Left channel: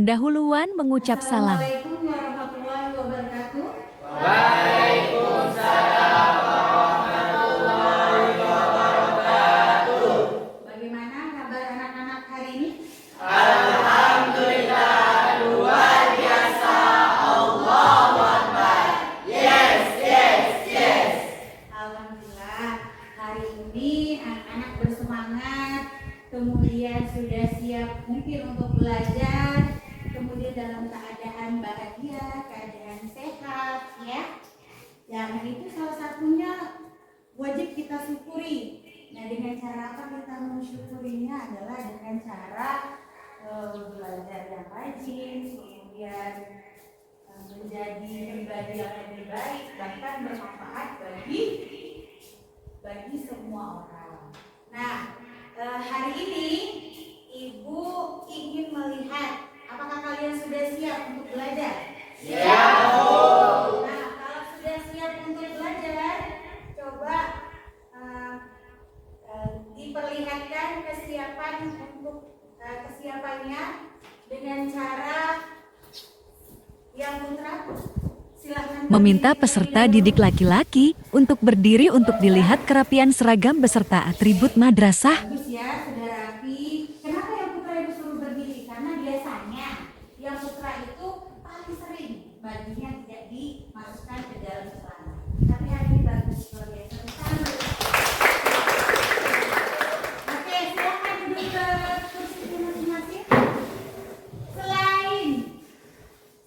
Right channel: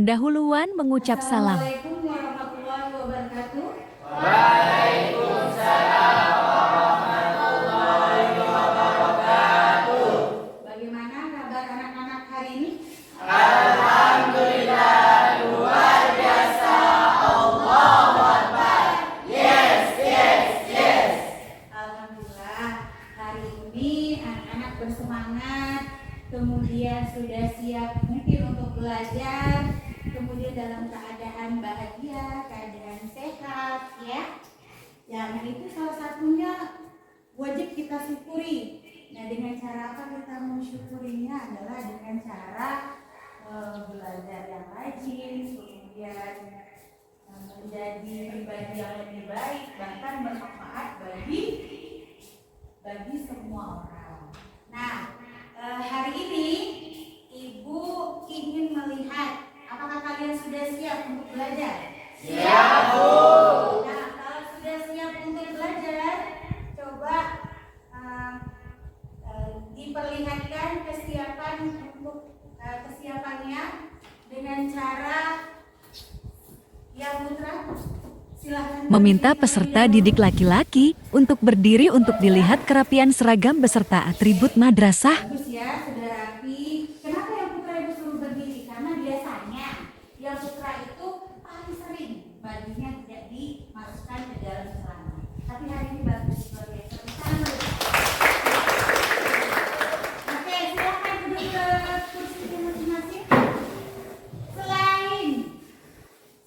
pendahuluan mengucap salam. Assalamualaikum warahmatullahi wabarakatuh. Bagaimana kabar anak-anak hari ini? Alhamdulillah, hari ini anak-anak bersemangat, kemudian sudah siap mungkin untuk belajar, kemudian dalam keadaan bahagia, keadaan sehat, ya. Nah itu salah satunya wajib kita syukuri. Nah dengan cara apa kita mensyukurinya adalah dengan cara belajar yang rajin, kemudian menjadi pribadi yang lebih baik, bahkan bermanfaat bagi semua orang. Nah hari ini Ibu ingin melihat apakah kalian sudah siap untuk belajar? Siap, Bu. Nah kalau sudah siap untuk belajar, coba diperlihatkan kesiapannya dengan cara yang putra. Silakan. Meminta peserta didik laki-laki untuk berdiri untuk dilihat kerapian seragam beserta atribut madrasah. Bagus ya, sudah rapi. Kenapa yang putra Ibu suruh berdiri? Karena biasanya yang putra itu paling sering bajunya tidak dimasukkan ke dalam celana. Tapi hari ini bagus luar biasa. Oke, silakan duduk ke kursi masing-masing. Selain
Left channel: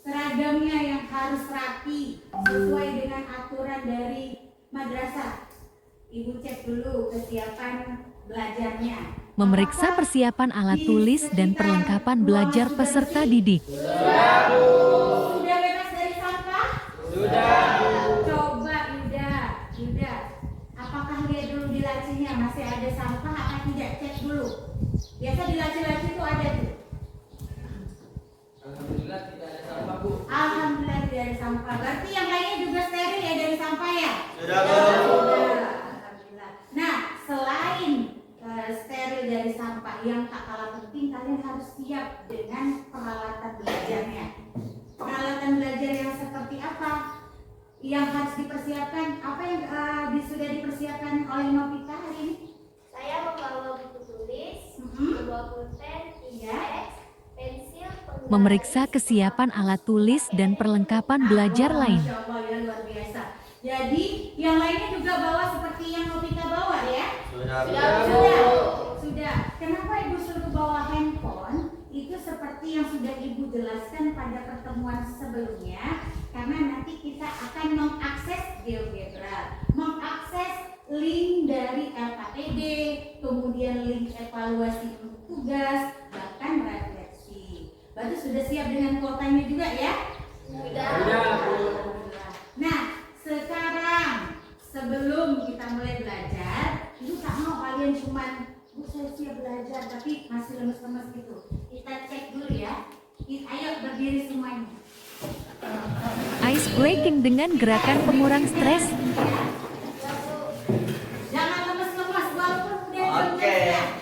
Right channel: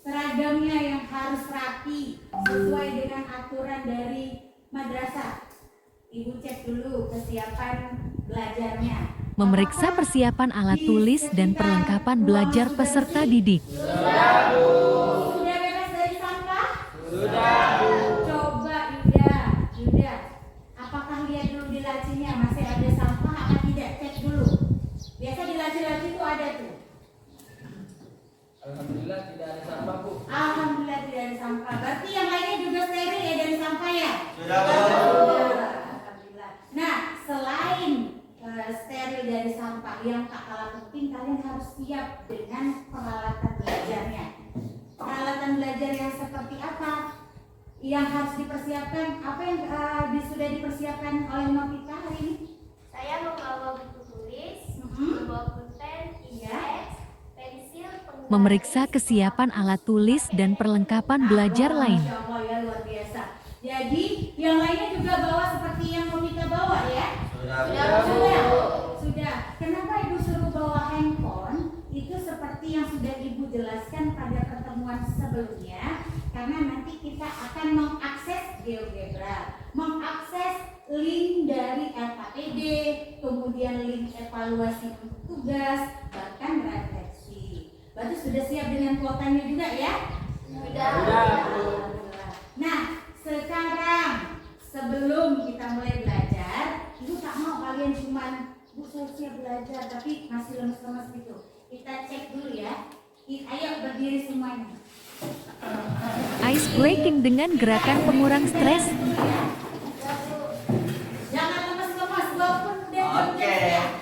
seragamnya yang harus rapi sesuai dengan aturan dari madrasah, Ibu cek dulu kesiapan belajarnya. Memeriksa persiapan alat tulis dan perlengkapan belajar peserta didik. Sudah bebas dari sampah? Sudah, Bu. Coba Yuda, apakah lihat dulu di lacinya masih ada sampah atau tidak? Cek dulu. Biasa di laci-laci itu ada tuh. Alhamdulillah tidak ada sampah, Bu. Alhamdulillah tidak ada sampah. Berarti yang lainnya juga steril ya dari sampah ya? Sudah, Bu. Sudah. Alhamdulillah. Nah, selain steril dari sampah, yang tak kalah penting kalian harus siap dengan peralatan belajarnya. Peralatan belajar yang seperti apa yang harus dipersiapkan? Apa yang sudah dipersiapkan oleh Novita hari ini? Saya membawa buku tulis, Mhm. membawa pulpen, index, pensil, penggunaan Memeriksa kesiapan alat tulis dan perlengkapan belajar lain. Masya Allah ya, luar biasa. Jadi yang lainnya juga bawa seperti yang Novita bawa ya? Sudah. Kenapa Ibu suruh bawa handphone? Itu seperti yang sudah Ibu jelaskan pada pertemuan sebelumnya, karena nanti kita akan mengakses GeoGebra, mengakses link dari LKPD, kemudian link evaluasi untuk tugas, bahkan refleksi. Berarti sudah siap dengan kuotanya juga ya? Sudah. Nah, sekarang sebelum kita mulai belajar, Ibu tak mau kalian cuman Bu saya siap belajar tapi masih lemes-lemes gitu. Kita cek dulu ya. Ayo berdiri semuanya. Ice breaking dengan gerakan pengurang stres. Jangan lemes-lemes walaupun udah jam Oke. kerja.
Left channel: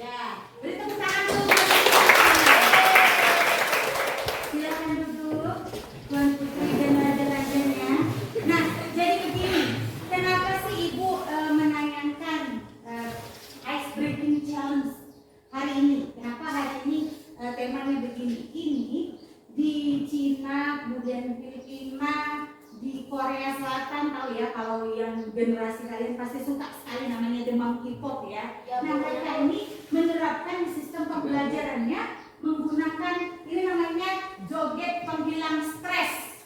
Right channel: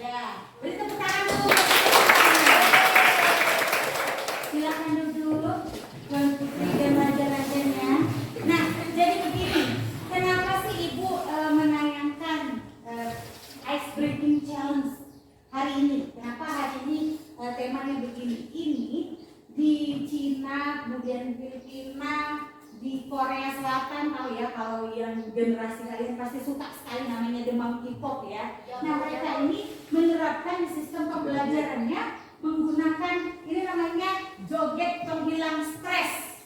Ya, beri tepuk tangan dulu. Silakan duduk, Tuan Putri dan raja-rajanya. Nah, jadi begini, kenapa sih Ibu menayangkan ice breaking challenge hari ini? Kenapa hari ini temanya begini? Ini di Cina, kemudian Filipina, di Korea Selatan tahu ya, kalau yang generasi kalian pasti suka sekali namanya demam K-pop ya. Nah mereka ini menerapkan sistem pembelajarannya menggunakan ini namanya joget penghilang stres.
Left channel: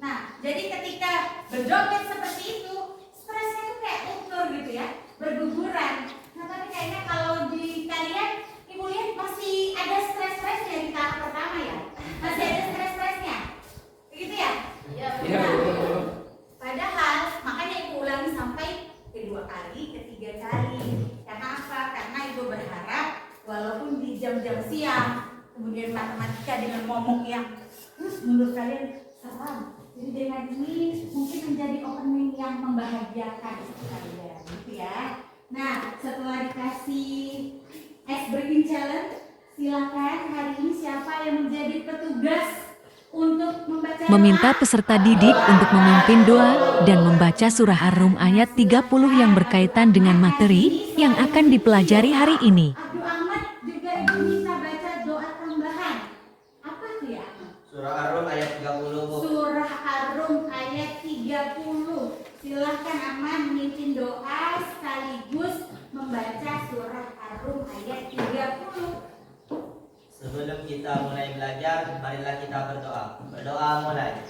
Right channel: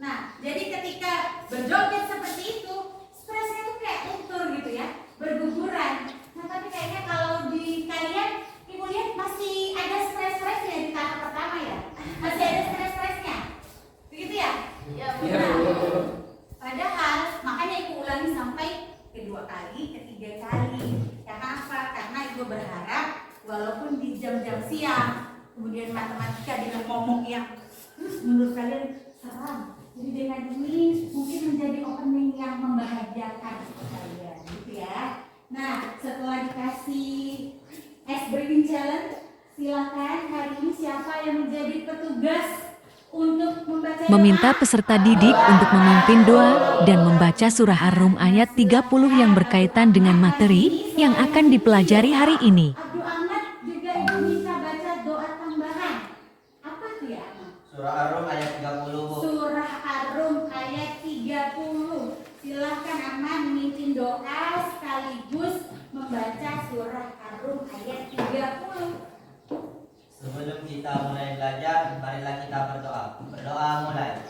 Nah jadi ketika berjoget seperti itu stresnya tuh kayak luntur gitu ya, berguguran. Nah tapi kayaknya kalau di kalian ibu lihat masih ada stres-stresnya di tahap pertama ya, masih ada stres-stresnya, begitu ya? Padahal makanya ibu ulangi sampai kedua kali, ketiga kali. Karena apa? Karena ibu berharap walaupun di jam-jam siang, kemudian matematika dengan momok yang terus menurut kalian seram. Jadi dengan ini mungkin menjadi opening yang membahagiakan untuk kalian, gitu ya. Nah, setelah dikasih ice breaking challenge, silakan hari ini siapa yang menjadi petugas untuk membaca Meminta doa? peserta didik untuk memimpin doa dan membaca surah Ar-Rum ayat 30 yang berkaitan dengan materi yang akan dipelajari hari ini. Abdul Ahmad juga ibu minta baca doa tambahan. Apa tuh ya? Surah Ar-Rum ayat 30, Bu. Surah Ar-Rum ayat 30. Silahkan Ahmad memimpin doa sekaligus membaca surah Ar-Rum ayat 30. Sebelum kita mulai belajar, marilah kita berdoa. Berdoa mulai.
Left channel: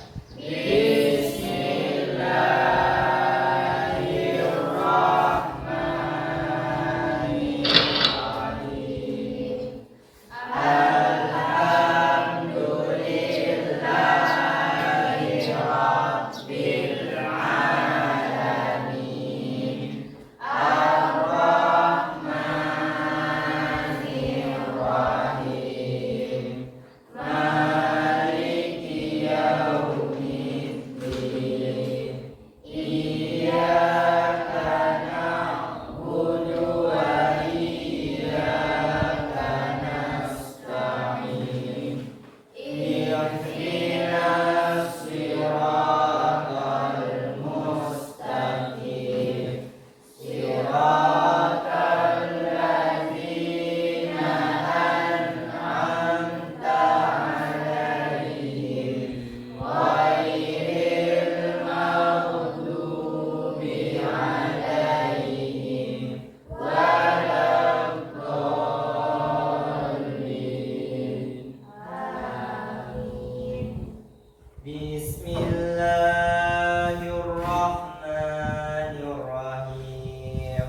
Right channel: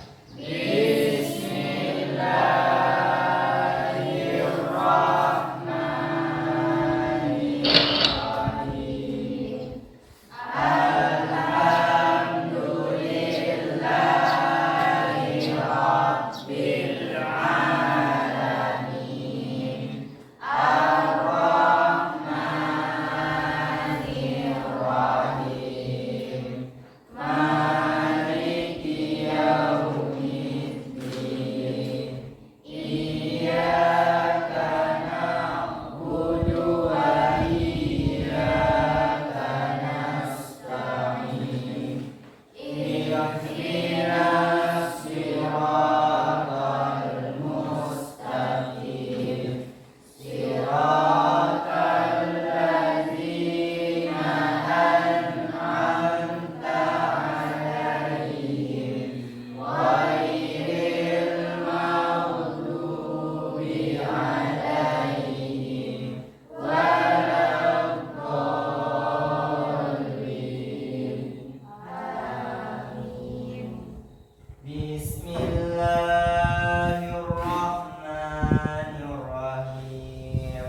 Bismillahirrahmanirrahim.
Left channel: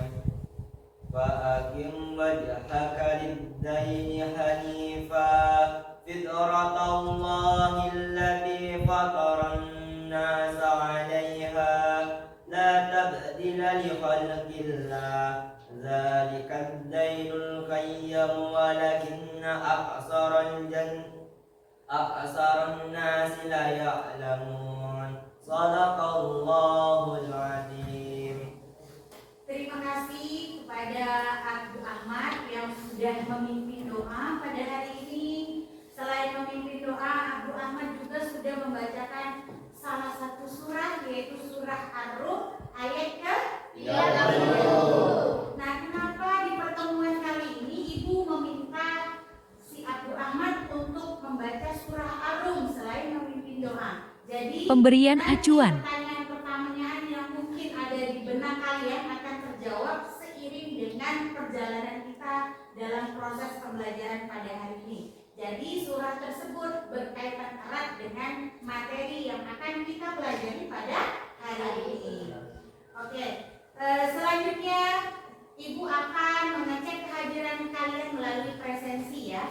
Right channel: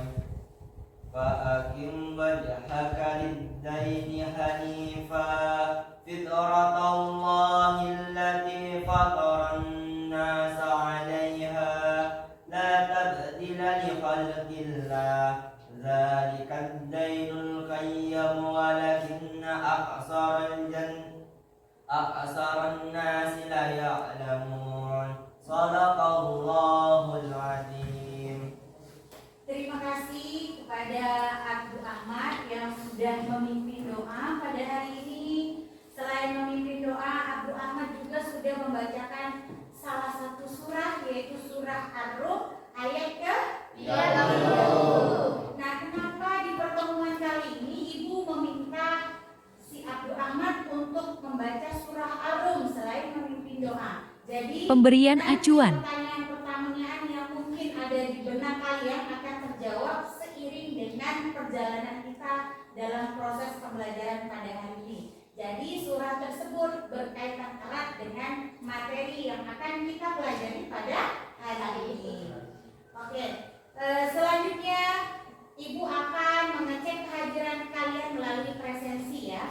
Fa'akim wajhaka lid-daini hanifa fitratallahi allati fataran nasa 'alaiha la tabdila li khalqillah dzalikad dainul qayyim walakinna aksaran nasi la ya'lamun. Shadaqallahul azim. Terima kasih kepada Abdul Ahmad yang sudah memimpin doa pada hari ini. Selain memimpin doa, Abdul Ahmad juga sudah membacakan salah satu surah, yaitu surah Ar-Rum ayat ke 30. Nah, kenapa di pertemuan kali ini Ibu meminta si Abdul Ahmad untuk membaca surah Ar-Rum selain memimpin doa? Jadi Pemberian nanti acuan. pertanyaan-pertanyaan yang mungkin ada di benak kalian akan terjawab seiring dengan perjalanan kita dalam proses pembelajaran pada hari ini. Jadi surah tersebut berkaitan erat dengan materi yang akan kita pelajari pada hari ini. Oke, selanjutnya Ibu akan mengecek kehadiran kalian melalui presensi ya.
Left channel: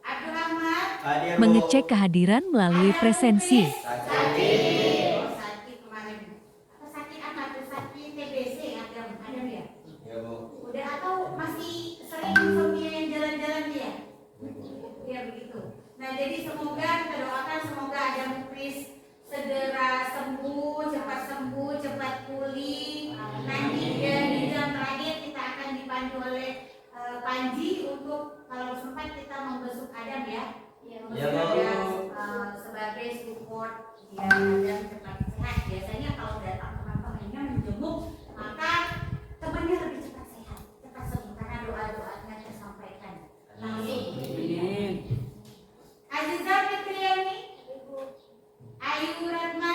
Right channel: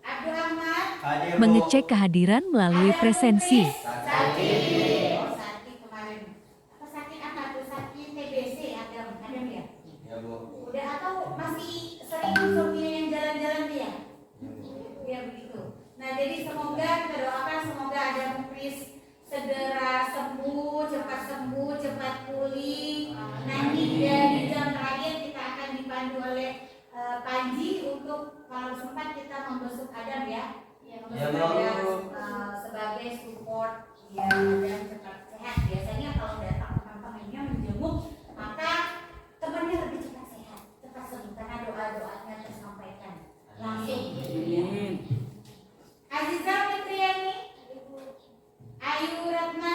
Abdul Ahmad. Hadir, Bu. Mengecek kehadiran melalui presensi. Sakit. Oh, sakit kemarin. Apa sakit apa tuh? Sakit TBC Adam ya? Ya, Bu. Udah atau masih sering insomnia yang jalan-jalan dia? Ya, Bu. Ya begitu. Nah jadi semoga kita doakan semoga ada muklis segera sembuh, cepat pulih. Nanti di jam terakhir kita akan dipandu oleh Panji untuk kalau sempat kita membesuk Adam ya. Ya, Bu. Adam sebagai support dia dan cepat sehat. Biasanya kalau datang teman-temannya menjenguk, maka temannya lebih cepat sehat, cepat sembuh karena doa-doanya tersampaikan langsung. Azizah Fitriani, Ayu Ratna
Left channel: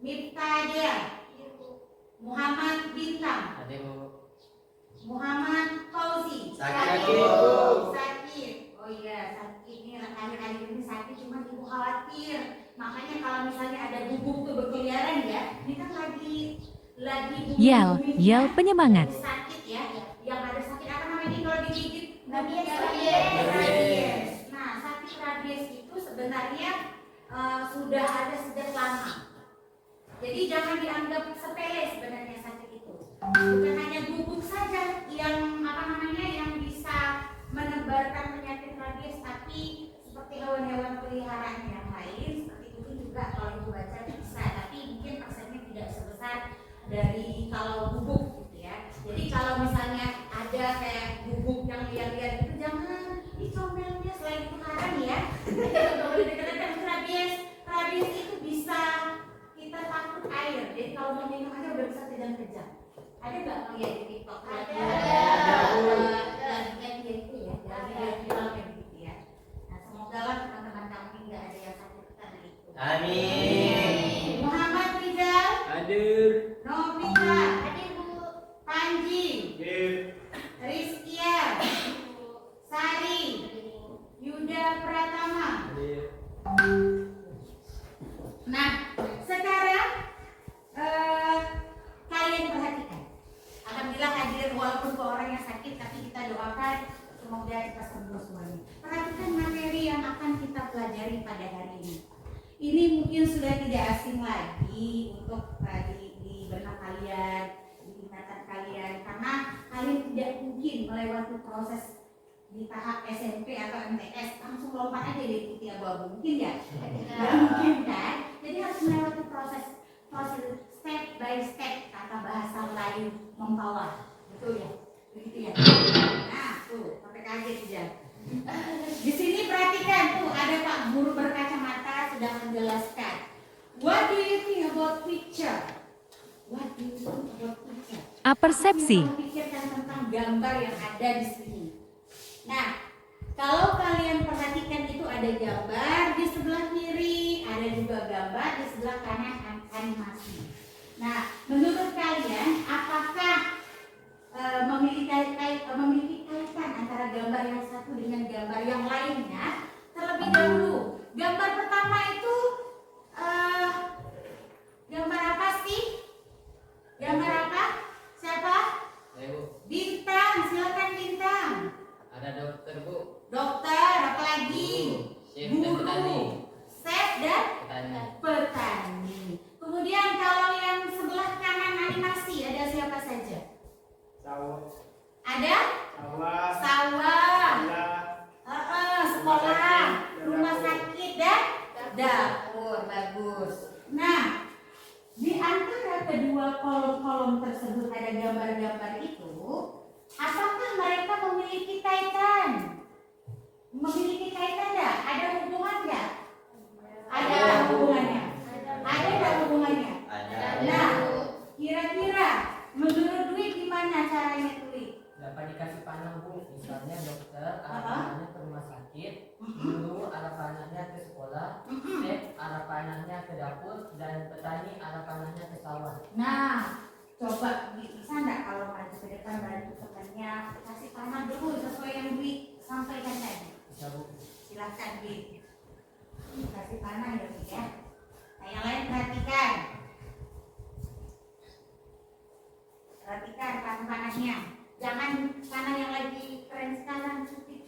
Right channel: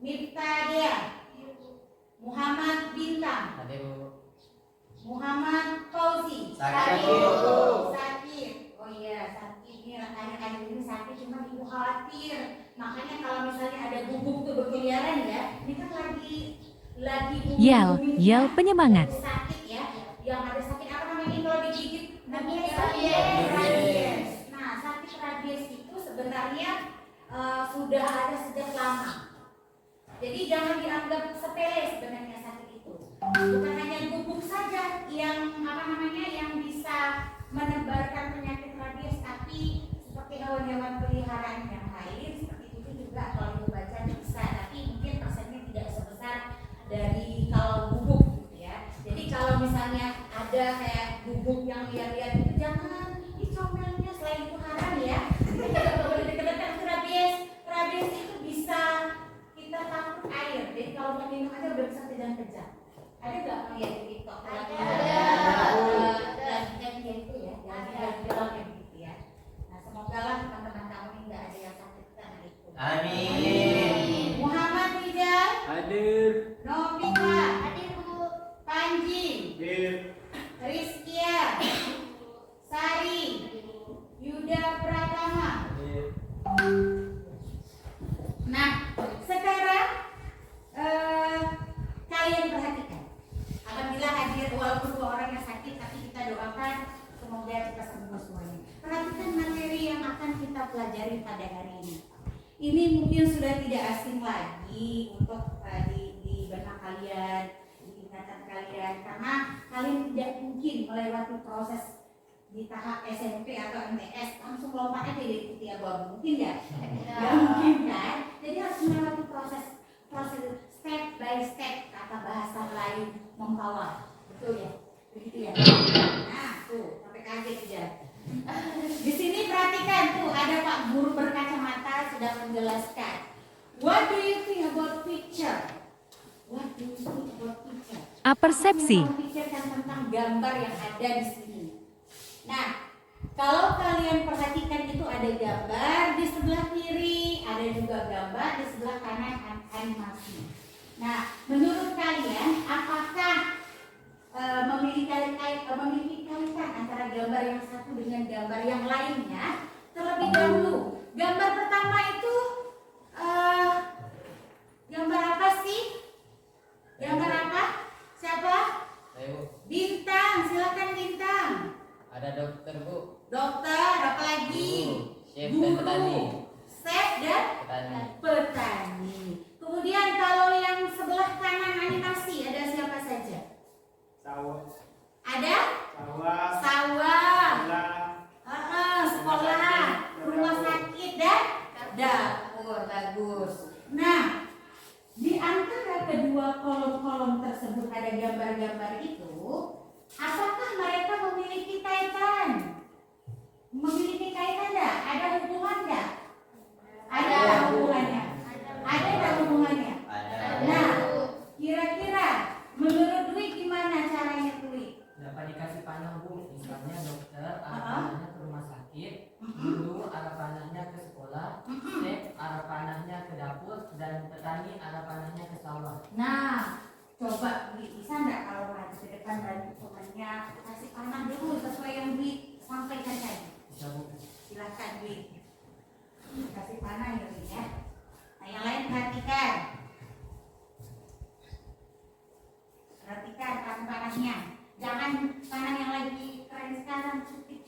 Miftah dia. Muhammad Bintang. Ada Bu. Muhammad Fauzi. Sakit. Sakit. Oh iya, sakit. Ini akhir-akhir ini sakit, cuma ibu khawatir. Makanya kalau misalnya ada bubuk tuh berkeliaran ya, ini kan lagi Yel penyemangat. sakit ya. Yang ada sakit apa namanya ini kalau digigit? Rabies. Rabies. Nah, sakit rabies itu sebenarnya sudah ada sejak lama. Jadi jangan dianggap sepele sebenarnya sakit itu. Bukan hanya bubuk saja yang yang bisa menebarkan penyakit rabies, tapi seperti hewan-hewan peliharaan yang lain seperti itu juga kalau ibu baca bisa, tapi mungkin persennya tidak sebesar dari kalau bubuk gitu ya. Jadi kalau misalnya ada kayak bubuk yang lihat-lihat itu jangan dicomelnya, selain itu haram ya. Kalau boleh dikatakan rabies, rabies itu bisa kita takut air. Jadi kalau mau minum aja udah bisa kejang-kejang. Ada nggak melihat di TikTok? Ada. Dan gitu ya, jangan bilang kayak gitu ya. Nah semoga lah teman-teman kamu ini nggak ada yang sakit karena itu. Amin. Muhammad Rizal, Hadir. Novita, Hadir Bu. Panji, Hadir. Rizkia, Sari, Yuda Pratama. Hadir. Nah, sekarang kalian perhatikan. Alhamdulillah hadir walaupun dua orang yang sakit, tapi kita doakan semoga kita sembuh semuanya. Perhatikan materi yang akan kita pelajari pada hari ini. Ini mungkin sudah tidak asing lagi untuk di benak kalian, di ingatan kalian, karena kalian tidak mungkin melewati proses di tahap SMP atau MTS langsung lompat aja dari putih abu-abu, mungkin ya? Nggak mungkin kan? Jadi harus melewati proses step by step, kata bahasa Melayu mempawah, betul ya? Begitu ya? Nah tuh sampai kaget ya. Di sini perhatikan tuh ada Pak Guru berkacamata sedang menjelaskan. What do you think about picture? What do you think about picture? Apersepsi. Pikirkan tentang gambar yang ada di sini. Nah, kalau kalian perhatikan itu ada gambar di sebelah kiri, ada juga gambar di sebelah kanan animasi. Nah, menurut kalian apakah memiliki kaitan antara gambar yang satu dengan gambar yang lainnya? Terlebih dahulu, gambar pertama itu gambar apa sih? Gambar apa? Siapa? Saya Bu. Bintang, silakan Bintang. Ada dokter Bu. Dokter, apa lagi? Chef dan petani. Chef dan Petani. petani. Kemudian kalau yang sebelah kanan animasi ada siapa saja? Sawah. Ada Sawah. sawah, Sekolah. sekolah, rumah sakit dan dapur. Bagus. Nah, di antara kedua kolom-kolom tersebut ada gambar-gambar itu. Apakah mereka memiliki kaitan? Memiliki kaitan enggak? Ada hubungan enggak? Ada hubungannya. Ada enggak hubungannya? Ada. Nah, kira-kira menurut Dwi gimana caranya Dwi? Dapat dikasih panah Bu, misalnya dokter arah panahnya ke rumah sakit, guru arah panahnya ke sekolah, chef arah panahnya ke dapur, dan petani arah panahnya ke sawah. Nah, coba Dwi bisa enggak kalau maju ke depan bantu temannya kasih panah dulu sesuai yang Dwi sampaikan tadi. Bisa Bu. Silahkan Dwi. Kasih panah ya Dwi ya. Nah, yang lain perhatikan. Perhatikan panahnya. Jangan panah yang lagi keren sekarang, cupit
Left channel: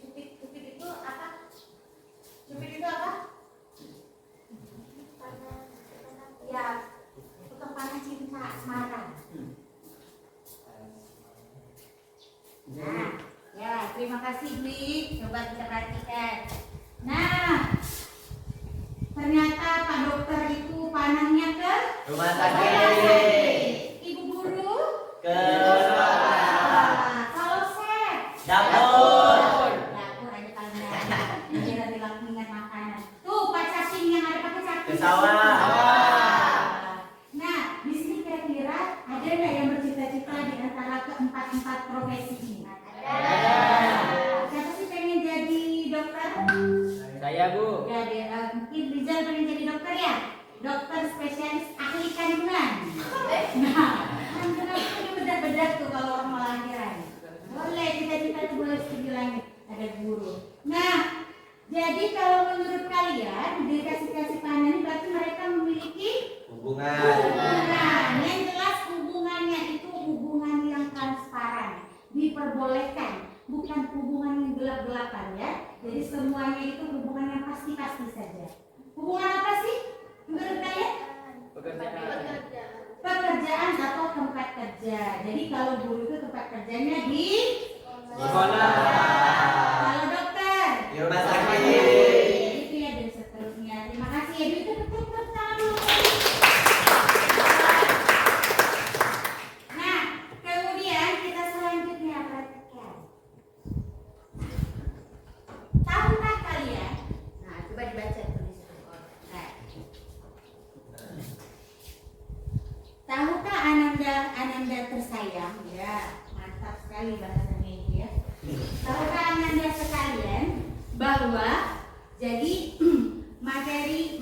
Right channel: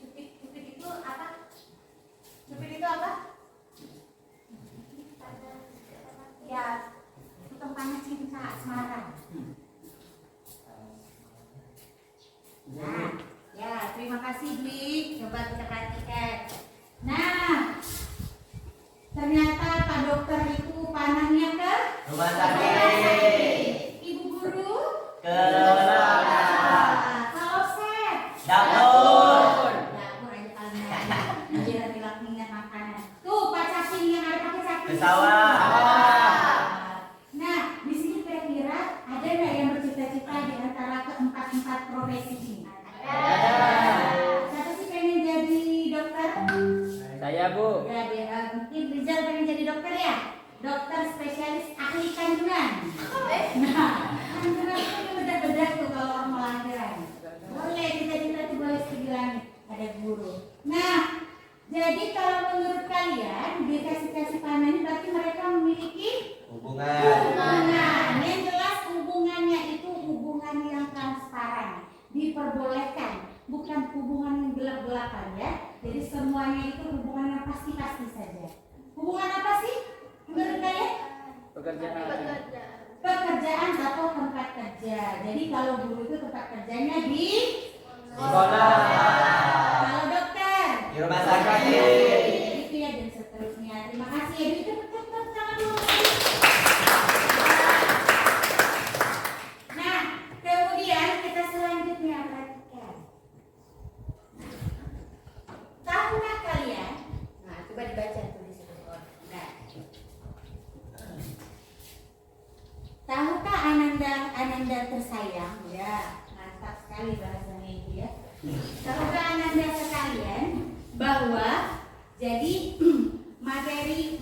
itu apa? Cupit itu apa? Ya, tukang panah cinta Semarang. Nah, ya terima kasih Dwi. Coba kita perhatikan. Nah, ternyata Pak Dokter itu panahnya ke Rumah sakit. Ibu Guru Ke sekolah. kalau Chef Dapur. dapur aja paling nggak biar bilang ingat makanan. Tuh Pak Cacing yang ada pakai cacing. Ke sawah. Nah, di sini kira-kira ada nggak yang bercita-cita di antara keempat profesi ini? Siapa sih pengen jadi dokter? Saya Bu. Ya, mungkin Rizal pengen jadi dokter ya? dokter spesialis ahli kandungan. Nah, kandungan itu bedak-bedak tuh kalau orang mau lahiran. Boleh kita tuh boleh studi langit, ada guru. Nah, jadi kalau menurut kalian dikasih panen ini berarti mereka memiliki hubungan. Yang jelas hubungannya itu hubungan yang transparan, diperbolehkan, bukan hubungan yang gelap-gelapan ya. Jadi semuanya itu hubungan yang pasti-pasti saja. Hubungan apa sih menurut kalian? Pekerjaan atau tempat kerja. Jadi kalau guru itu tempat kerjanya di sekolah. Kalau dokter Di rumah sakit. itu ya, dan seterusnya. Terima kasih ya. Itu betul dulu. Nah, kemudian kita selanjutnya perhatikan. Tahukah kalian? Nah, coba dibaca tulis itu. Nah. Tahukah Ananda tersayang? Ya, mantap sekali bahasanya itu ya. Tahukah Ananda sekalian bahwa jadi materi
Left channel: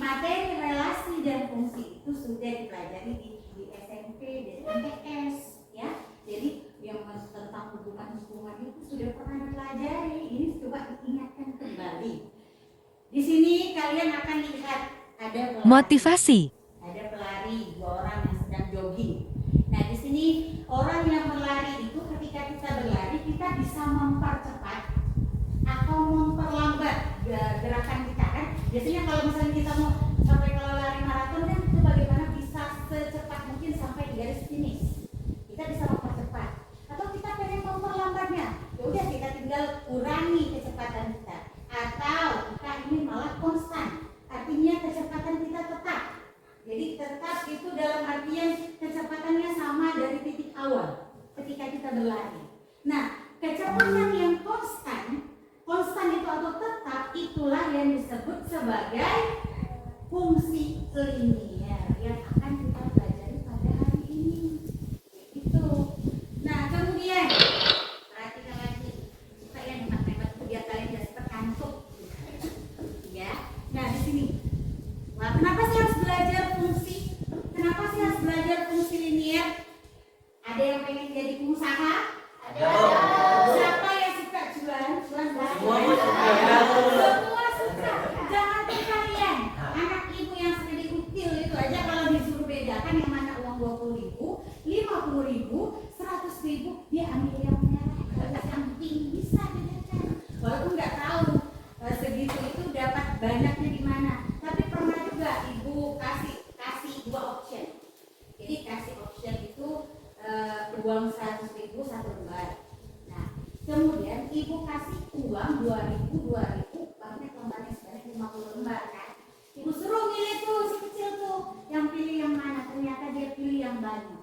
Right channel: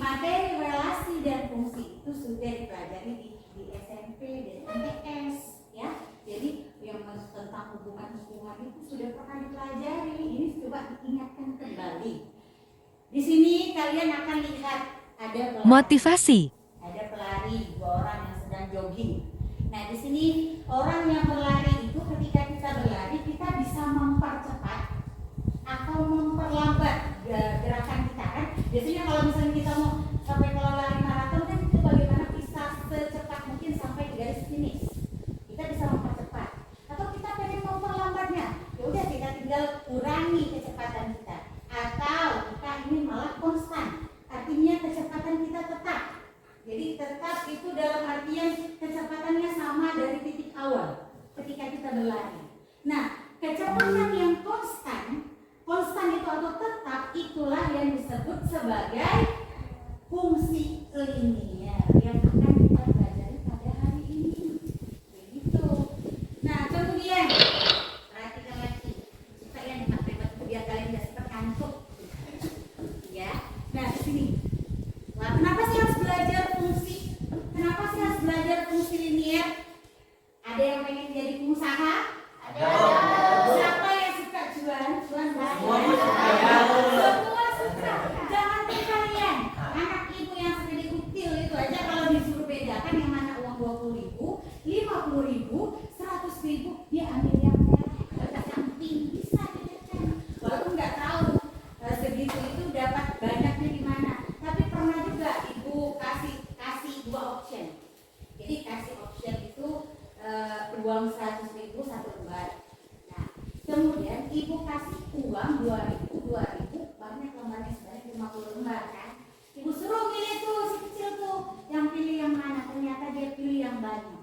relasi dan fungsi itu sudah dipelajari di SMP dan MTS ya. Jadi yang tentang hubungan itu sudah pernah dipelajari. Ini coba diingatkan kembali. Di sini kalian akan lihat ada Motivasi. ada pelari, 2 orang yang sedang jogging. Nah, di sini orang yang berlari itu ketika kita berlari kita bisa mempercepat atau memperlambat gerakan kita kan. Biasanya kalau misalnya kita mau sampai kalau lari maraton kan itu bagaimana bisa secepat mungkin sampai di garis finish. Kita bisa mempercepat. Atau kita pengen memperlambatnya. Ya udah kita tinggal kurangi kecepatan kita. Atau kita ingin malah konstan. Artinya kecepatan kita tetap. Jadi tetap itu dalam artian kecepatannya sama dari titik awal ketika kita berlari. Nah, kecepatan yang konstan itu atau tetap itulah yang disebut sebagai fungsi linier yang akan kita pelajari pada hari ini. Begitu. Nah, kemudian perhatikan lagi supaya di matematika biar kalian tidak terkantuk. Ya. Nah, di sini. Nah, kenapa sih harus belajar fungsi? Kenapa sih harus belajar fungsi linier? Ada yang pengen jadi pengusaha? Ada. Siapa yang suka jualan? Semua suka. Jangan kalian. Anak ibu yang segede kutil itu aja kalau disuruh bedakan yang mana uang 20.000, 50.000, 100.000, dia ambil yang merah. Samping bisa bedakan. Walaupun nggak tahu segitu itu dapat banyaknya di mana. Tapi pernah juga ibu kasih 2 option. Jadi kasih option itu uang 100.000 satu lembar. Nah, kemudian ibu kasih uang 2.000 banyak lembarnya sebanyak 50 lembar kan. Ibu suruh pilih tuh si kecil tuh yang pilih yang mana. Ternyata dia pilih yang banyak.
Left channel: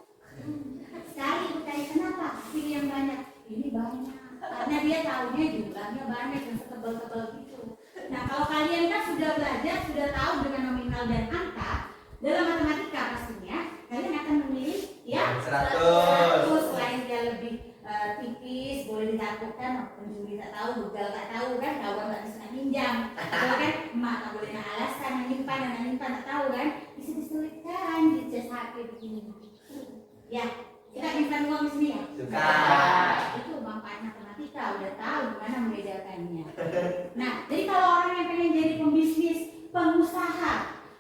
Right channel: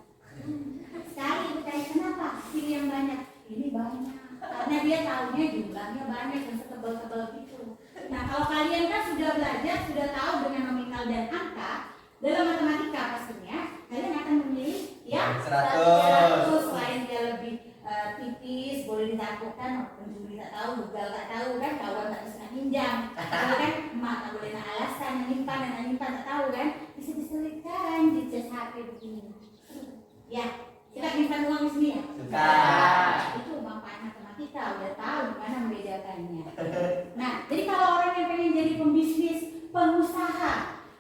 Sekali ibu tanya kenapa pilih yang banyak? Ini banyak. Karena dia tahunya jumlahnya banyak dan setebal-tebal gitu. Nah, kalau kalian kan sudah belajar, sudah tahu dengan nominal dan angka dalam matematika pastinya, kalian akan memilih yang 100. Selain dia lebih tipis, boleh ditakutkan, pencuri tak tahu, begal tak tahu kan, kawan tak bisa pinjam, kalau kan emak tak boleh nak alasan, nyimpan tak tahu kan, bisa diselipkan di cas HP begini. Ya, kita minta uang di sini ya. Itu manfaat matematika, udah tahu gimana membedakannya. Nah, jadi kalau orang yang pengen jadi pembisnis, pengusaha,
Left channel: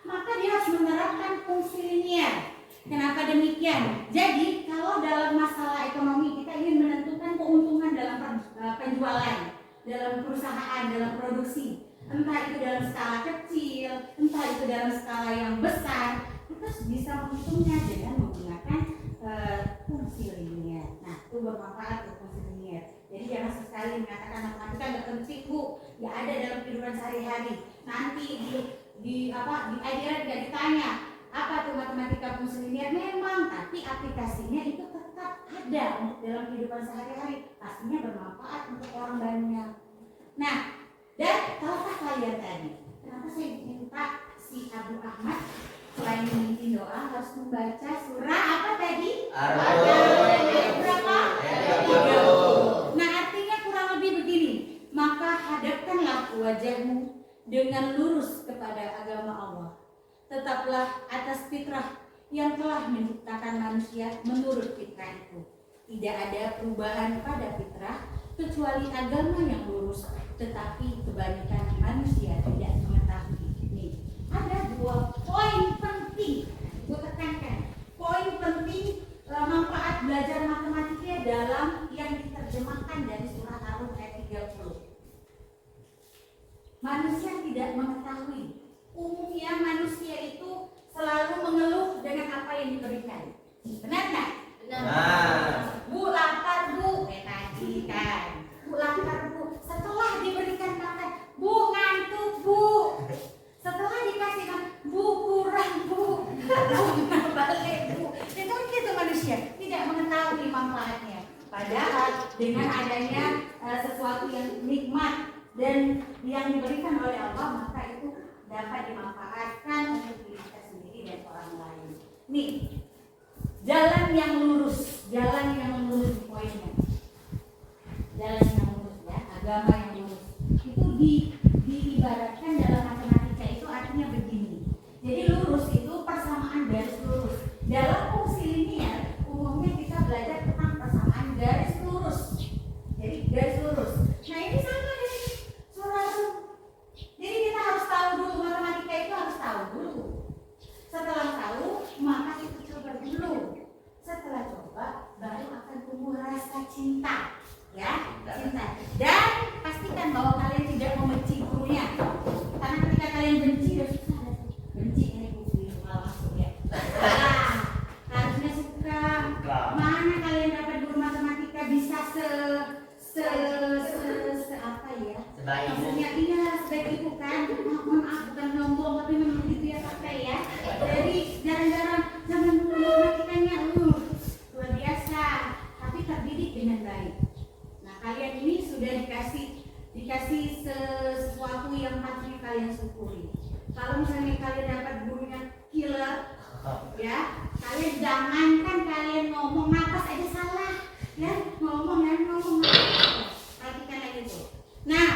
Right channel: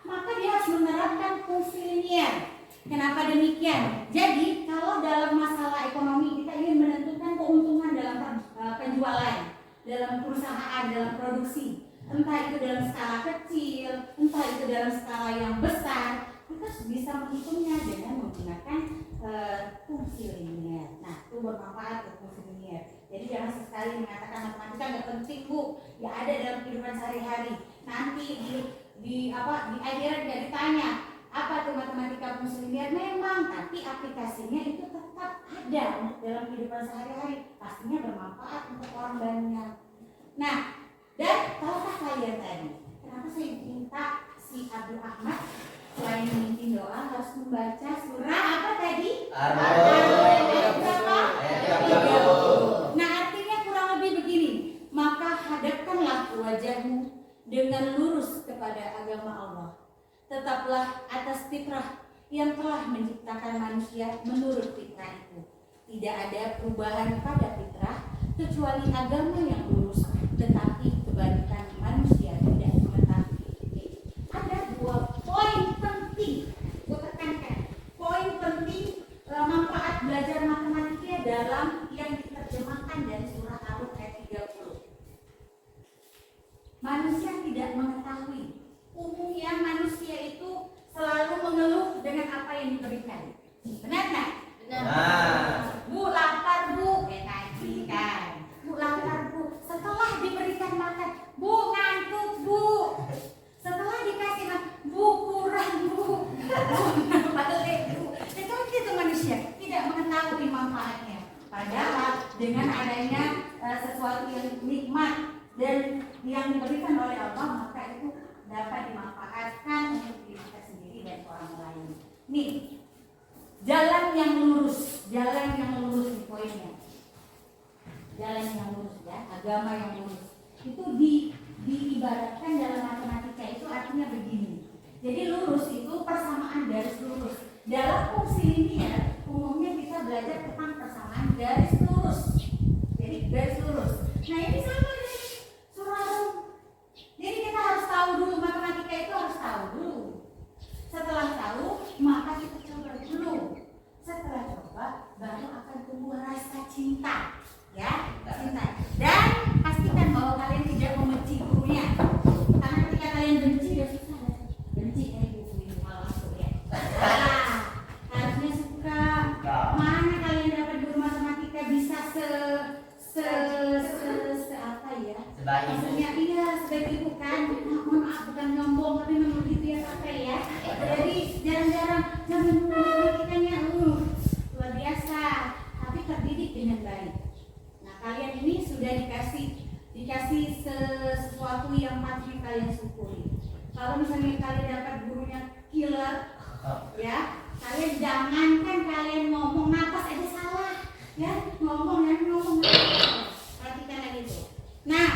maka dia harus menerapkan fungsi linier. Kenapa demikian? Jadi kalau dalam masalah ekonomi kita ingin menentukan keuntungan dalam penjualan, dalam perusahaan, dalam produksi, entah itu dalam skala kecil, entah itu dalam skala yang besar, kita bisa menghitungnya dengan menggunakan fungsi linier. Nah, itu bermanfaat untuk fungsi linier. Jadi jangan sekali mengatakan matematika nggak penting bu, ya ada dalam kehidupan sehari-hari. Nanti di ajaran nggak ditanya apa tuh matematika fungsi linier, memang, tapi aplikasinya itu tetap ada untuk dalam kehidupan sehari-hari. Pastinya bermanfaat untuk orang banyak. Nah, dan tahukah kalian tadi kenapa saya minta si Abdul Ahmad selain memimpin doa harus membaca surah apa tadi? Ayat berapa? 30. Nah, artinya kurang lebih begini. Maka hadapkanlah wajahmu dengan lurus kepada agama Allah. Tetaplah atas fitrah yang telah menciptakan manusia menurut fitrah itu. Tidak ada perubahan pada fitrah kecuali agama yang lurus, tetapi kebanyakan manusia tidak mengetahui. Nih, ada 2 poin penting, gue tekankan. Poin penting manfaat belajar matematika dalam yang diterjemahkan dari surah Al-Rum ayat 30. Manusia tidak mengetahui. Umumnya manusia itu selalu mengeluh dengan apa yang diberikan. Benar nggak? Nah, Bu lapar bu, tadi kan. Bu lapar bu. Setelah diberikan makan, bu ngantuk bu. Setelah dikasih makan, bu kurang bu. Bu nggak balik bu. Itu gitu manusia tidak mengetahui manfaatnya. Padahal dengan adanya sesuatu yang nikmat dan yang diberikan oleh Allah, maka itu dapat dimanfaatkan untuk diri kita sendiri dan orang lain. Nih, jalan yang lurus di poinnya. Jalan yang lurus ya, agama yang lurus. Itu diibaratkan dalam matematika itu artinya begini. Jadi lurus itu persamaan garis lurus. Dalam fungsi linier umumnya kita belajar tentang persamaan garis lurus. Jadi garis lurus. Nah ini sama dari surah Rum. Jadi kita harus tahu dulu, matematika itu harus tahu dulu. Setelah tahu, maka kita coba dulu. Setelah coba, baru akan tumbuh rasa cinta, ya, cinta. Dan pastikan bahwa kalian tidak membenci gurunya. Karena ketika kalian benci, ya susah deh. Benci ini buku itu malah masuk ya. Harusnya suka. Mana kalian dapat guru matematika bisa apa ya? Maksudnya iya sebaik itu kan. Mohon maaf bukan nyombong tapi memang begitu ya pakai ya. Jadi jarang-jarang zaman dulu matematikanya luar biasa, tapi terdidik dengan baik. Nah kalian ini sudah dikasih sesuatu yang patutnya kalian syukuri. Kalau misalnya kalian dapat gurunya killer, ya kalian jangankan kalian ngomong napas aja salah, ya ngomong. Perhatikan aja tuh. Nah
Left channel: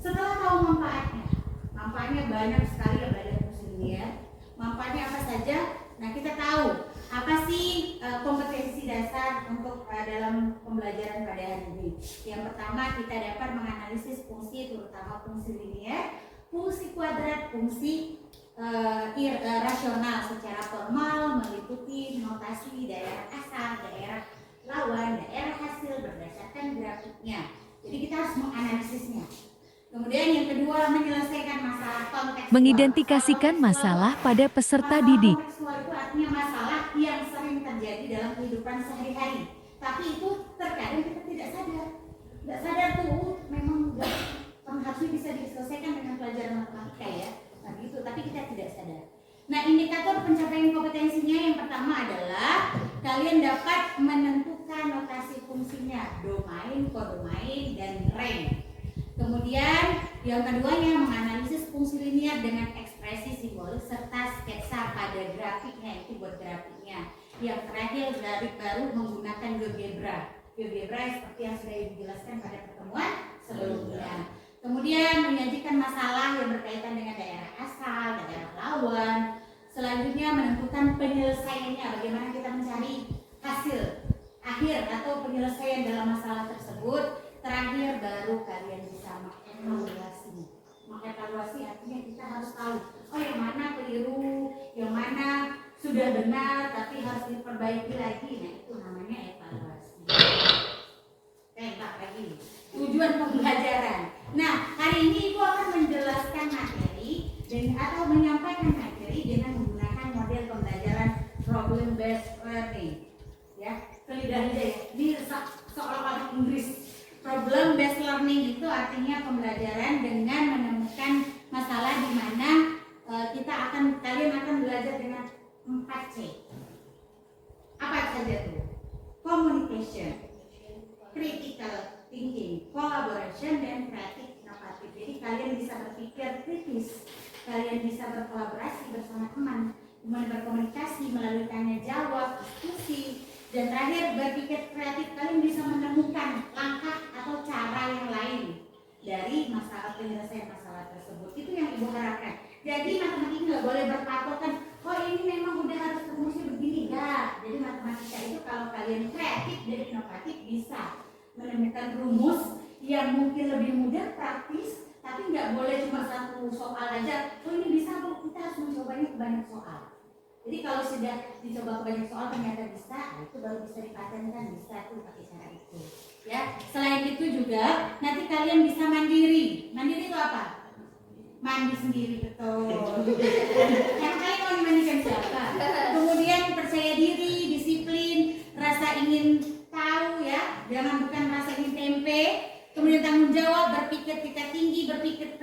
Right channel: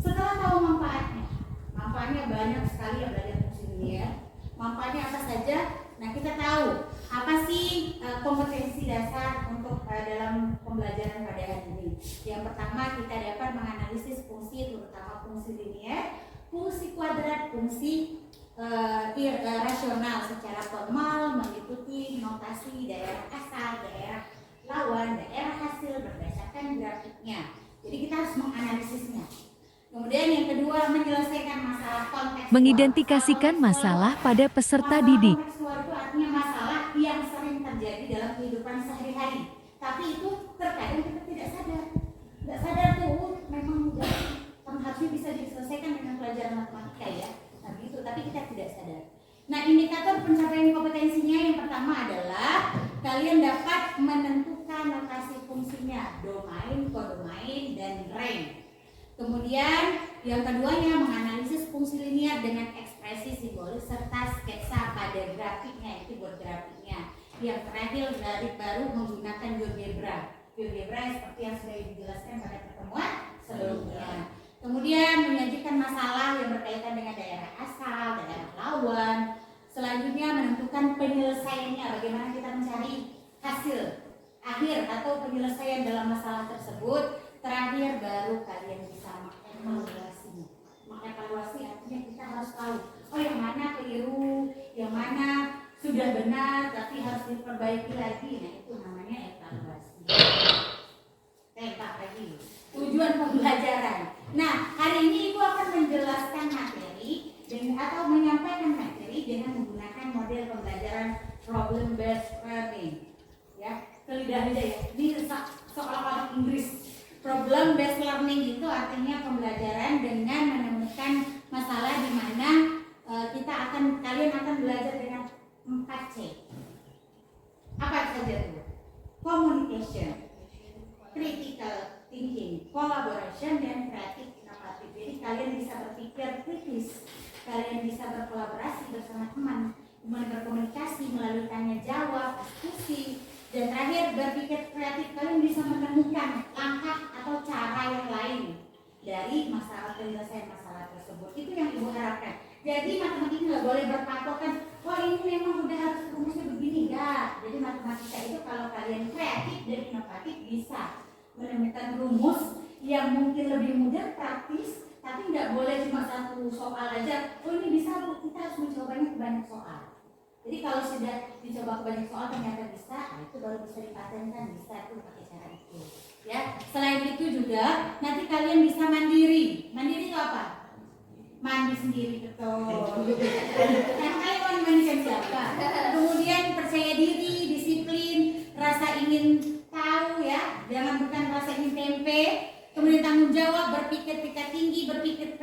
setelah tahu manfaatnya banyak sekali ya belajar fungsi linear. Manfaatnya apa saja? Nah kita tahu apa sih kompetensi dasar untuk dalam pembelajaran pada hari ini. Yang pertama kita dapat menganalisis fungsi, terutama fungsi linear, fungsi kuadrat, fungsi rasional secara formal meliputi notasi daerah asal, daerah lawan, daerah hasil berdasarkan grafiknya. Jadi kita harus menganalisisnya. Kemudian yang kedua menyelesaikan masalah kontekstual. Mengidentifikasikan masalah pada peserta didik. Kontekstual itu artinya masalah yang sering terjadi dalam kehidupan sehari-hari. Tapi itu terkadang kita tidak sadar. Tidak sadar tuh memang harusnya bisa diselesaikan dengan pelajaran matematika ya. Nah gitu, tapi kita tidak sadar. Nah indikator pencapaian kompetensinya yang pertama adalah kalian dapat menentukan notasi fungsinya, domain, kodomain, dan range. Kemudian yang keduanya menganalisis fungsi linear dengan ekspresi simbolik serta sketsa pada grafiknya, itu buat grafiknya. Yang terakhir baru menggunakan GeoGebra. GeoGebra yang seperti yang sudah dijelaskan pada pertemuan sebelumnya. Kemudian menyajikan masalah yang berkaitan dengan daerah asal, daerah lawan. Selanjutnya menentukan penyelesaiannya, bagaimana kita mencari hasil akhir atau penyelesaian dalam masalah tersebut. Terakhir baru kalian bisa mengevaluasinya. Mengevaluasi artinya kita harus tahu, oh yang mana keliru, yang mana sudah benar tapi harus diperbaiki lagi. Nah itu namanya evaluasi. Tembak lagi. Tujuan pembelajaran. Nah hari ini Ibu akan menjelaskan materi atau menyampaikan materi dengan menggunakan model pembelajaran problem based learning. Ya, lidah-lidah ya. Ini seolah-olah Inggris. Problem based learning itu artinya pembelajaran dengan menemukan masalah di mana kalian akan belajar dengan 4C. Apa saja itu? Communication, critical thinking, collaboration, dan kreatif inovatif. Jadi kalian bisa berpikir kritis, kalian bisa berkolaborasi bersama teman, kemudian berkomunikasi melalui tanya jawab, diskusi. Dan terakhir berpikir kreatif, kalian bisa menemukan langkah atau cara yang lain dari penyelesaian masalah tersebut. Itu yang Ibu harapkan. Jadi matematika nggak boleh berpatokan, oh ini memang udah harus rumusnya begini, enggak. Jadi matematika itu kalau kalian kreatif dan inovatif bisa menemukan rumus yang mungkin lebih mudah, praktis, tapi nggak boleh cuma satu soal aja. Oh ini bisa Bu, kita harus mencobanya ke banyak soal. Jadi kalau sudah dicoba ke banyak soal ternyata bisa, itu baru bisa dipatenkan, bisa tuh pakai cara itu. Ya, selain itu juga nanti kalian bisa mandiri. Mandiri itu apa? Mandi sendiri, betul. Kan kalian mau dimandikan siapa? Kemudian percaya diri, disiplin, rasa ingin tahu ya, jangan bukan rasa ingin tempe. Kemudian tanggung jawab, berpikir tingkat tinggi, berpikir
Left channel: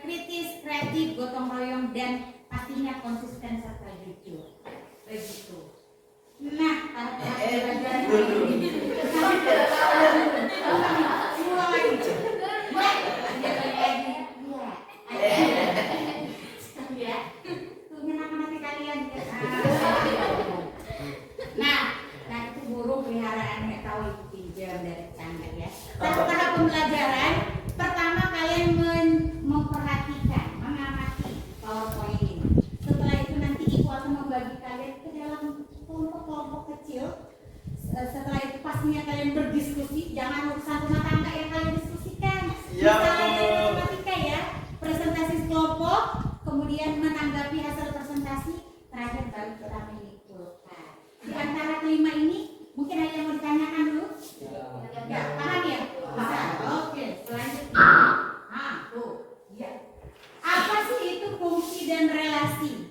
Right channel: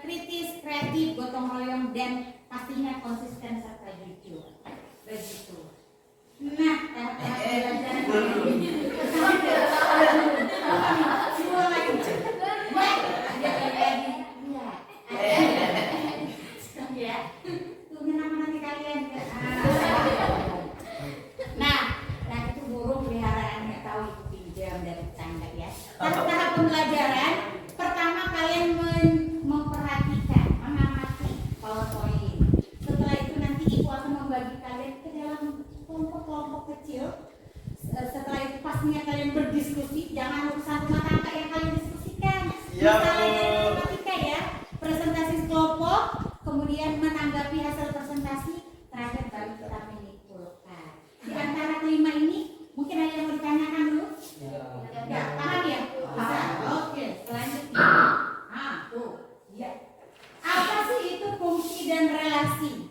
kritis, kreatif, gotong royong, dan pastinya konsisten serta jujur. Begitu. Nah, tahap pelajaran ini. Semua lagi. Ya, tunggu nama-nama kalian. Nah, itu burung peliharaan nggak tahu itu pinjam dari tetangga ya. Tahap pembelajaran pertama kalian memperhatikan, mengamati PowerPoint. Setelah itu nanti ibu akan membagi kalian ke dalam kelompok-kelompok kecil. Setelah itu pastinya kalian berdiskusi, jangan urusan rumah tangga yang kalian diskusikan. Misalnya matematika ya, presentasi kelompok, kemudian menanggapi hasil presentasi, terakhir baru kita menyimpulkan. Di antara kelima ini, mungkin ada yang mau ditanyakan dulu? Ya, paham ya? Bisa. Oke, selanjutnya. Tuh, ya. Apa sih itu fungsi dan relasi?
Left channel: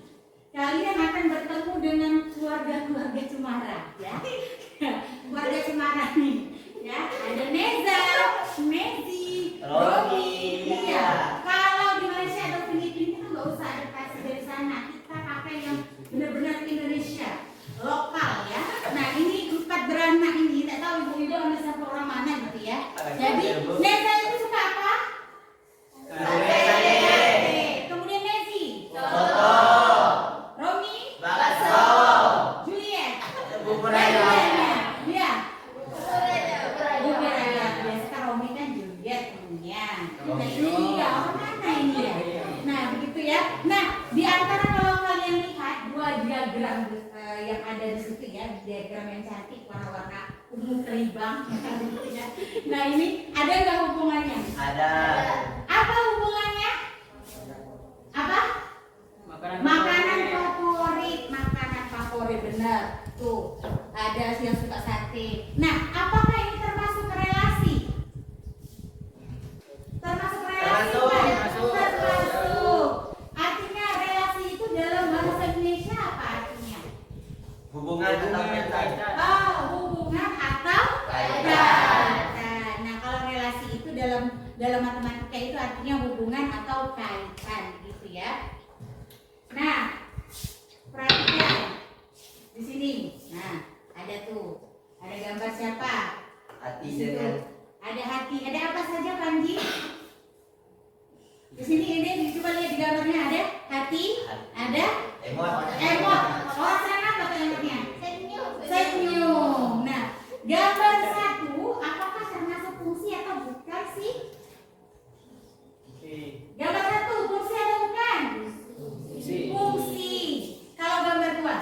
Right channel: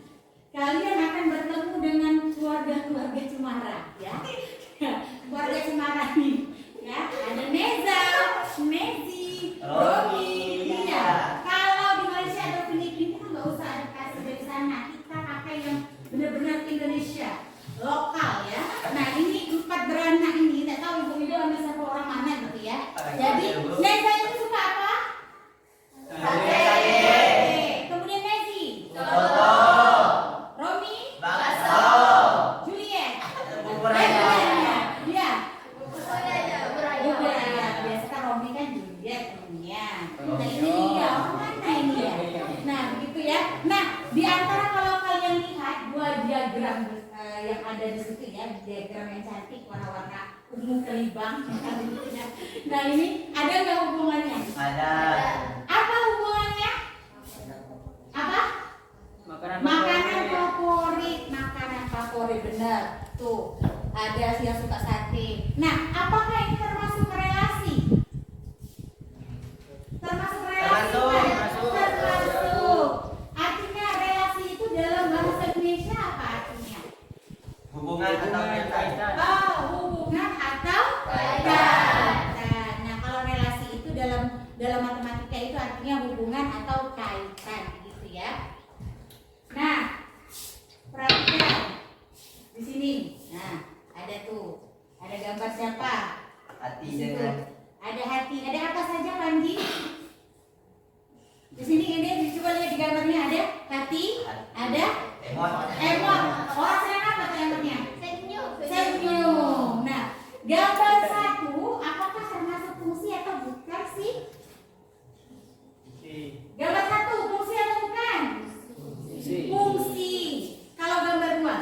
Kalian akan bertemu dengan keluarga-keluarga Cemara, ya. Keluarga Cemara nih, ya. Ada Neza, Mezi, Romi, iya. Kalau di Malaysia atau Filipina kita nggak usah adaptasi dari sana, kita pakai yang benar-benar Indonesia lokal ya. Nah ini 4 beranak ini, tidak tahu ibu-ibu ambil satu orang mana gitu ya. Jadi Neza itu suka apa? Kemudian Mezi, Romi, Juliet, bubur ayam, ya. Bubur ayam. Biasa kan Romi kan Juliet temennya. Nah ini ya, mana ini ya? Nah begitu ya. Nah di antara kalau kalian lihat 2 diagram yang ada di situ ya, diagram yang cantik warna-warna ungu kelibang. Nah ini ada nggak hubungannya? Ada. Apa hubungannya? Apa? Makanan favorit, benar. Tuh, ada yang suka sate. Nah, apakah ini termasuk relasi? Termasuk relasi kan? Termasuk. Artinya relasi itu dalam bahasa Indonesia apa artinya? Hubungan atau kaitan. Oh, hubungan atau kaitan. Nah, kalau relasi itu dalam matematika itu artinya hubungan atau kaitan, gitu ya. Nah, perhatikan di sini. Nah, ada tuh, ada gambar siapa? Hati Di situ. dengan Ada hati. Ada apa saja, Panji? Di sini ini coba lihat di gambarnya ada hati, ada emot. emot. Orang senang apa tuh emotnya? Senyum. Nah, gambar 1 apakah termasuk fungsi atau bukan sih? Gambar 1 fungsi atau bukan? Fungsi. Kalau gambar 2?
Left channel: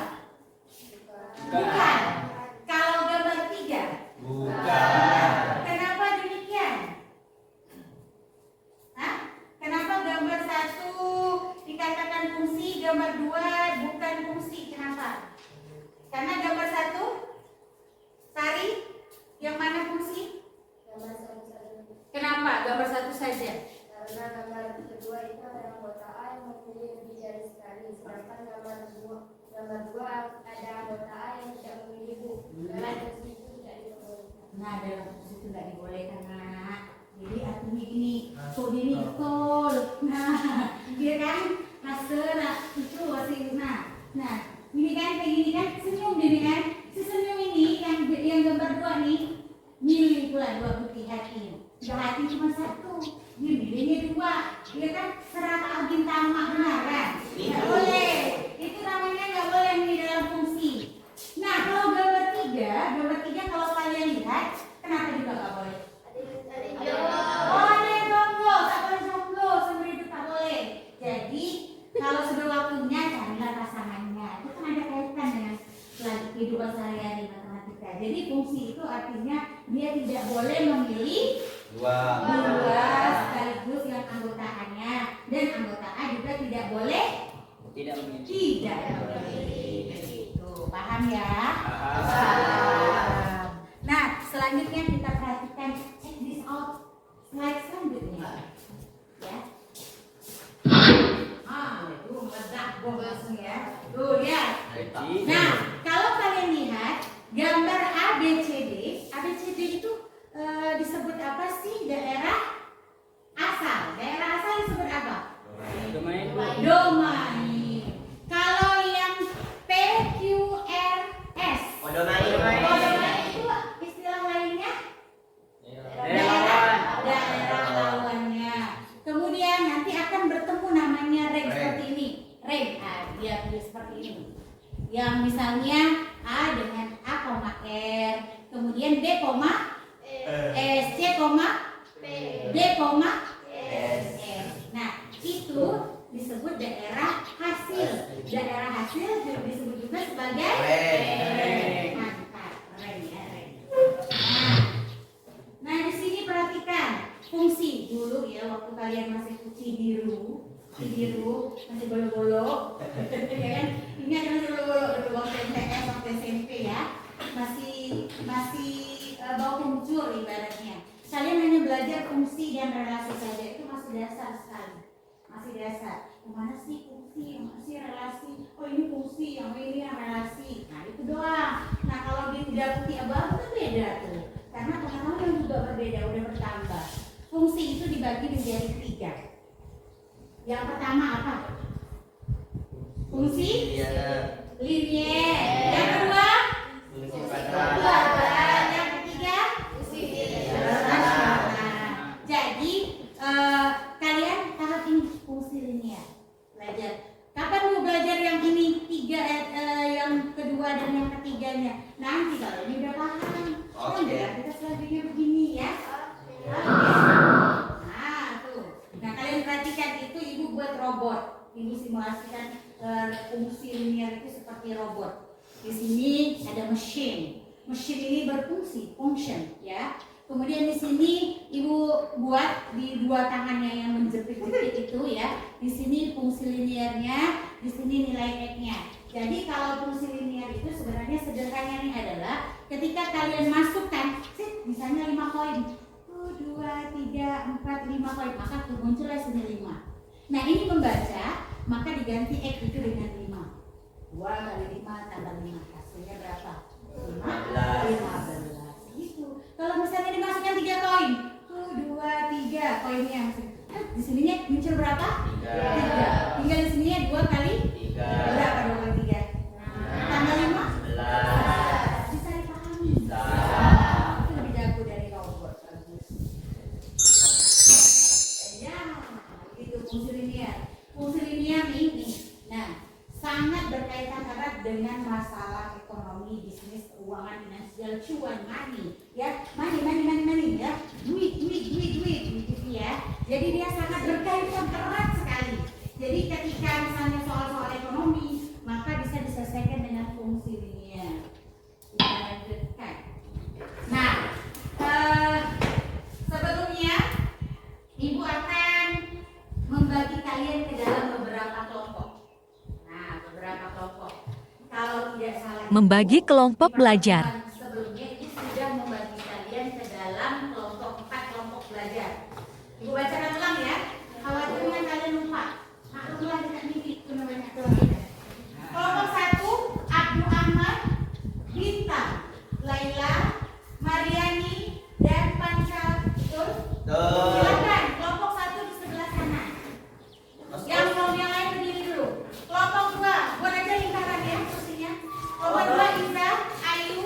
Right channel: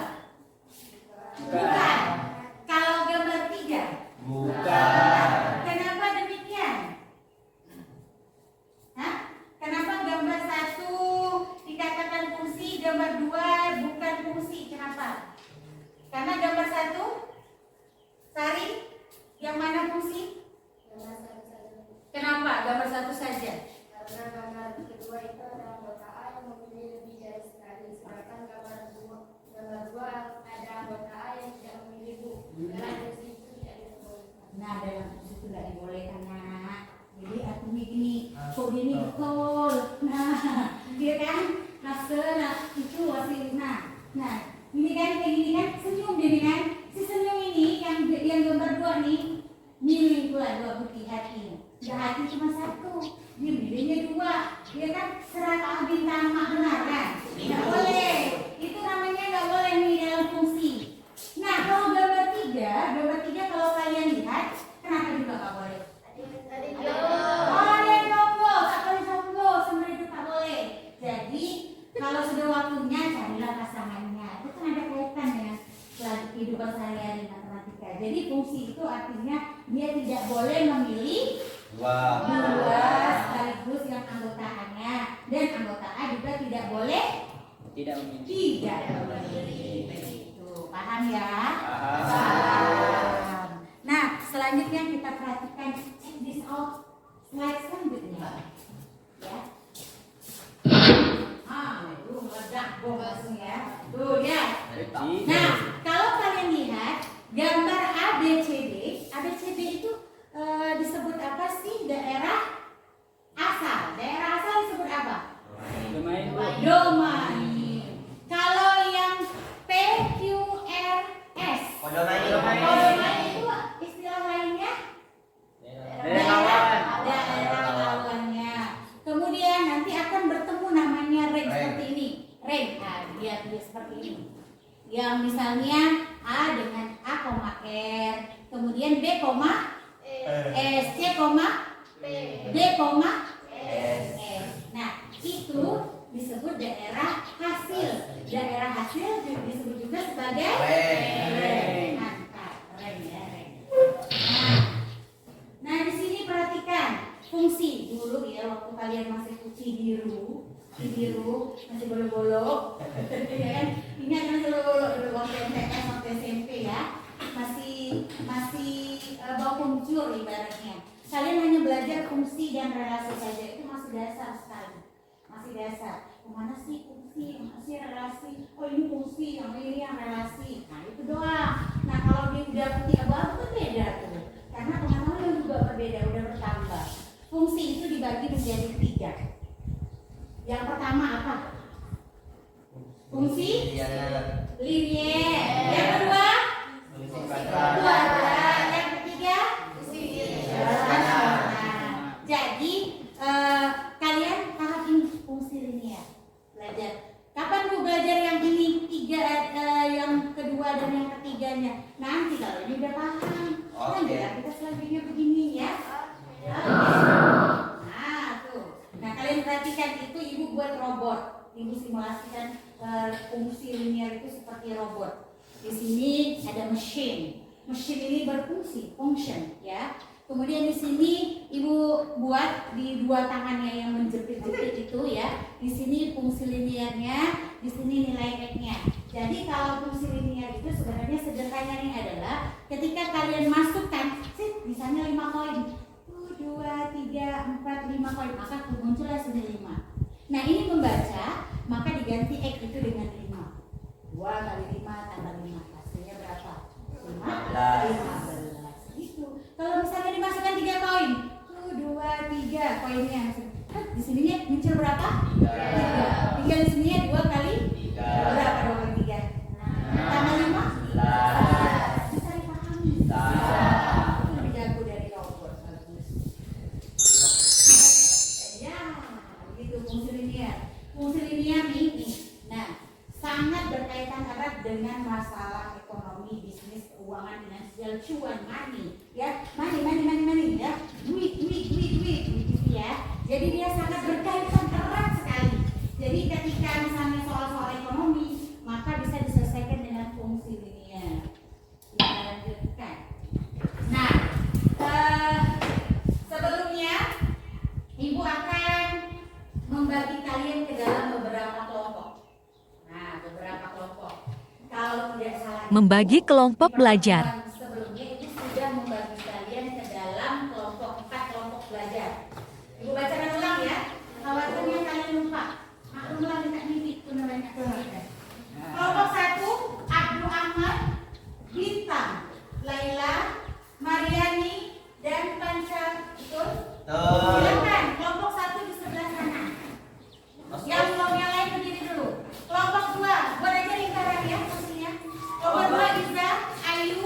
Bukan. Kalau gambar 3? Bukan. Kenapa demikian? Hah? Kenapa gambar 1 dikatakan fungsi, gambar 2 bukan fungsi? Kenapa? Karena gambar 1 Sari, yang mana fungsi? Kenapa gambar 1 saja? Karena gambar kedua itu ada anggota A yang mempunyai lebih dari sekali, sedangkan gambar dua ada anggota A yang tidak memiliki Bu. Dalam versi itu tidak diperbolehkan. Nah, dalam fungsi itu tidak dibolehkan, nak. Jadi artinya gini, kok gini betul. Nah, dia kan nah itu masih nah ini kan kayak gini kan senyum gini kan. Si senyum ini yang gambar 2 nih milih pula 2 putih hati. Nggak hati cuma 1, dia milihnya 2. Dia kan serata bintang benar kan? Nggak boleh. Itu namanya nggak boleh nih dalam fungsi. Nah kalau gambar 3 kalau kalian lihat, kenapa juga nggak boleh? Oh ada yang jomblo, tak boleh jomblo, sebenarnya itu tak boleh. Jadi Kalau sudah waktunya carilah pasangannya. Itu kan ada kaitan dengan kehidupan sehari-hari matematika. Jadi fungsi itu artinya dia tidak boleh memilih dua sekaligus yang anggota A-nya, dan anggota A juga tidak boleh Tidak memilih. begitu. Paham ya? Paham. Nah, selanjutnya kita perhatikan check this out slide selanjutnya. Ya. Itu meledak bosnya. Tuh ya. Nah, kalau kalian lihat gambar ABCD itu disebut apa sih? Daerah asal. Daerah asal disebut apa? Domain. Kalau yang PQRS, domain itu istilah lainnya daerah lawannya. Kemudian nanti akan bertemu namanya range seperti ini. Range, dia seperti ini. Yang misalnya A dengan A, R, kemudian B, S, C, D, S. Nah, itu disebut daerah hasil. Daerah hasil disebut juga sebagai range. Mantap, range ya, range. Nah, di sini perhatikan fungsi dulu ya, waktu kalian masih Cidiru masih bolo-bolo, ya kan? Ingat masih bolo-bolo dulu waktu MTS waktu SMP ya, masih bau kencur ibaratnya. Kalian hanya belajar fungsi dan relasi saja, itu masih dasar sekali, masih dasar. Kemana sih fungsi, yang masih relasi? Oh ini fungsi, yang ini yang relasi. Nah itu doang. Nah kalau dia udah putih abu-abu itu beda tuh, karena pengetahuan juga berbeda, udah bertambah. Fungsi itu dibagi menjadi 3. Yang pertama apa? Fungsi linier. Yang kedua? Kuadrat. Yang ketiga? Rasional. Jadi kalian paham ini fungsi linier. Belajar. Kapan mau belajar yang ini 3, yang kedua dan yang ketiganya? Nanti kalau ini udah paham. Oh ya, kita selanjutnya begini ya. Nah kalian perhatikan itu ibu buat robot. Ibu simulasikan fungsi linier itu seperti robot. Di sini ada mesin. Mesin ini berfungsi, function ya. Kemudian di sini ibu buat di 2 tangannya yang menjepit-jepit itu ya. Di sini fungsi liniernya, di sini nilai X-nya. Jadi kalau fungsi linier itu sebenarnya sederhananya adalah ketika kalian masukkan, misalnya 5 koin. 2, 3, 4, 5 koin, maka muncullah sini 5. Nah ini membaca, maka diganti X itu dengan 5. 2 kali 5 tambah 5, hasilnya berapa? 15. Gitu. Kalau misalnya dimasukkan 3 koin, 2, 3 koinnya, di sininya muncul berapa? 3. Tinggal di sininya 2 kali 3. Berapa 2 kali 3? Tambah 5? Bisa dipahami? Itu lebih jago dari robot. Fungsi linier ini, nah sangat berkaitan erat dengan masalah ekonomi, bisnis, keuangan, finansial, cuan, money, ya, money, ya, duit, gitu ya. Jadi dia sangat berkaitan erat sekali. Jadi ketika misalnya soal-soal ekonomi, maka bisa diselesaikan dengan fungsi linier. Kita lanjutkan. Nah, sebelumnya ibu akan membagi kalian ke dalam beberapa kelompok. Nah, beberapa kelompok. Kalau tidak salah, Membagi kelompok belajar. sebelumnya itu sudah membagi kalian ke dalam kelompok 4 kelompok belajar. Ibu bacakan ulang ya. Khawatirnya kalian lupa. Maklumlah dekat mimpi itu namanya kelompok. Kelompok 1, Abdul Ahmad, Bintang, Laila, Mariani, dan Panca. Betul? Silakan kelompok 1 di sebelah sana. Yang lain berdiri dulu. Kelompok 2, buat aja lingkaran ya posisinya. Kelompok 2 Iza, Ayu,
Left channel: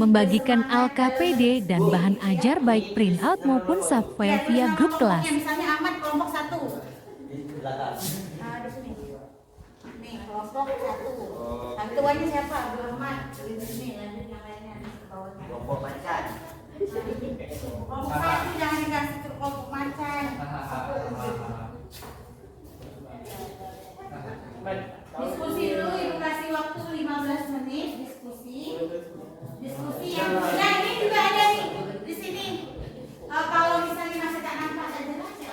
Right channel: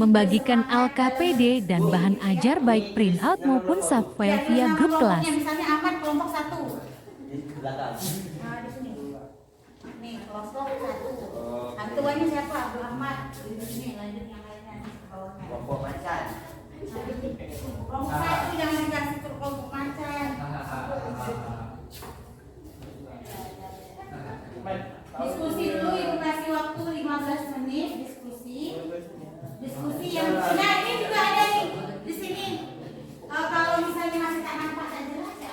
membagikan LKPD dan bahan ajar baik printout maupun subfile via grup kelas. Misalnya Ahmad kelompok 1. Di belakang. Nah, di sini. Nih, kelompok 1. Bantuannya siapa? Abu Ahmad. Di sini lanjut yang lainnya ke bawahnya. Kelompok macan. Kelompok 1 jangan dikasih ke kelompok macan. Diskusi dulu, ibu kasih waktu 15 menit diskusi. Diskusi yang nah ini juga ada nih di sini. Kalau misalnya masih tak nampak tak jelas ya,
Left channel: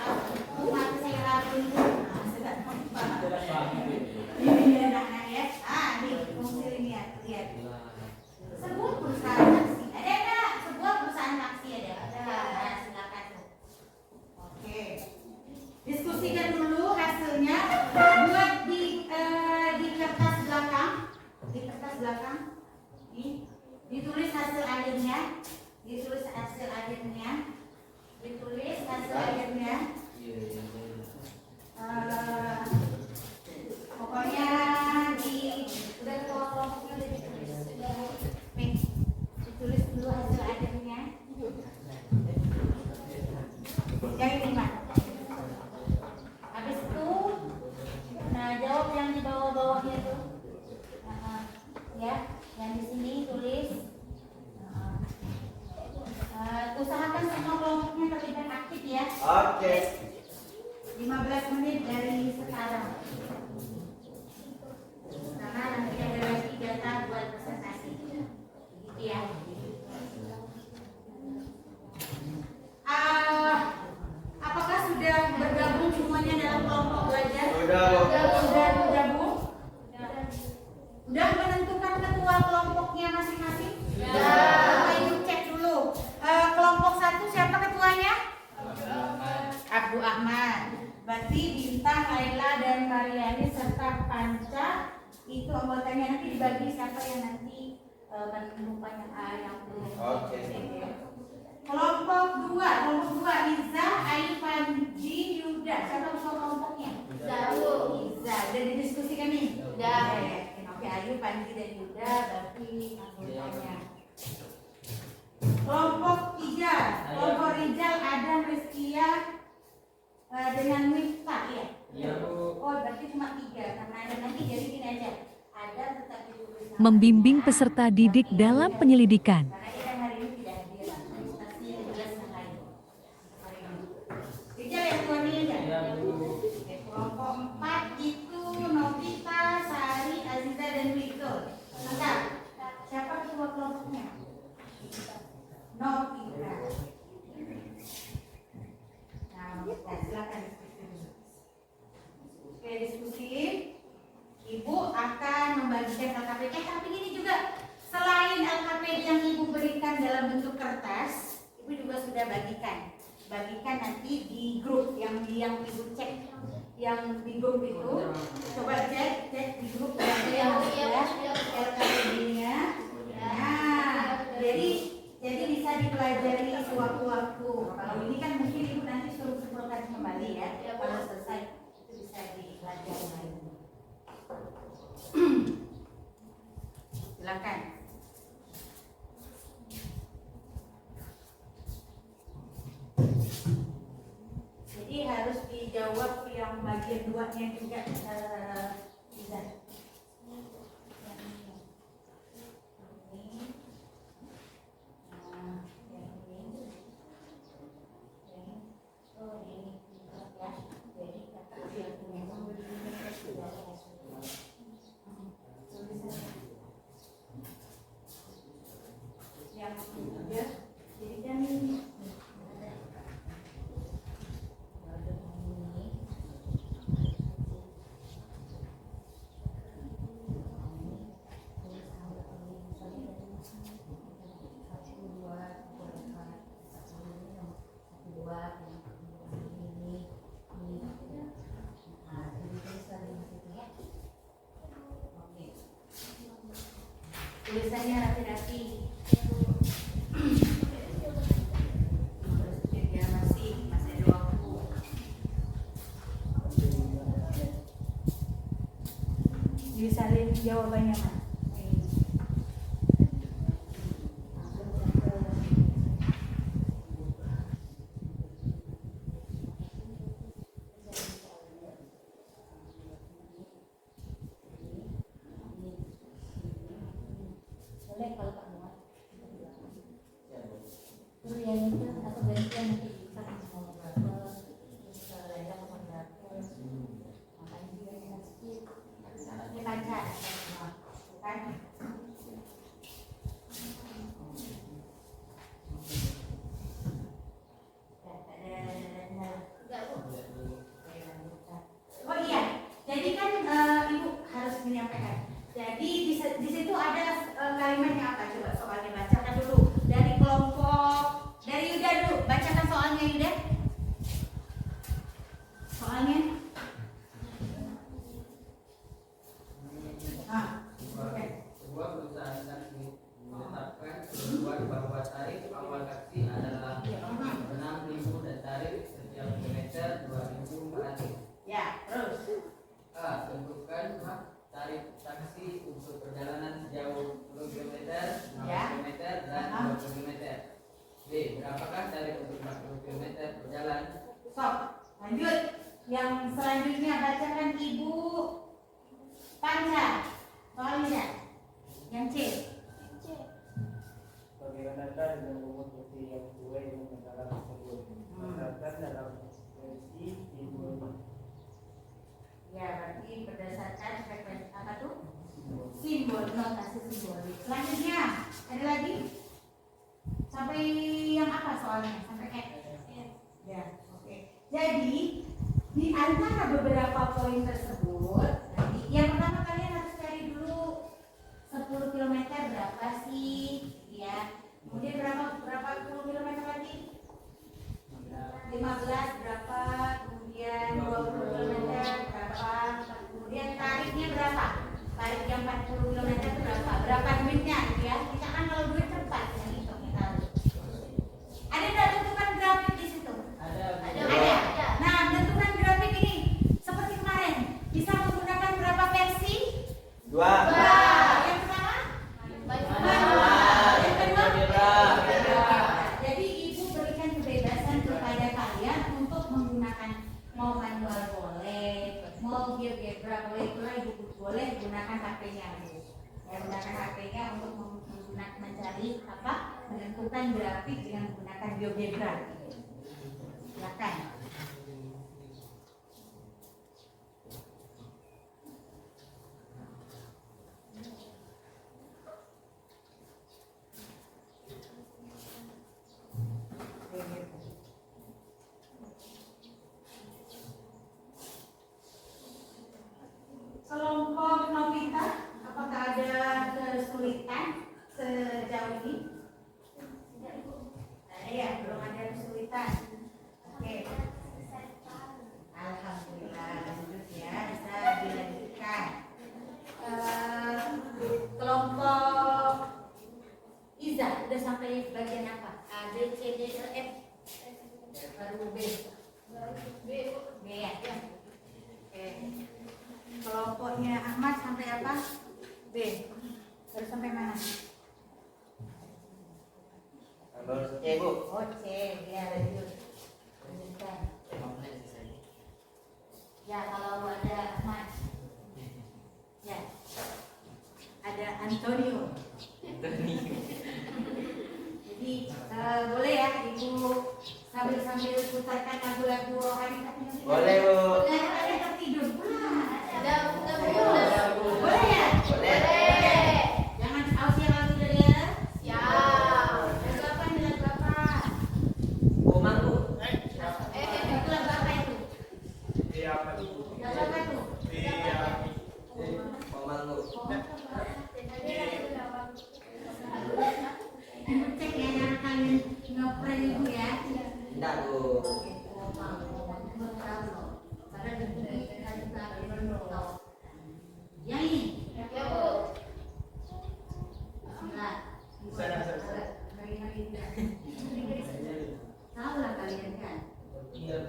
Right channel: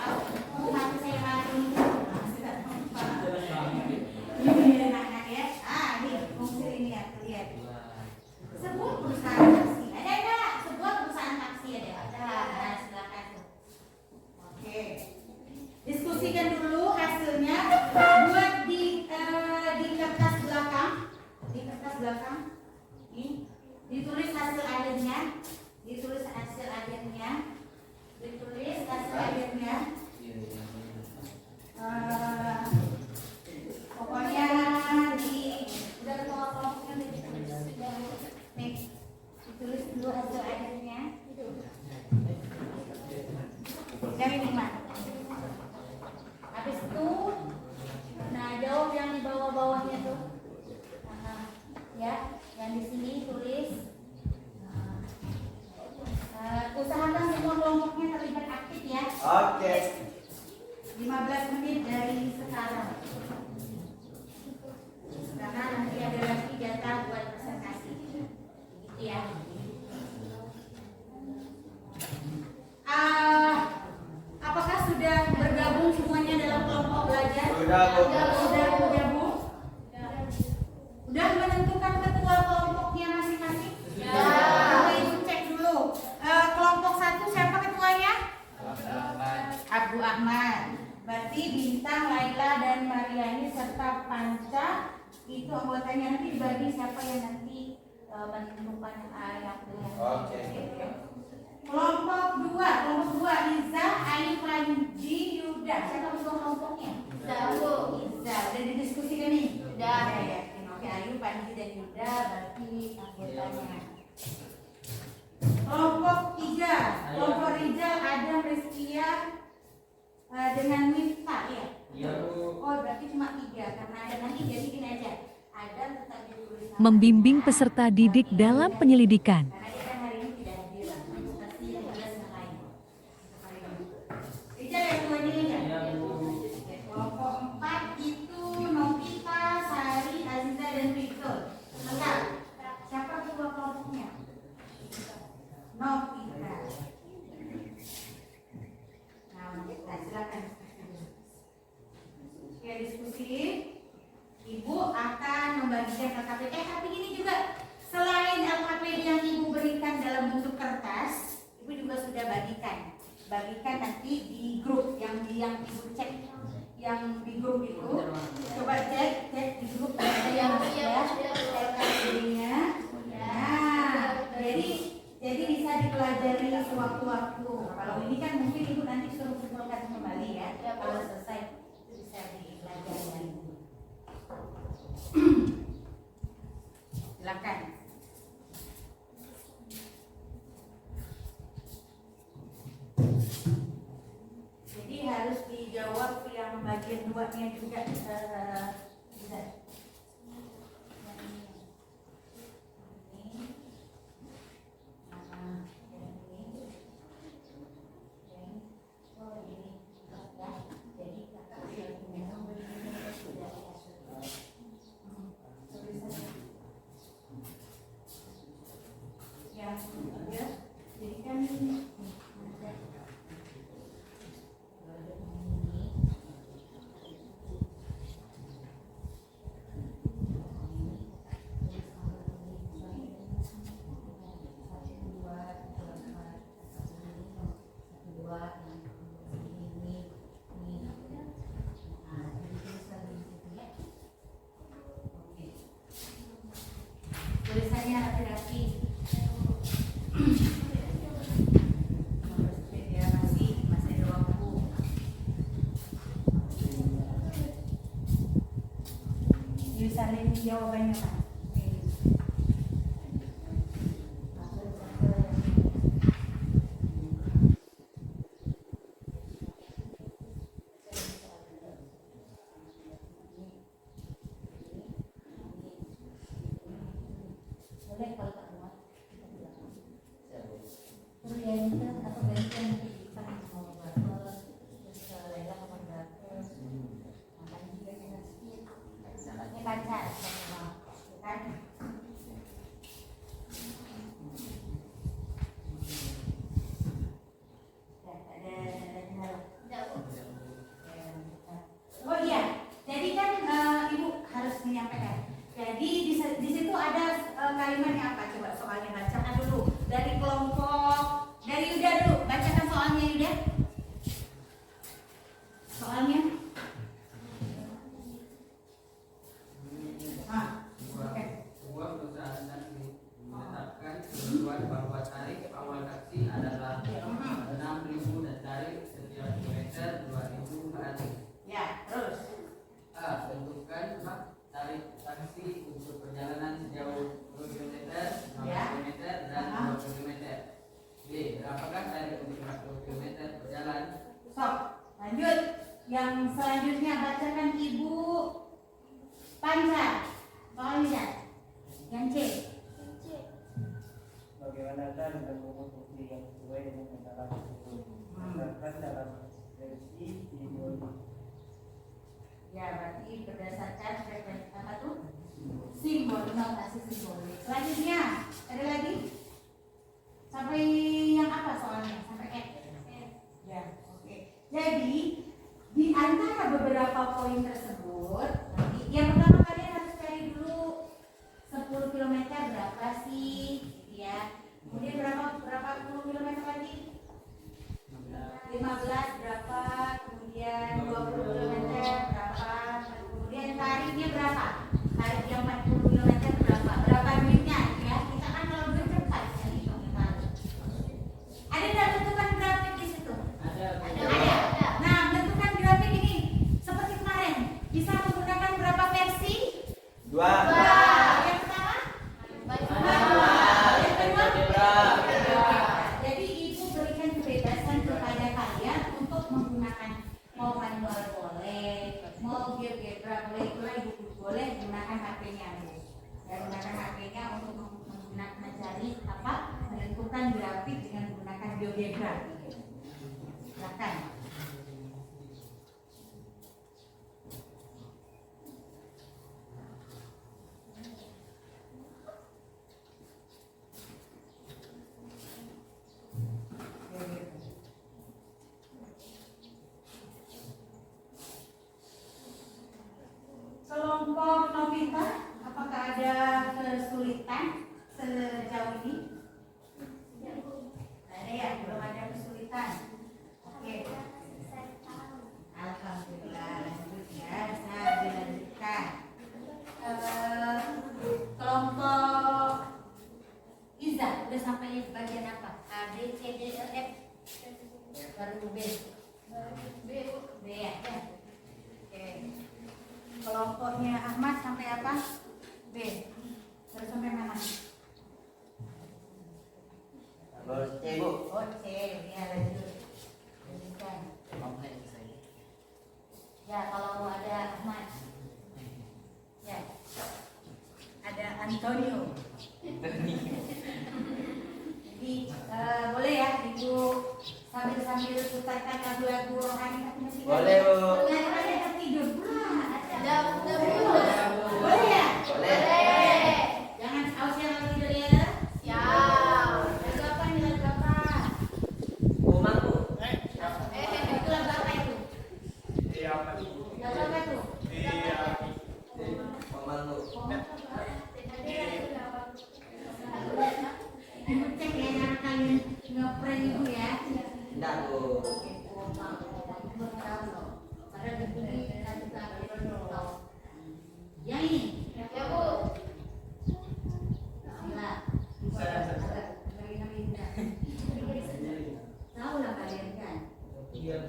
mati saya rapi. Masih tak nampak. Ini anak-anak ya. Nih fungsi ini ya, lihat. Sebuah perusahaan taksi. Ada enggak? Sebuah perusahaan taksi ada. Nah, silakan tuh. Oke. Diskusikan dulu hasilnya. Buat di kertas belakang. Di kertas belakang. Nih. Ditulis hasil akhirnya. Ditulis hasil akhirnya. Ditulis hasil akhirnya. Pokoknya di udah kelompoknya nih, ditulis dulu hasil akhirnya. Yang ini Mat. Habis itu, nah jawab yang di bawah-bawahnya tuh. Ya, yang di sini tulis. Usahakan semua kelompoknya terlibat aktif ya. Oke. 15 menit dari sekarang. Karena nanti ada lagi data buat presentasi. Gitu ya. Apakah sudah bergabung semuanya dalam kelompok belajar? Sudah, Bu. Sudah bergabung? Udah menentukan ketua kelompoknya masing-masing? Coba ibu cek dulu. Kelompok 1 siapa ketuanya? Abdul Ahmad. Berarti Bintang, Laila, dan Mariani serta Panca itu anggotanya. Nanti dibagi siapa yang nanti menemukan yang belum. Oke. Kelompok 2 Riza, Aifanji, Yuda. Siapa ketua kelompoknya? Riza. Udah didiskusikan nih? Udah. Oke, Ayu, Panji, dan Yuda berarti anggotanya. Kelompok 3 kelompok Rizal, Adam, Rizkia, dengan Miftah ya? Iya, Bu. Oh berarti cuma 3 karena ada nanti jadi gini aja. Adam tetap ditulis sama Membimbing dia. peserta didik dalam penyelidikan. Karena dia kan hari ini tidak hadir. Pasti yang jelas yang lain. Rizal ya tuanya ya? Iya, Bu. Oke, kelompok 4 itu Novita, Sari, Aziza, dan Victor. Enggak. Siapa ketua kelompoknya? Novita. Nah, silakan diskusi. Oke, diskusi. Ibu akan membagikan LKPD. Tapi ini juga selain LKPD yang ibu berikan dalam bentuk kertas, ibu juga sudah bagikan. Bagikan nanti di grup yang ibu cek, yang di grup itu. Coba cek di grup ada yang ya LKPD-nya. Nah, jadi bisa dipelajari sewaktu-waktu. Kalau ini kan mungkin ibu nanti suruh kumpulkan kembali ya. Kalau selesai itu bisa dipelajari lagi. Silakan. Jadi harus dijawab yang bagian 2-nya juga bisa. Jadi kan tulisannya rapi-rapi. Disalin jawabannya Pak. Ya, berarti berdasarkan frekuensi apa tuh? Simbol, notasi simbolik. Selanjutnya, ada lagi? Sampai yang apa soalnya? Sampai F. Ya, oke. Jadi, di antara beberapa poin tersebut, nanti yang pertama kalian harus cari dulu 10 km berapa sih? Ya. Kemudian berapa 10 km tadi? 15 berapa? Kemudian 20 km berapa? Kemudian tariknya berapa? Tarik yang 40 km berapa? Berapa duitnya? Ya, kita kan kalau duit cepat ya hitung kita. Ada nggak tentukan grafik di situ? Ada. Nah, tentukan grafik ini seperti kemarin bisa menggunakan berapa versi? 2. Yang pertama? Yang kedua? Jadi ibu berikan kebebasan kepada kalian untuk menggunakan mau manual boleh, mau GeoGebra boleh, itulah ibu boleh gunakan HP-nya bu. Ya, gunakan HP-nya untuk menggunakan mencari apa? Menentukan grafik dengan menggunakan GeoGebra. Silakan. Kelompok Novita, apakah ada kesulitan sejauh ini? Ada ya, belum ada kesulitan. Oke. Alhamdulillah, lanjut ya, bisa dilanjutkan. Kelompok Iza, udah sampai bagian apa? A, B, C, D, E, F. Baru B. B ya. Oke. Kelompoknya Ahmad sampai apa? B. Terus sampai mana? Terus C bu. Oh C, ya lanjut. Lanjutkan. Ya kalau ada Ahmad. Ya. Ada Antonio. Jadi boleh ya ibu sambil putarkan lagu-lagu rohani. Boleh bu. Ada tertidur pula. Udah. Boleh ya? Boleh. Jangan ausnya lagi dari ya. Siap. Berapa nilai berapa? Umar bu. Itulah berapa itu? Di apa tuh? Berapa itu? Di apa? Umar bu. Ibu cek ya cara kalian ngeprank ibu ya. Tidak bu. Ya ini. Ya bu. Tahu lah kalian kan. Iya.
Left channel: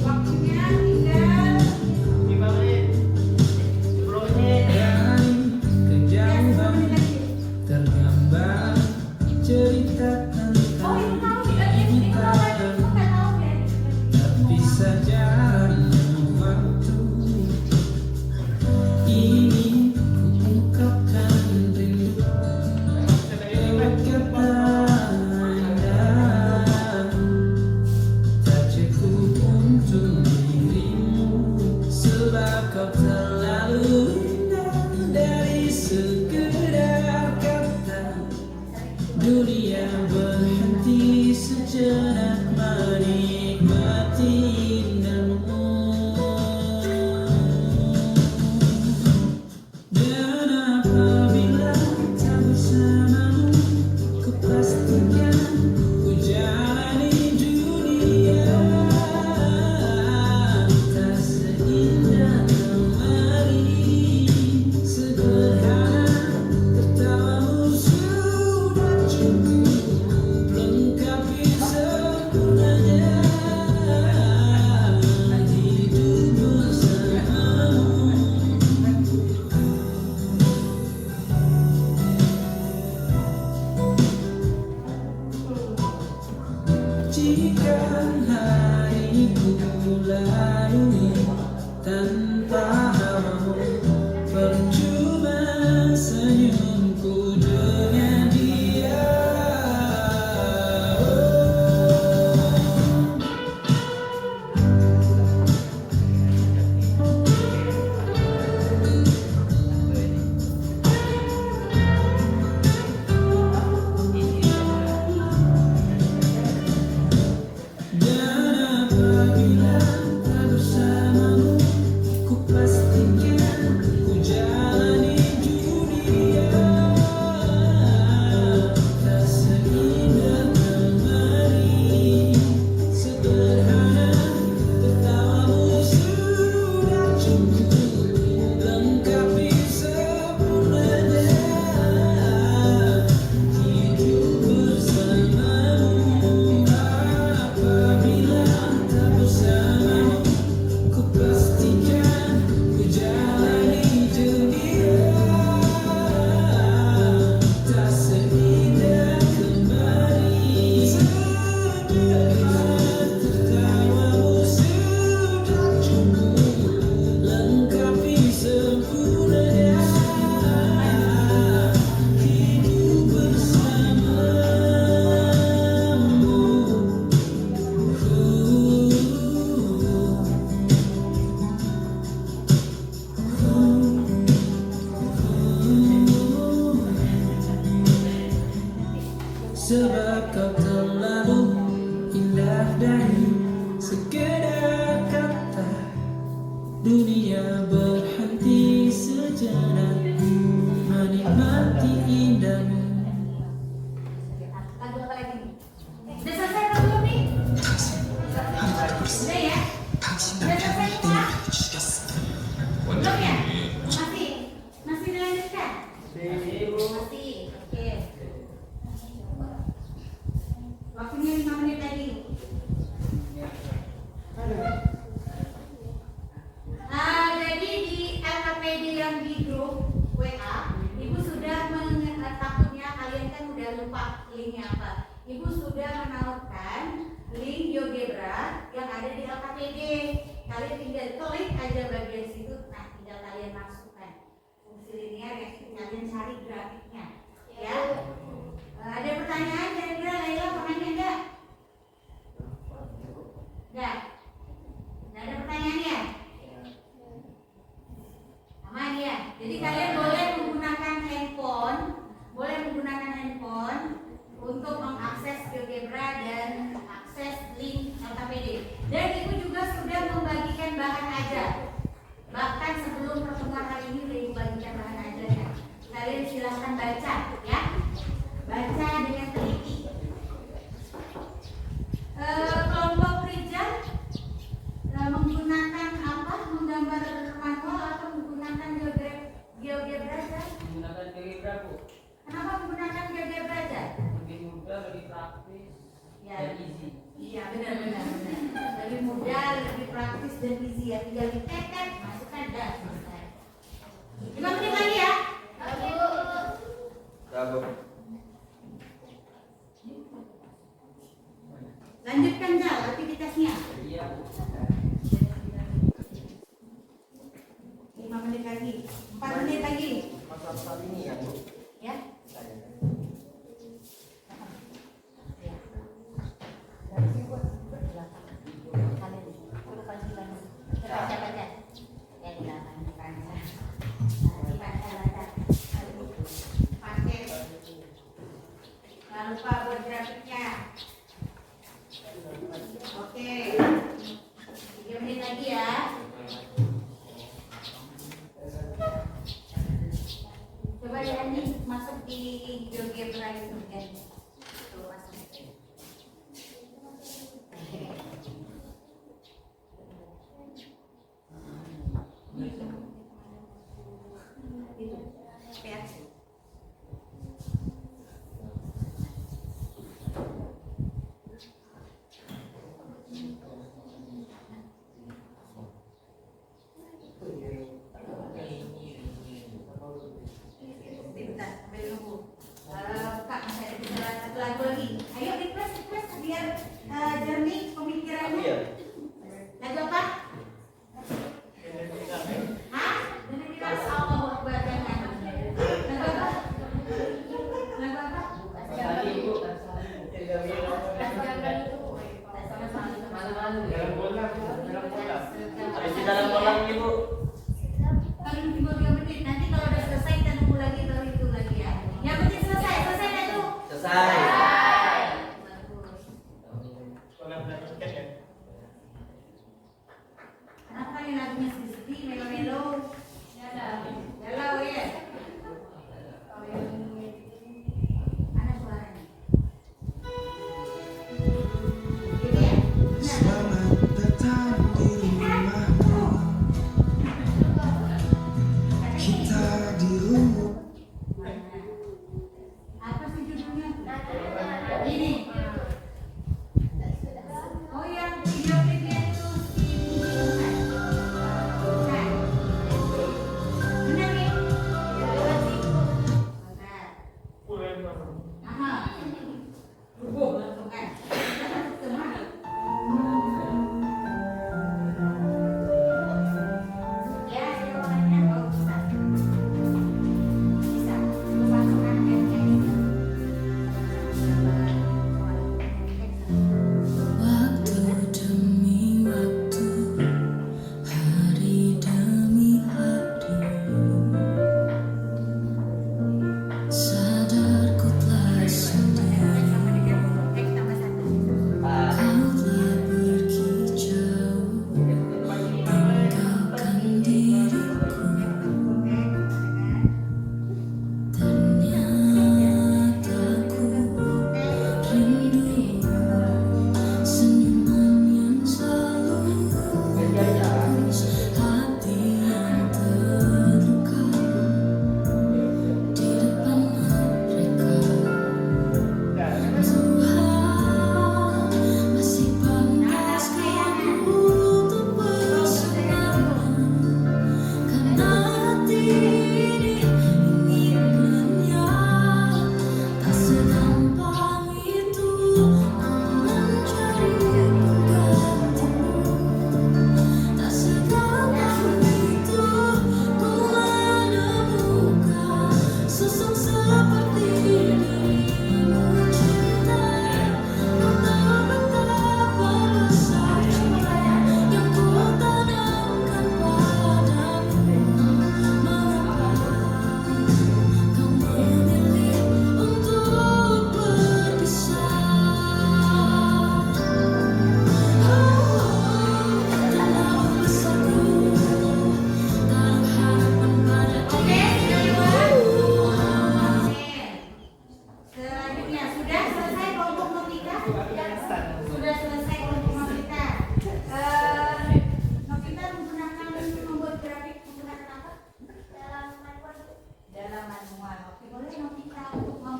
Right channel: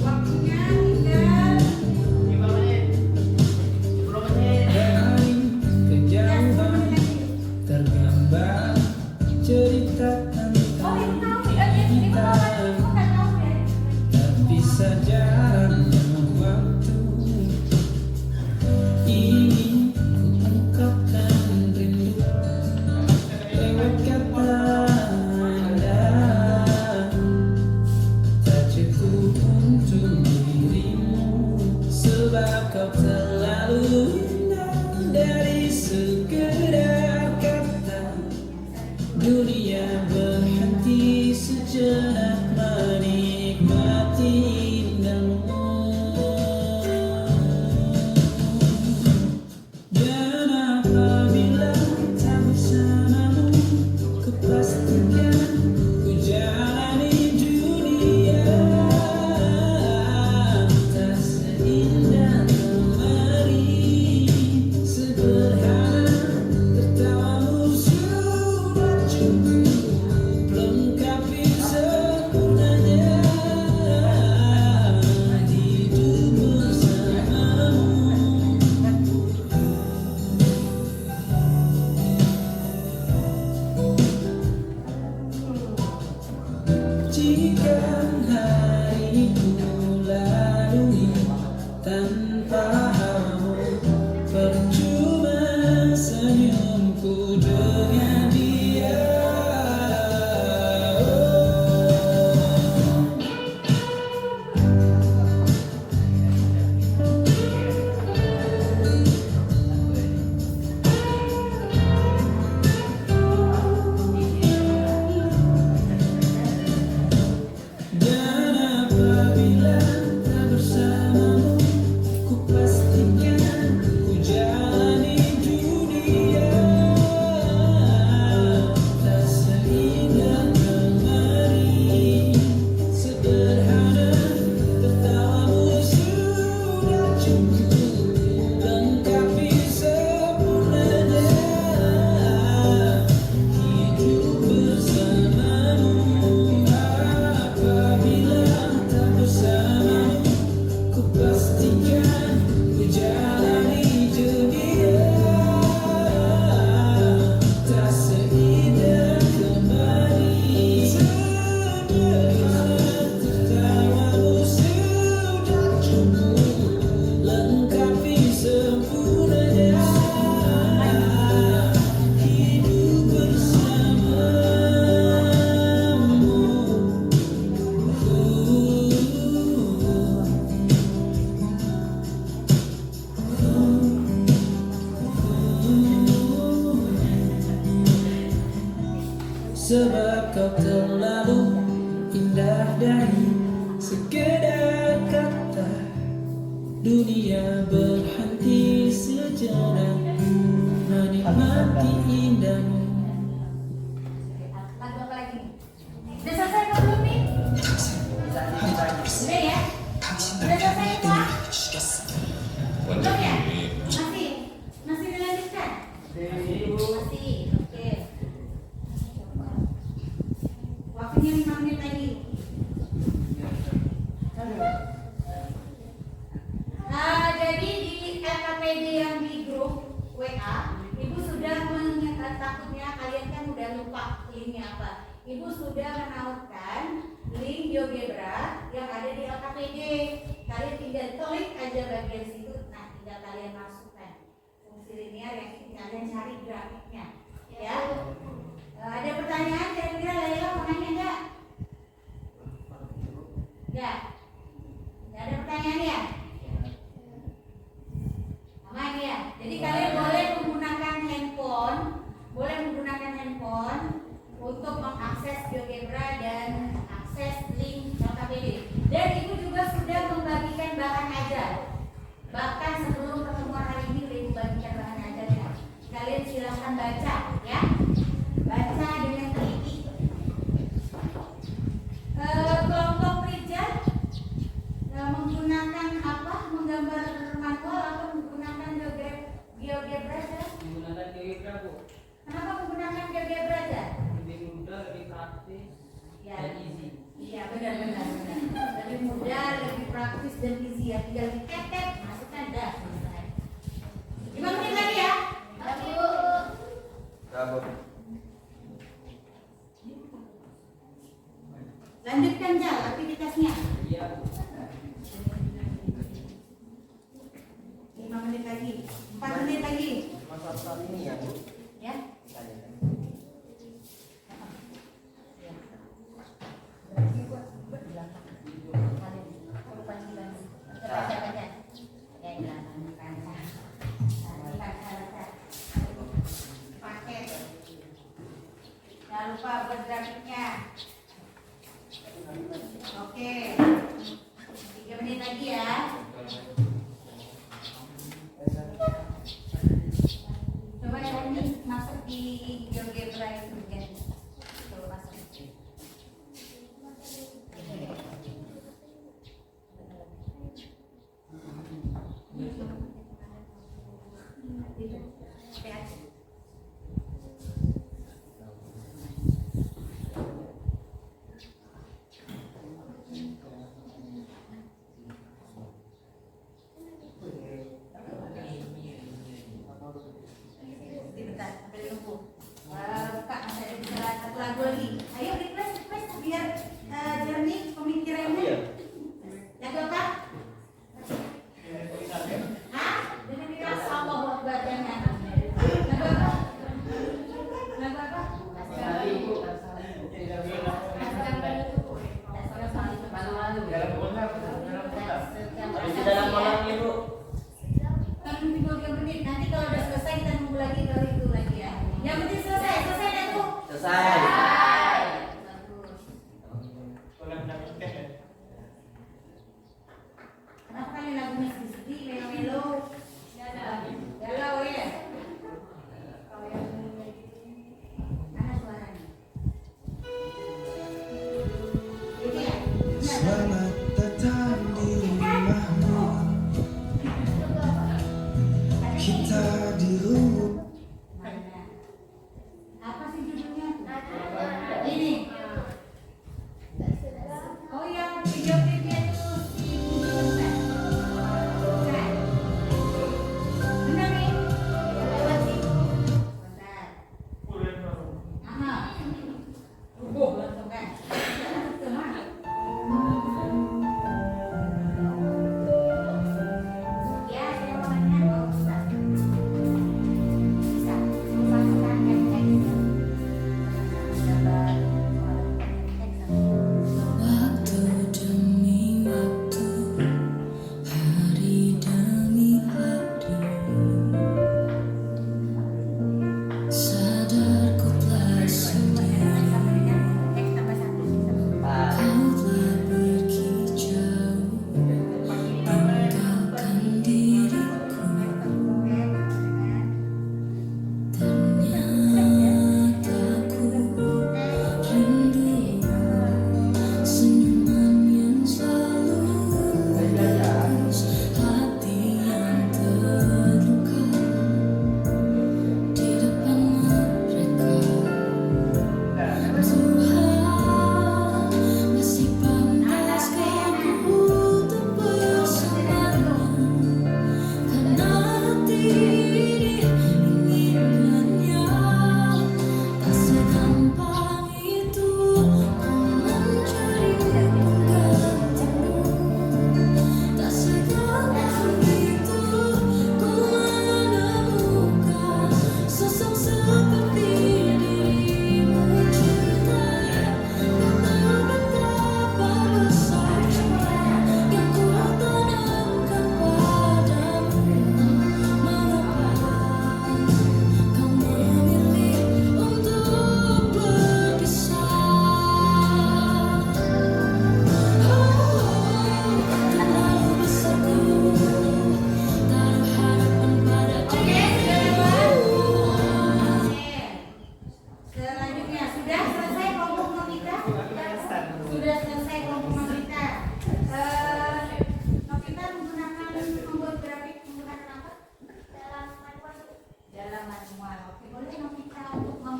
Waktunya tinggal 5 menit. 10 menit. Dari kejauhan tergambar cerita tentang kita, terpisah jarak waktu. Ini ku ungkapkan rindu lewat kata indah, tak cukup untuk dirimu sebab kau terlalu indah. Dari sekedar kata dunia berhenti sejenak menikmati indahmu. Dan apabila tak bersamamu, kupastikan ku jalani dunia tak seindah kemarin. Sederhana tertawamu sudah cukup lengkapi sempurnanya hidup bersamamu. Jika hari ku lalui tanpa hawamu, senyumku dengan dia. Dan apabila tak bersamamu, ku pastikan ku jalani dunia. Tak seindah kemarin, sederhana tertawamu sudah cukup lengkapi sempurnanya hidup bersamamu. Apabila tak bersamamu, ku pastikan ku jalani dunia. Tak seindah kemarin, sederhana tertawamu sudah cukup lengkapi sempurnanya hidup bersamamu. Sebab kau terlalu indah dari sekedar kata. Dunia berhenti sejenak menikmati indahmu. Lagu apa lagi nih? Udah selesai kan belum nih? Udah ya? Udah selesai semua? Belum ya? Masih? Masih dilanjutkan? Masih, oke. Waktunya 5 menit lagi. Jadi di LKPD yang di grup WA, Ibu sudah takutnya kalian kan udah lupa linknya apa. Ibu sudah menawarkan link GeoGebra yang ada di LKPD. Kalian tinggal klik aja bagian situ, nah tinggal kalian masukkan fungsi linear yang kalian cari grafiknya. Ya. Ada pertanyaan kira-kira Laila mau nanya enggak? Enggak. Enggak ada pertanyaan ya? Aman ya? Jadi kalian boleh menggunakan handphone untuk mengakses GeoGebra dan akses link LKPD. Dan Ibu juga sudah membagikan bahan ajar. Bahkan sebelum pertemuan hari ini udah Ibu bagikan bahan ajarnya. Kalian silahkan baca ya. Baca dengan teliti. Kelompok Rijal menggunakan apa? Menggambar manual atau menggunakan GeoGebra aja? Menggunakan GeoGebra, Bu. Kenapa menggunakan GeoGebra aja? Lebih mudah, lebih praktis, Ya, dan easy. iya benar. Lebih mudah, lebih praktis dan easy ya. Tinggal diketek, masukkan dah. Selesai. 5 menit lagi ya. Lanjutkan Jal aktivitasnya. Iya. 5 menit lagi, 4 menit lagi. Soal ini ya, Bu. Ya. Jangan lupa buat grafiknya. Oke, 3 menit lagi ya. Coba ya nih masuk di GeoGebra itu kan. Tuh masuk. Gitu. Ya. Hah? Jadi kita Allah buat badannya.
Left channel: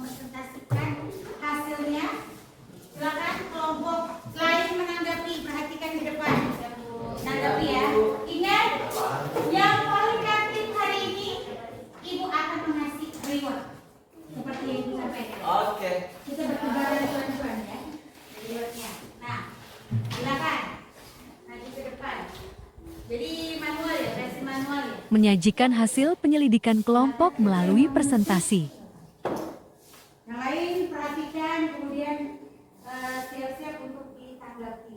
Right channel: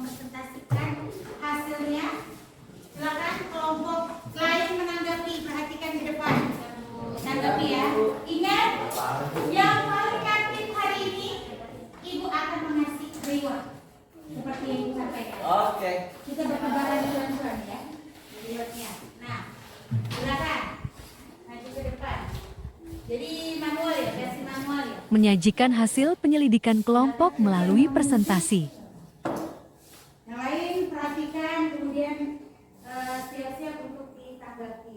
mempresentasikan hasilnya. Silakan kelompok lain menanggapi, perhatikan di depan. Tanggapi ya. Ingat, yang paling aktif hari ini Ibu akan mengasih reward seperti yang Ibu sampaikan. Oke. Kita bertebaran tuan-tuan ya. Rewardnya. Nah, silakan maju ke depan. Jadi manual ya, versi manual ya. Menyajikan hasil penyelidikan kelompok melalui presentasi. Yang lain perhatikan, kemudian siap-siap untuk ditanggapi.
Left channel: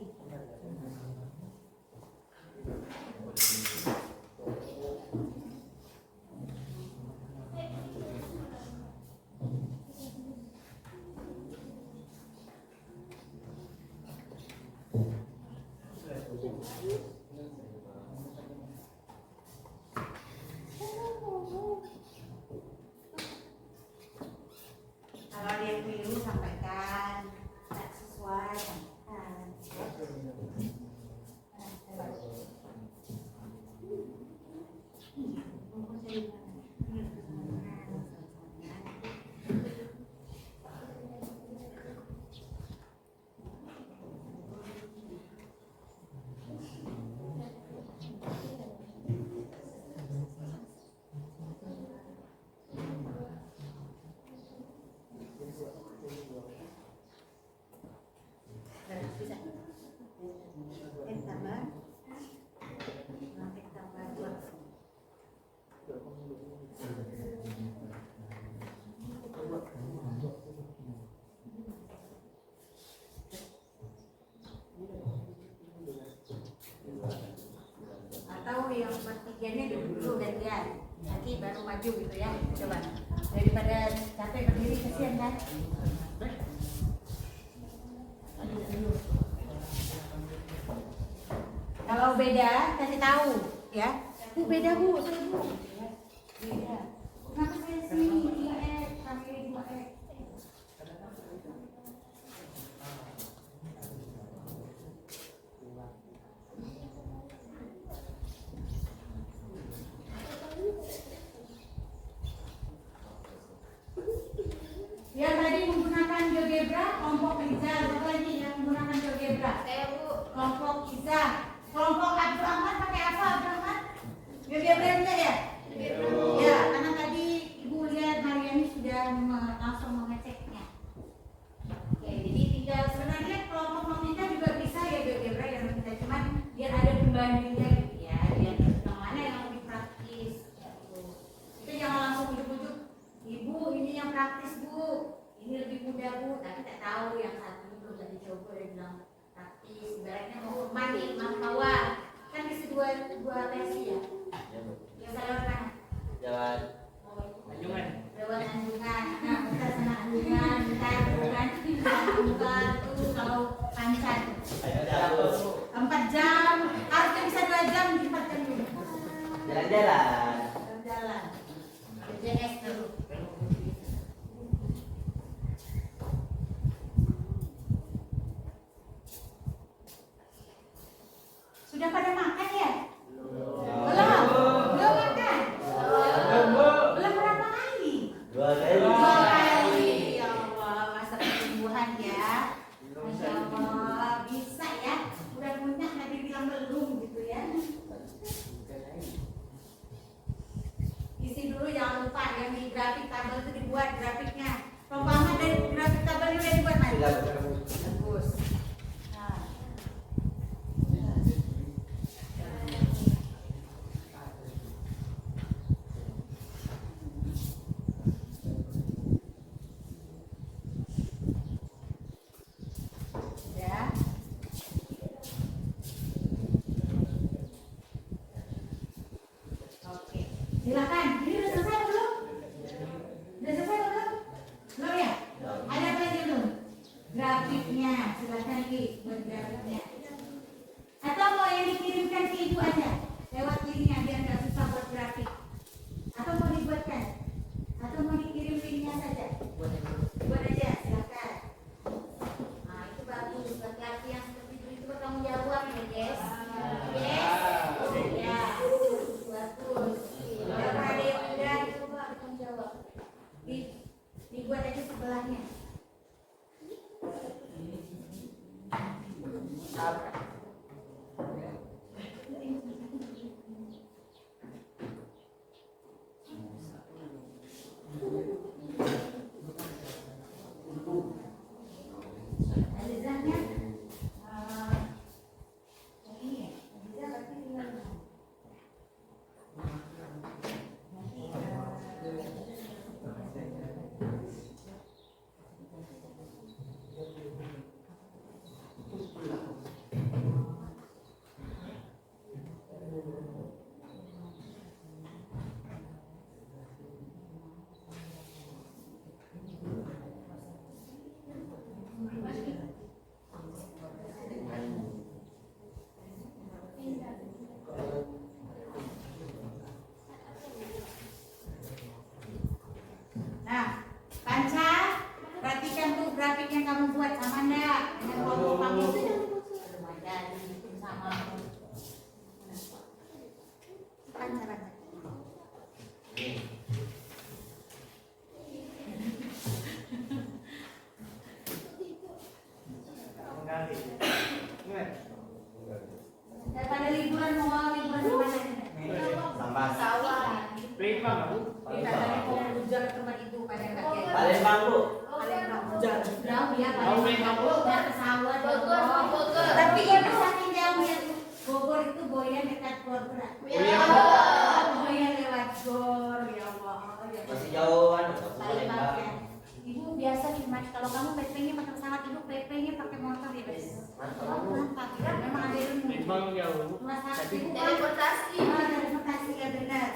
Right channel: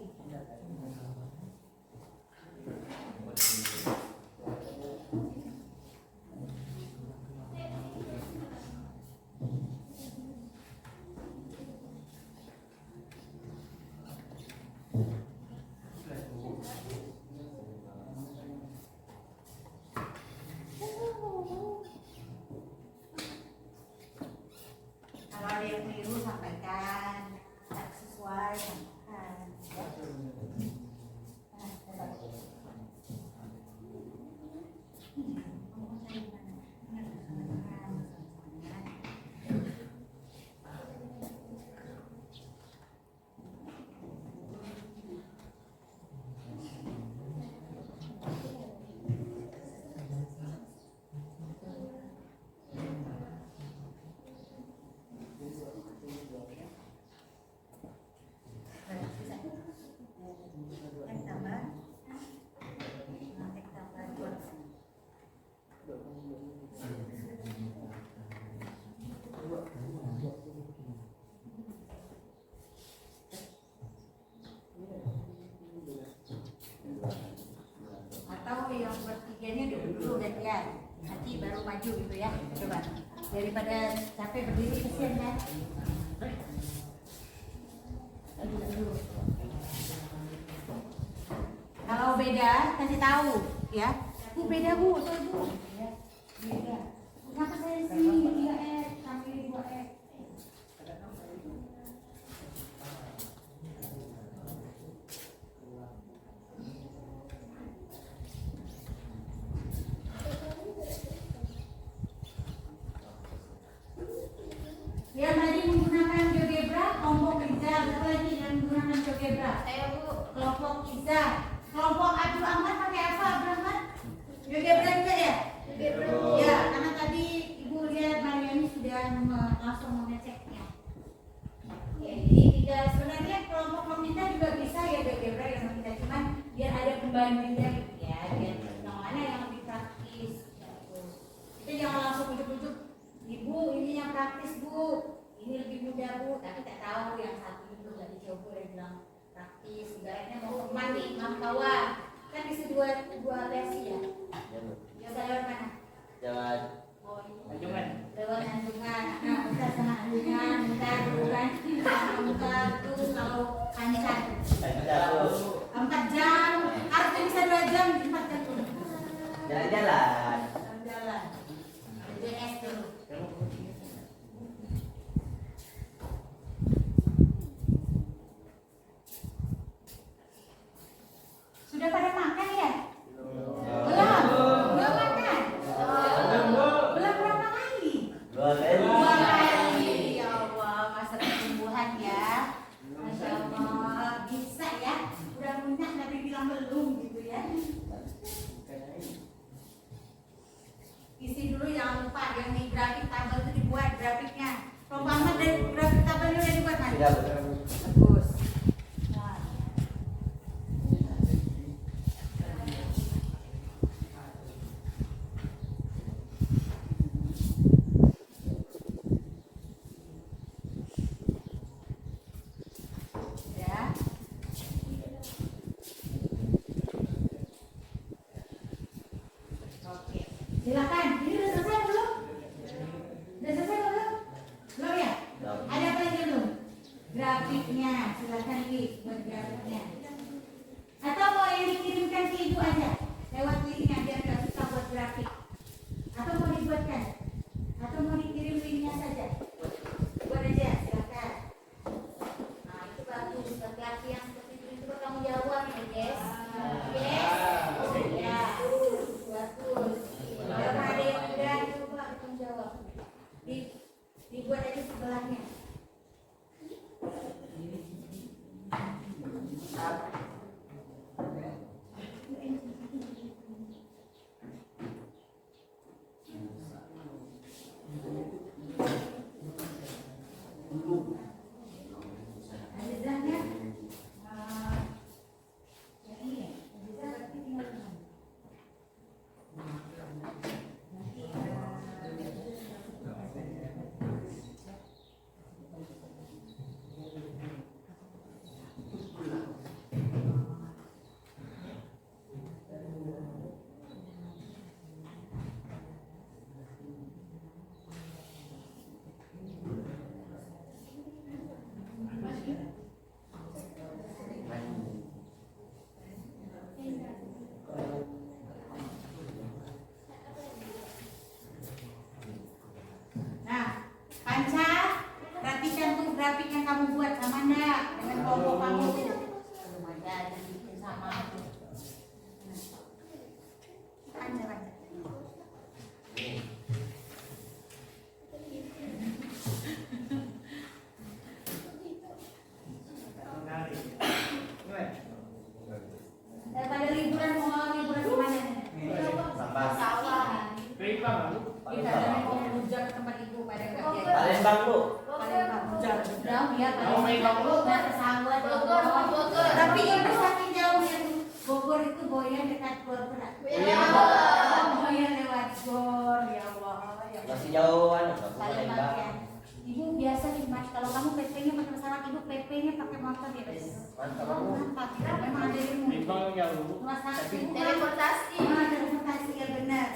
Kalau ada yang keliru sampaikan, tak sesuai sampaikan. Atau yang bertiganya duduk dulu gantian, nanti baru maju gitu ya. Coba daripada capek berdiri kesian kan. Kalau beda kasih tahu ya. Bu beda bu, saya bu. Beda. Kenapa saya sini 3X, kami 2X? Yang tadi menggunakan GeoGebra, kelompok Riza. Siapa lagi yang menggunakan GeoGebra? Saya Bu. Kelompok Riza. Kelompok Abdul Ahmad pakai apa Abdul Ahmad? GeoGebra juga ya? Ya, karena tadi Ibu lihat Mariani sudah langsung mengeceknya. Oke, jadi tidak sebenarnya kelompok meminta juga bisa ya GeoGebra yang meminta, cuman biar ada pembandingnya gitu ya, biar yang mana yang lebih praktis. Kita jangan langsung ujuk-ujuk, Ibu ini yang praktis Bu, ini lebih mudah Bu, tapi tak tahu yang satu belum tadi coba dia bilang praktis, ibaratnya mau kemana nih, manpower, kan isi dua versi ya. Yang saya lewat mana? Jalan. Oh, Anjungan. lewat Anjungan. Nah, bentar sana Anjungan, bentar bukan tuh kalau panjang Jalan. 4 jam, harusnya bisa 2 jam, 4 jam dulu. Jalan-jalan. Jalan. JS dulu. Sudah pada makan ya? Belum. Belum makan. Belum berapa kali? 2 kali. 2 kali. Ya Allah, masa pertumbuhan ya. Masya Allah, bisa ya. Udah punya nanti bilang belum gitu ya. Isi dulu jangan lupa yang di grafik tabel itu dibuat grafiknya. Pemahaman dari grafik tabelnya udah dibuat Mari. Tidak. Bagus. Nah. Ya. Oke. Silakan. Ini udah selesai belum? Udah selesai belum? Belum ya? Ada apa lagi belum? Grafiknya, silakan lagi buat grafiknya. Atau mau yang dikirimkan ke Ibu aja lewat linknya biar nggak susah buat grafik. Atau mau dibuatkan? Atau mau dikirim linknya saja? Buat aja, silakan. Nah itu bagus. Laki-laki yang seperti itu bertanggung jawab ya guys. Yes. Ya. Bagus. Kalau ada yang udah coba bertanggung jawab. Dibuat aja sebelahnya. Azizahnya, yang ini ya, Azizah berarti tinggal di mana? Nah, Panca, perhatikan tuh grafik yang kamu buat sama enggak dengan kelompok kamu. Sama. Panca, Panca. Daripada liburan mau liburan di mana? Sama. Baik Pak. Kita dari Bogor tempat itu pada kaget. Palembang Bu. Jauh ya, Jauh, main kamu. Udah ke sawah, Bogor, Bogor. Tapi itu saking jauhnya tuh. Bogor itu Boyan dekat Bogor. Ya. Boyan lewat Gor, ya Allah. Ya Allah. Masih jauhan Palembang ya. Ibu biasa sih mas, kalau kamu PP-nya pakai pesawat, ibu PP-nya pakai motor ya guys. Mantap, memang ada yang Palembang ya Bu. masa ibu Teleportasi. transportasi ya benar.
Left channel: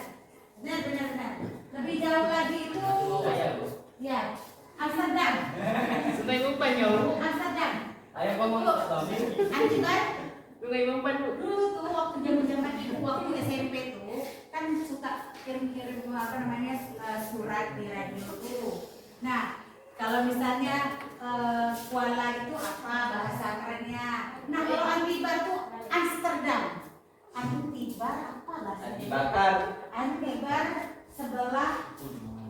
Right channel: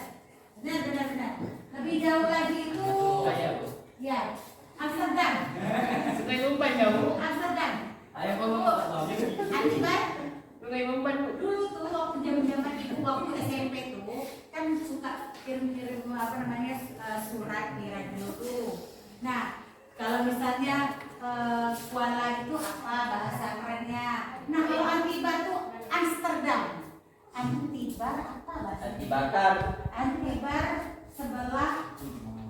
Benar. Lebih jauh lagi itu, Saya Bu. ya Amsterdam. Sungai Umpan ya Bu. Amsterdam. Ayo ngomong ke Tommy. Akibat Sungai Umpan Bu. dulu tuh waktu zaman ibu waktu SMP tuh kan suka kirim apa namanya surat di radio tuh. Nah kalau misalnya Kuala itu apa bahasa kerennya. Nah kalau Antibar tuh Amsterdam. Antibar apa bahasa? Dibakar. Antibar sebelah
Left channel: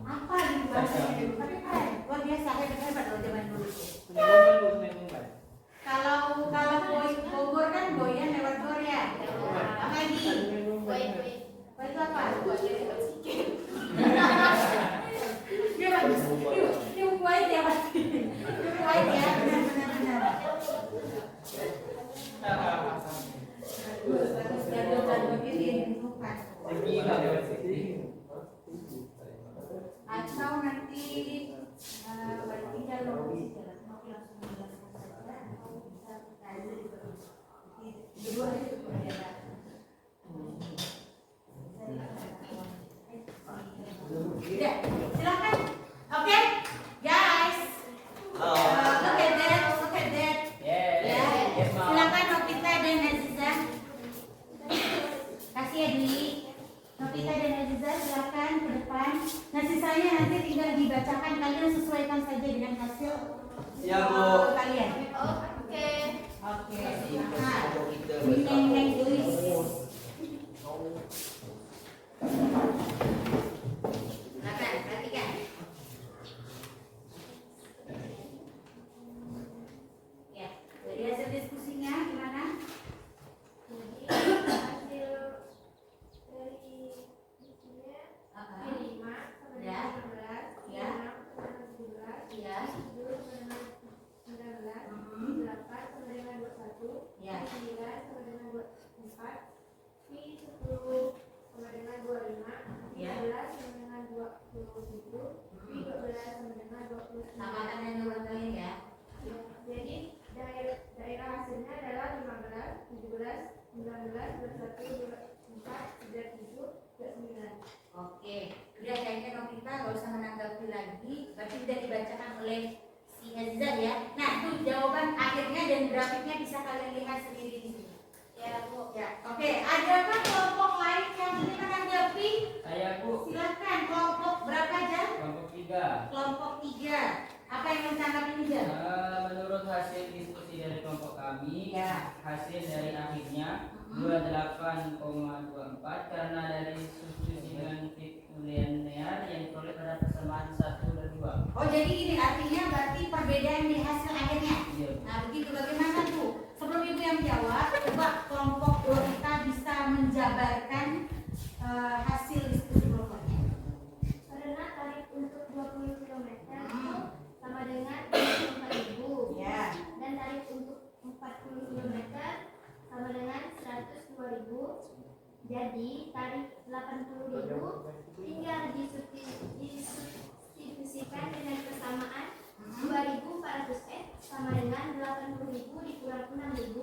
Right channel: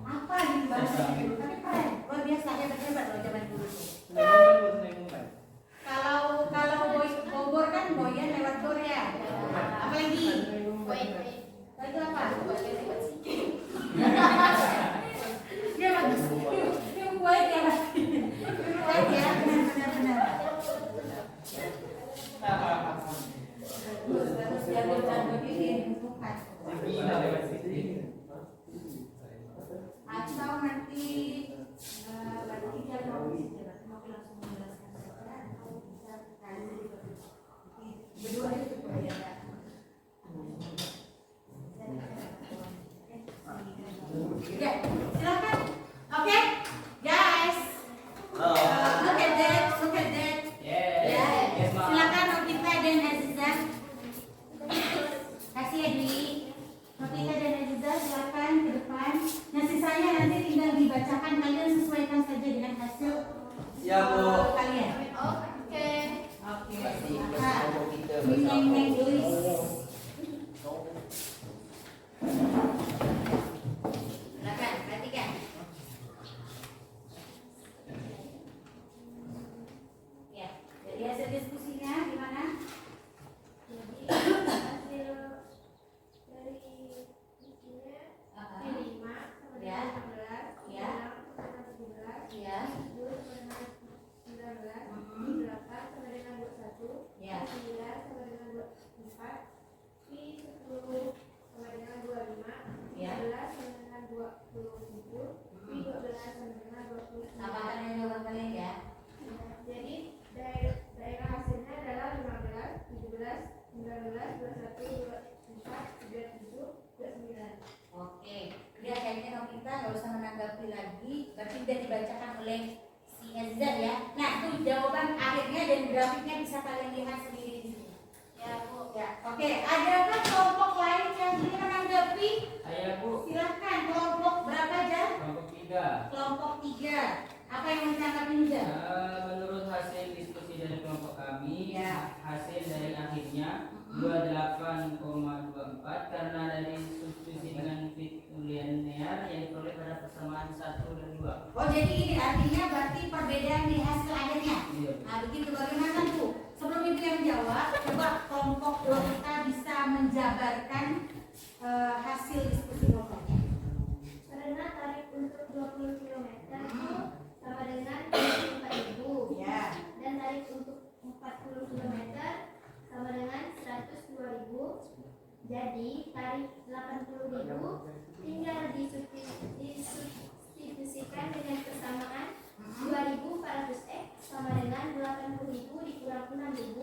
apa gitu bahasanya. Tapi keren luar biasa hebat loh zaman dulu. Sungai Umpan Bu. Sungai Umpan. Kalau Bogor kan Boyan lewat Gor ya. Apa lagi? Baik. Itu apa? Dia bagus. Dia buat ya pasti. Buat ya benar. Bagus jago ini yang dibutuhkan. Atau nanti berarti kalau mau langsung menjelaskan saja atau bisa tadi berdua itu berbeda. Ya, silakan. Oke, guys. Look at that. Ya, silakan Novita dan Aziza. Kasih ya Dwi. Novita dan Aziza silakan ke depan. Nah sisanya nanti tinggal dibacakan, kalian sesuaikan saja dengan hasil Siap Bu. kalian. Oke. Oke. Nah, Neng tulis. Silakan, perhatikan. Ya, dari hasil diskusinya gimana? Jadi hasil dari isinya Uh-uh. 5 sama Ya. dengan 16, Ya. 6 sama dengan 17, Ya. 7 sama dengan 19, Mhm. 8 sama dengan 21, Ya. 9 sama dengan 24, 10 sama dengan 25, Ya. 11 sama dengan 27, 12 sama dengan 29. Samakan yang jawaban kalian ya. Ya, jadi daerah hasilnya adalah 15, 17, 19, 21, 24, 27, 29. Oke, udah kayaknya Novita nggak usah menanggapi lagi, berarti udah dibacakan oleh si Aziza ya. Nah, tuh jawaban akhirnya dan grafiknya bisa kalian lihat sendiri di sini. Ya, Bu. Ya, oke. Adakah kelompok lain yang ingin menanggapi? Saya Bu. Silahkan. Kelompok berapa aja? Kelompok 3. Kelompok 3. Apa yang mau ditanggapi Niza? Menurut hasil diskusi dari kelompok kami, Ya. hasil dari akhirnya 28,24 karena dari substitusi dengan linear yang diperoleh pada persamaan 1 dan 2. Oh jadi ini artinya berarti perbedaan di hasil akhirnya. Iya. Nah begitu bagaimana Bu? Sebelum Ibu yang jawab, coba kelompok kita bisa menjabarkan hasil diskusi kelompoknya. Karena tarif untuk 20 km itu sama dengan 24.000. Ya. Dan tarif untuk 40 km sama dengan 102.000. Jadi tarif 80.000 tinggal disubstitusikan dengan persamaan 2.400 sama dengan 80.000 dikurang 6.000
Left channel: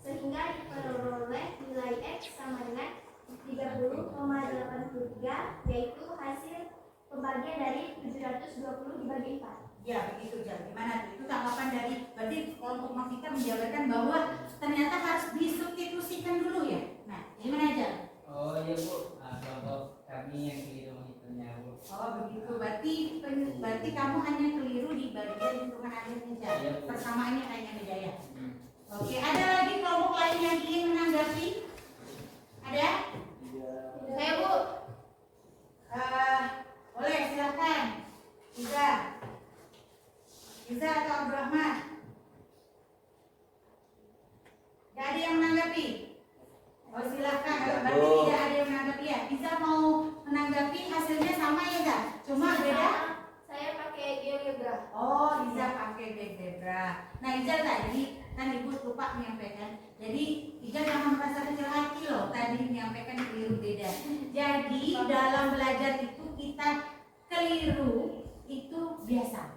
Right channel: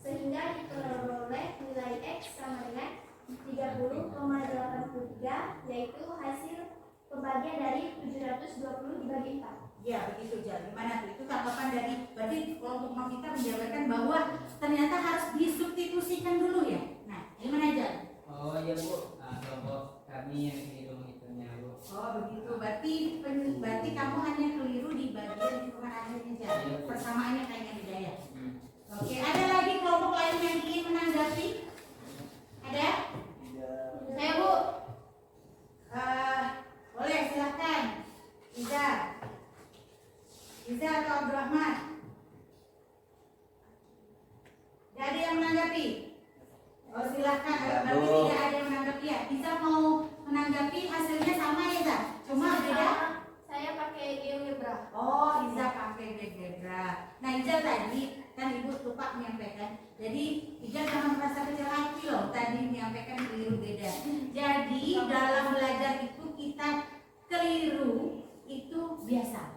sehingga diperoleh nilai X sama dengan 30,83 yaitu hasil pembagian dari 720 dibagi 4. Ya begitu Jan. Gimana tuh? Itu tanggapan dari berarti kelompok kita menjabarkan bahwa ternyata harus disubstitusikan dulu ya. Nah, gimana Jan? Oh iya Bu, kelompok kami yang keliru menghitungnya Bu. Oh begitu. Berarti kamu hanya keliru di bagian hitungan akhirnya Jan. Iya. Persamaannya kayaknya beda ya. Oke, ada lagi kelompok lain yang ingin menanggapi? Ada? Saya Bu. Boleh silakan. Iza atau Abdurrahman? Gak ada yang menanggapi? Oh silakan. Berarti tidak ada yang menanggapi ya. Iza mau menanggapi hasilnya sama ya Iza? Cuma beda? Saya pakai GeoGebra. Oh, Iza pakai GeoGebra. Nah, Iza tadi kan Ibu lupa menyampaikan. Jadi, Iza jangan merasa kecil hati loh. Tadi menyampaikan keliru beda. Jadi, dalam belajar itu kita keliru itu biasa.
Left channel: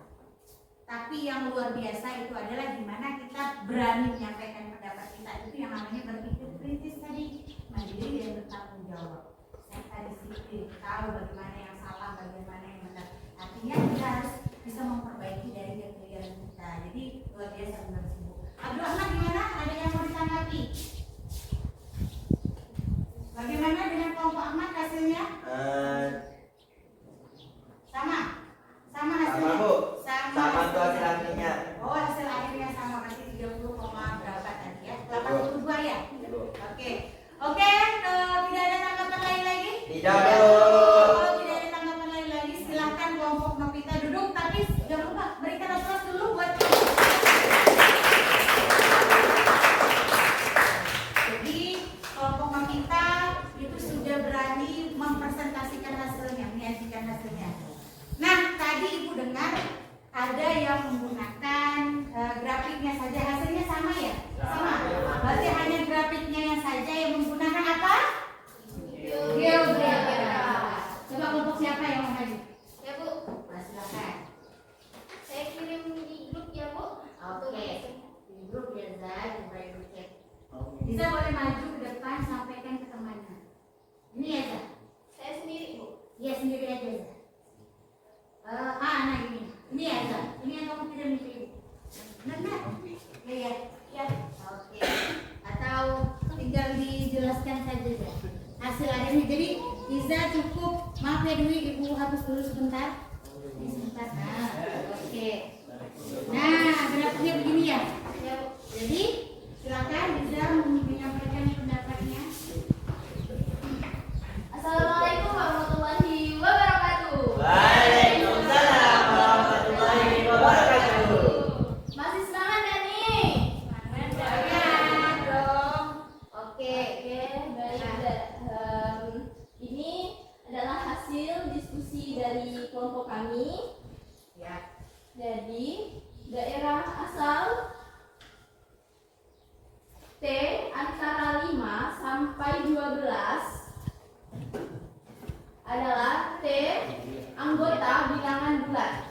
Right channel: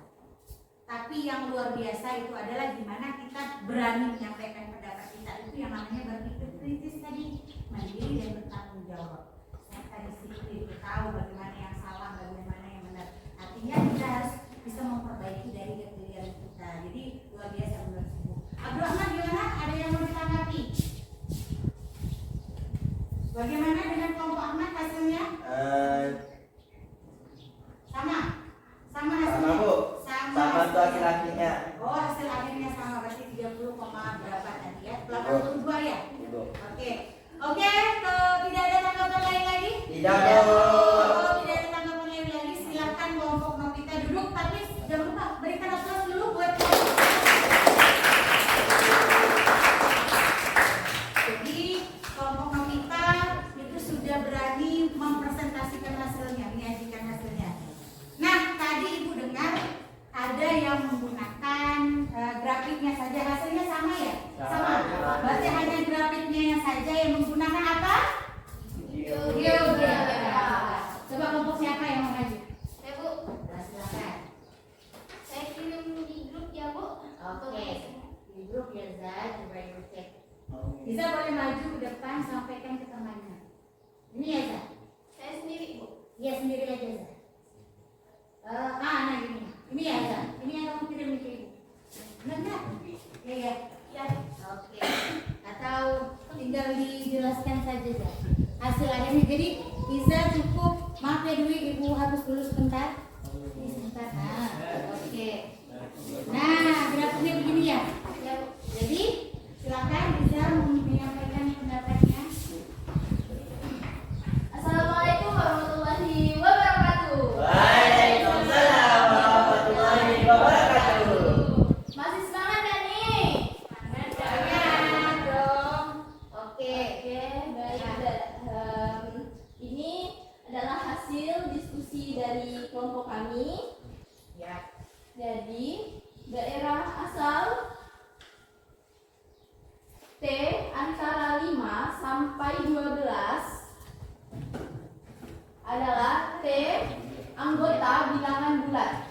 Tapi yang luar biasa itu adalah gimana kita berani menyampaikan pendapat kita. Itu yang namanya berpikir kritis tadi, mandiri dan bertanggung jawab. Serta disiplin, tahu bagaimana yang salah, bagaimana yang benar. Artinya kita harus bisa memperbaiki dari kekeliruan kita. Jadi luar biasa benar Bu. Abdurrahman gimana? Ada yang mau ditanggapi? Bagaimana dengan kelompok Ahmad hasilnya? Sama? Sama hasilnya? Sama Bu. Sama Sama tuh hasil akhirnya. Oh hasil akhirnya sama berarti 30, berapa tadi ya? 82 ya? Oke. Oke, tidak ada tanggapan lain lagi? Tidak Bu. Kalau tidak ada tanggapan lain lagi, silakan kelompok Novita duduk. Tapi jangan lupa berikan aplaus dulu buat. Jadi kelompok Novita itu sudah berani mempresentasikan hasilnya, menyajikan hasilnya. Nah, tadi Ibu dengar ada yang menggunakan grafiknya saja, hasilnya sama ya? Sama. Berarti hanya grafiknya saja yang menggunakan apa? GeoGebra. Coba kelompok siapa yang mau maju? Ya Bu. Nah, silakan. Saya kirim di grup ya Bu. Oke. Di grup ya Zah, coba Ibu cek. Bisa boleh maju ke depan sampaikan ke temannya. Ini ya Zah? Saya sendiri Bu. Iya sendiri aja Zah. Nah ini. Ini ya Zah. Ini yang kamu kirim ke Ibu. Benar? Iya. Ya. Oke. Atau tinggal dijelaskan saja Zah. Hasil akhirnya. Jadi bisa cukup. Maaf ya Dwi, Ibu hapus dulu sebentar. Ini sebentar. Nah, oke. Nah, grafiknya begini ya. Jadi silakan bisa menyampaikan pendapatnya. Assalamualaikum warahmatullahi wabarakatuh. Waalaikumsalam warahmatullahi wabarakatuh. Masih semangat kan nih? Semangat dong. Oke, baik. Ini adalah hasil diskusi dari kelompok kami. Ya. Jadi daerah asal T antara 5 sampai 12 adalah T anggota bilangan bulat.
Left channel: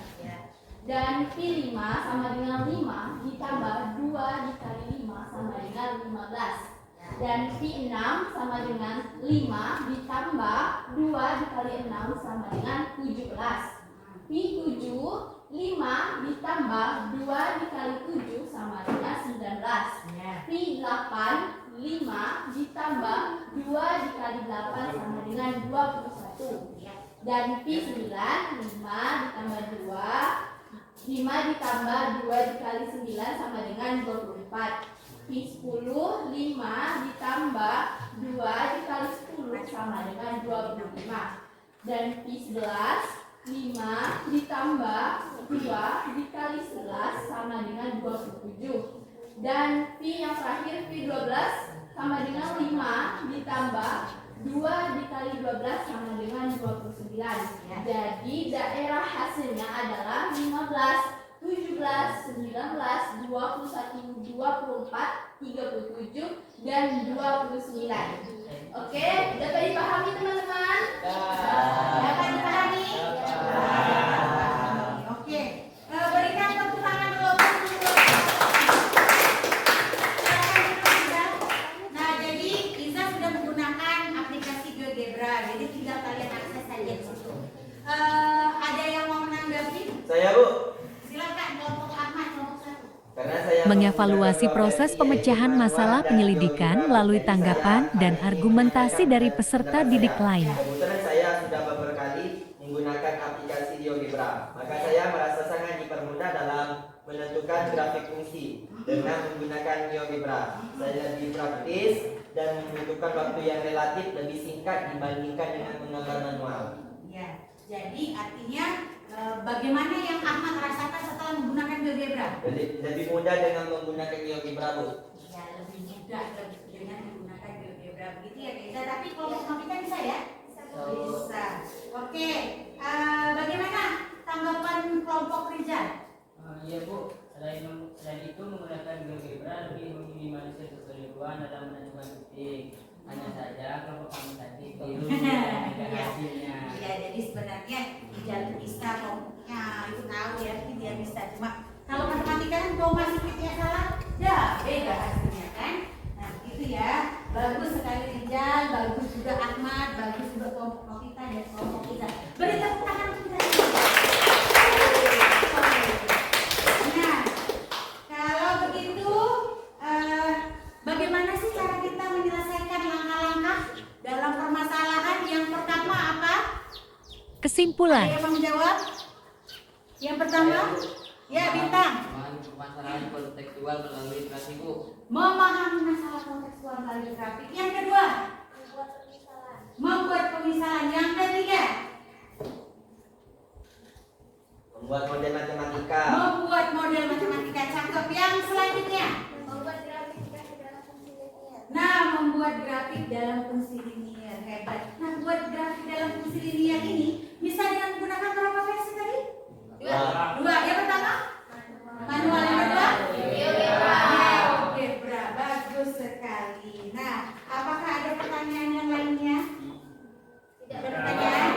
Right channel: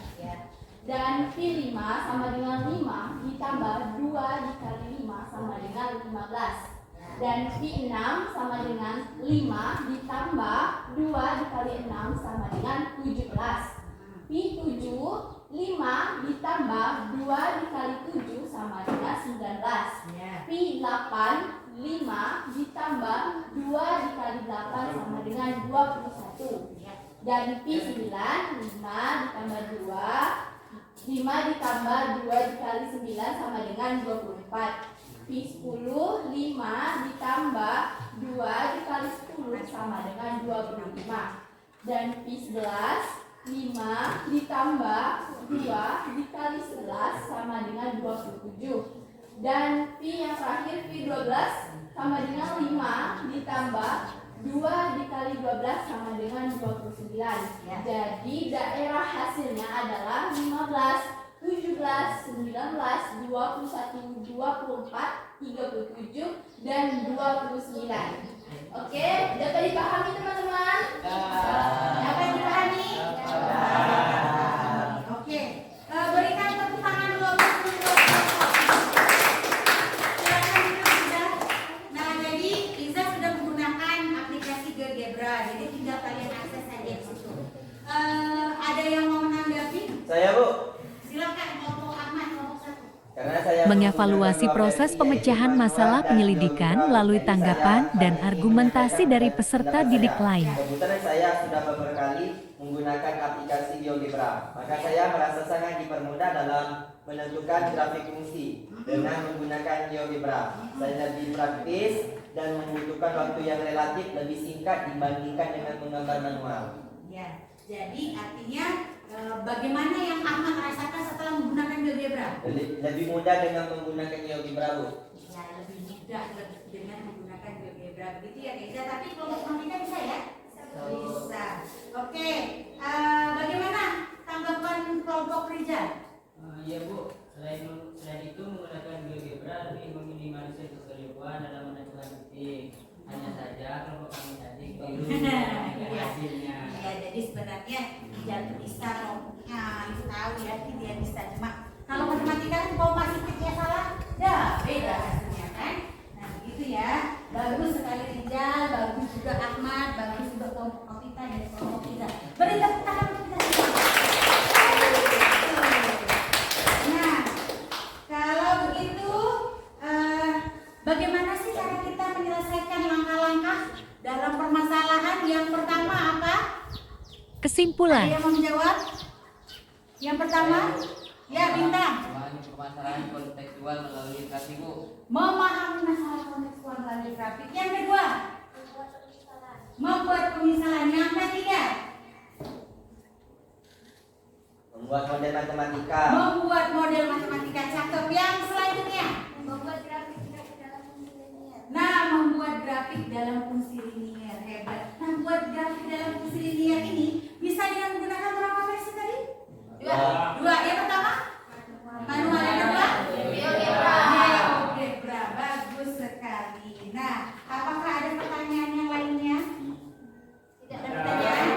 Dan P5 sama dengan 5 ditambah 2 dikali 5 sama dengan 15. Dan P6 sama dengan 5 ditambah 2 dikali 6 sama dengan 17. P7 5 ditambah 2 dikali 7 sama dengan 19. P8 5 ditambah 2 dikali 8 sama dengan 21. Dan P9 5 ditambah 2 ditambah 2 dikali 9 sama dengan 24. P10 5 ditambah 2 dikali 10 sama dengan 25. Dan Pi 11, 5 ditambah 2 dikali 11 sama dengan 27. Dan Pi yang terakhir, Pi 12 sama dengan 5 ditambah 2 dikali 12 sama dengan 29. Jadi daerah hasilnya adalah 15, 17, 19, 21, 24, 37, dan 29. Oke, dapat dipahami teman-teman? Dapat dipahami? Oke, berikan tepuk tangan dulu. Silakan Iza. Nah, jadi Iza sudah menggunakan aplikasi GeoGebra, jadi tinggal kalian akses saja di situ. Ada yang mau menanggapi? Saya Bu. Silakan kelompok Ahmad, kelompok 1. Karena saya Mengevaluasi proses pemecahan masalah penyelidikan melalui tanggapan dan argumentasi dari peserta didik lain. Kebetulan saya sudah beberapa kali menggunakan aplikasi GeoGebra. Maka saya merasa sangat dipermudah dalam menentukan grafik fungsi dengan menggunakan GeoGebra. Saya lebih praktis dan membutuhkan waktu yang relatif lebih singkat dibandingkan dengan menggambar manual. Ya, jadi artinya bagaimana yang Ahmad rasakan setelah menggunakan GeoGebra? Lebih mudah dengan menggunakan GeoGebra, Bu. Ya, lebih mudah dengan menggunakan GeoGebra begitu ya Kaiza. Tapi kelompok Novita bisa ya? Bisa. Oke, bagaimana tanggapan kelompok Rizal? Iya Bu, selain itu menggunakan GeoGebra lebih meminimalisir kekeliruan dalam menentukan titik. Hanya saja kelompok kami tadi keliru dengan hasilnya. Iya, jadi sebenarnya Rizal itu bisa kelompoknya itu tahu ya, dia bisa. Cuma kalau matematika kan koma sedikitnya salah, ya beda hasilnya kan. Nah begitu ya, bagus sekali Rizal, bagus juga Ahmad, bagus juga kelompok Novita dan kelompok Rizal. Beri tepuk tangan untuk kita. Nah, kalau begitu, bagaimana sih cara kita menyelesaikan langkah-langkah dalam permasalahan? Yang pertama apa? Kesimpulan. Saya menjawab. Yang pertama, ya Bintang. Memahami permasalahan kontekstual melalui grafik Bu. Memahami masalah kontekstual melalui grafik. Yang kedua, membuat pemisalan. Yang ketiga, Membuat model matematika. membuat model matematika. Cakep. Yang selanjutnya, Membuat grafik dalam fungsi linear. nah membuat grafik dalam fungsi linear. Hebat. Nah, buat grafik dalam fungsi linear ini bisa dengan menggunakan berapa versi tadi? Dua. Yang pertama, manual. Yang kedua, GeoGebra. Bagus sekali. Nah, apakah ada pertanyaan yang lainnya? Ada pertanyaan?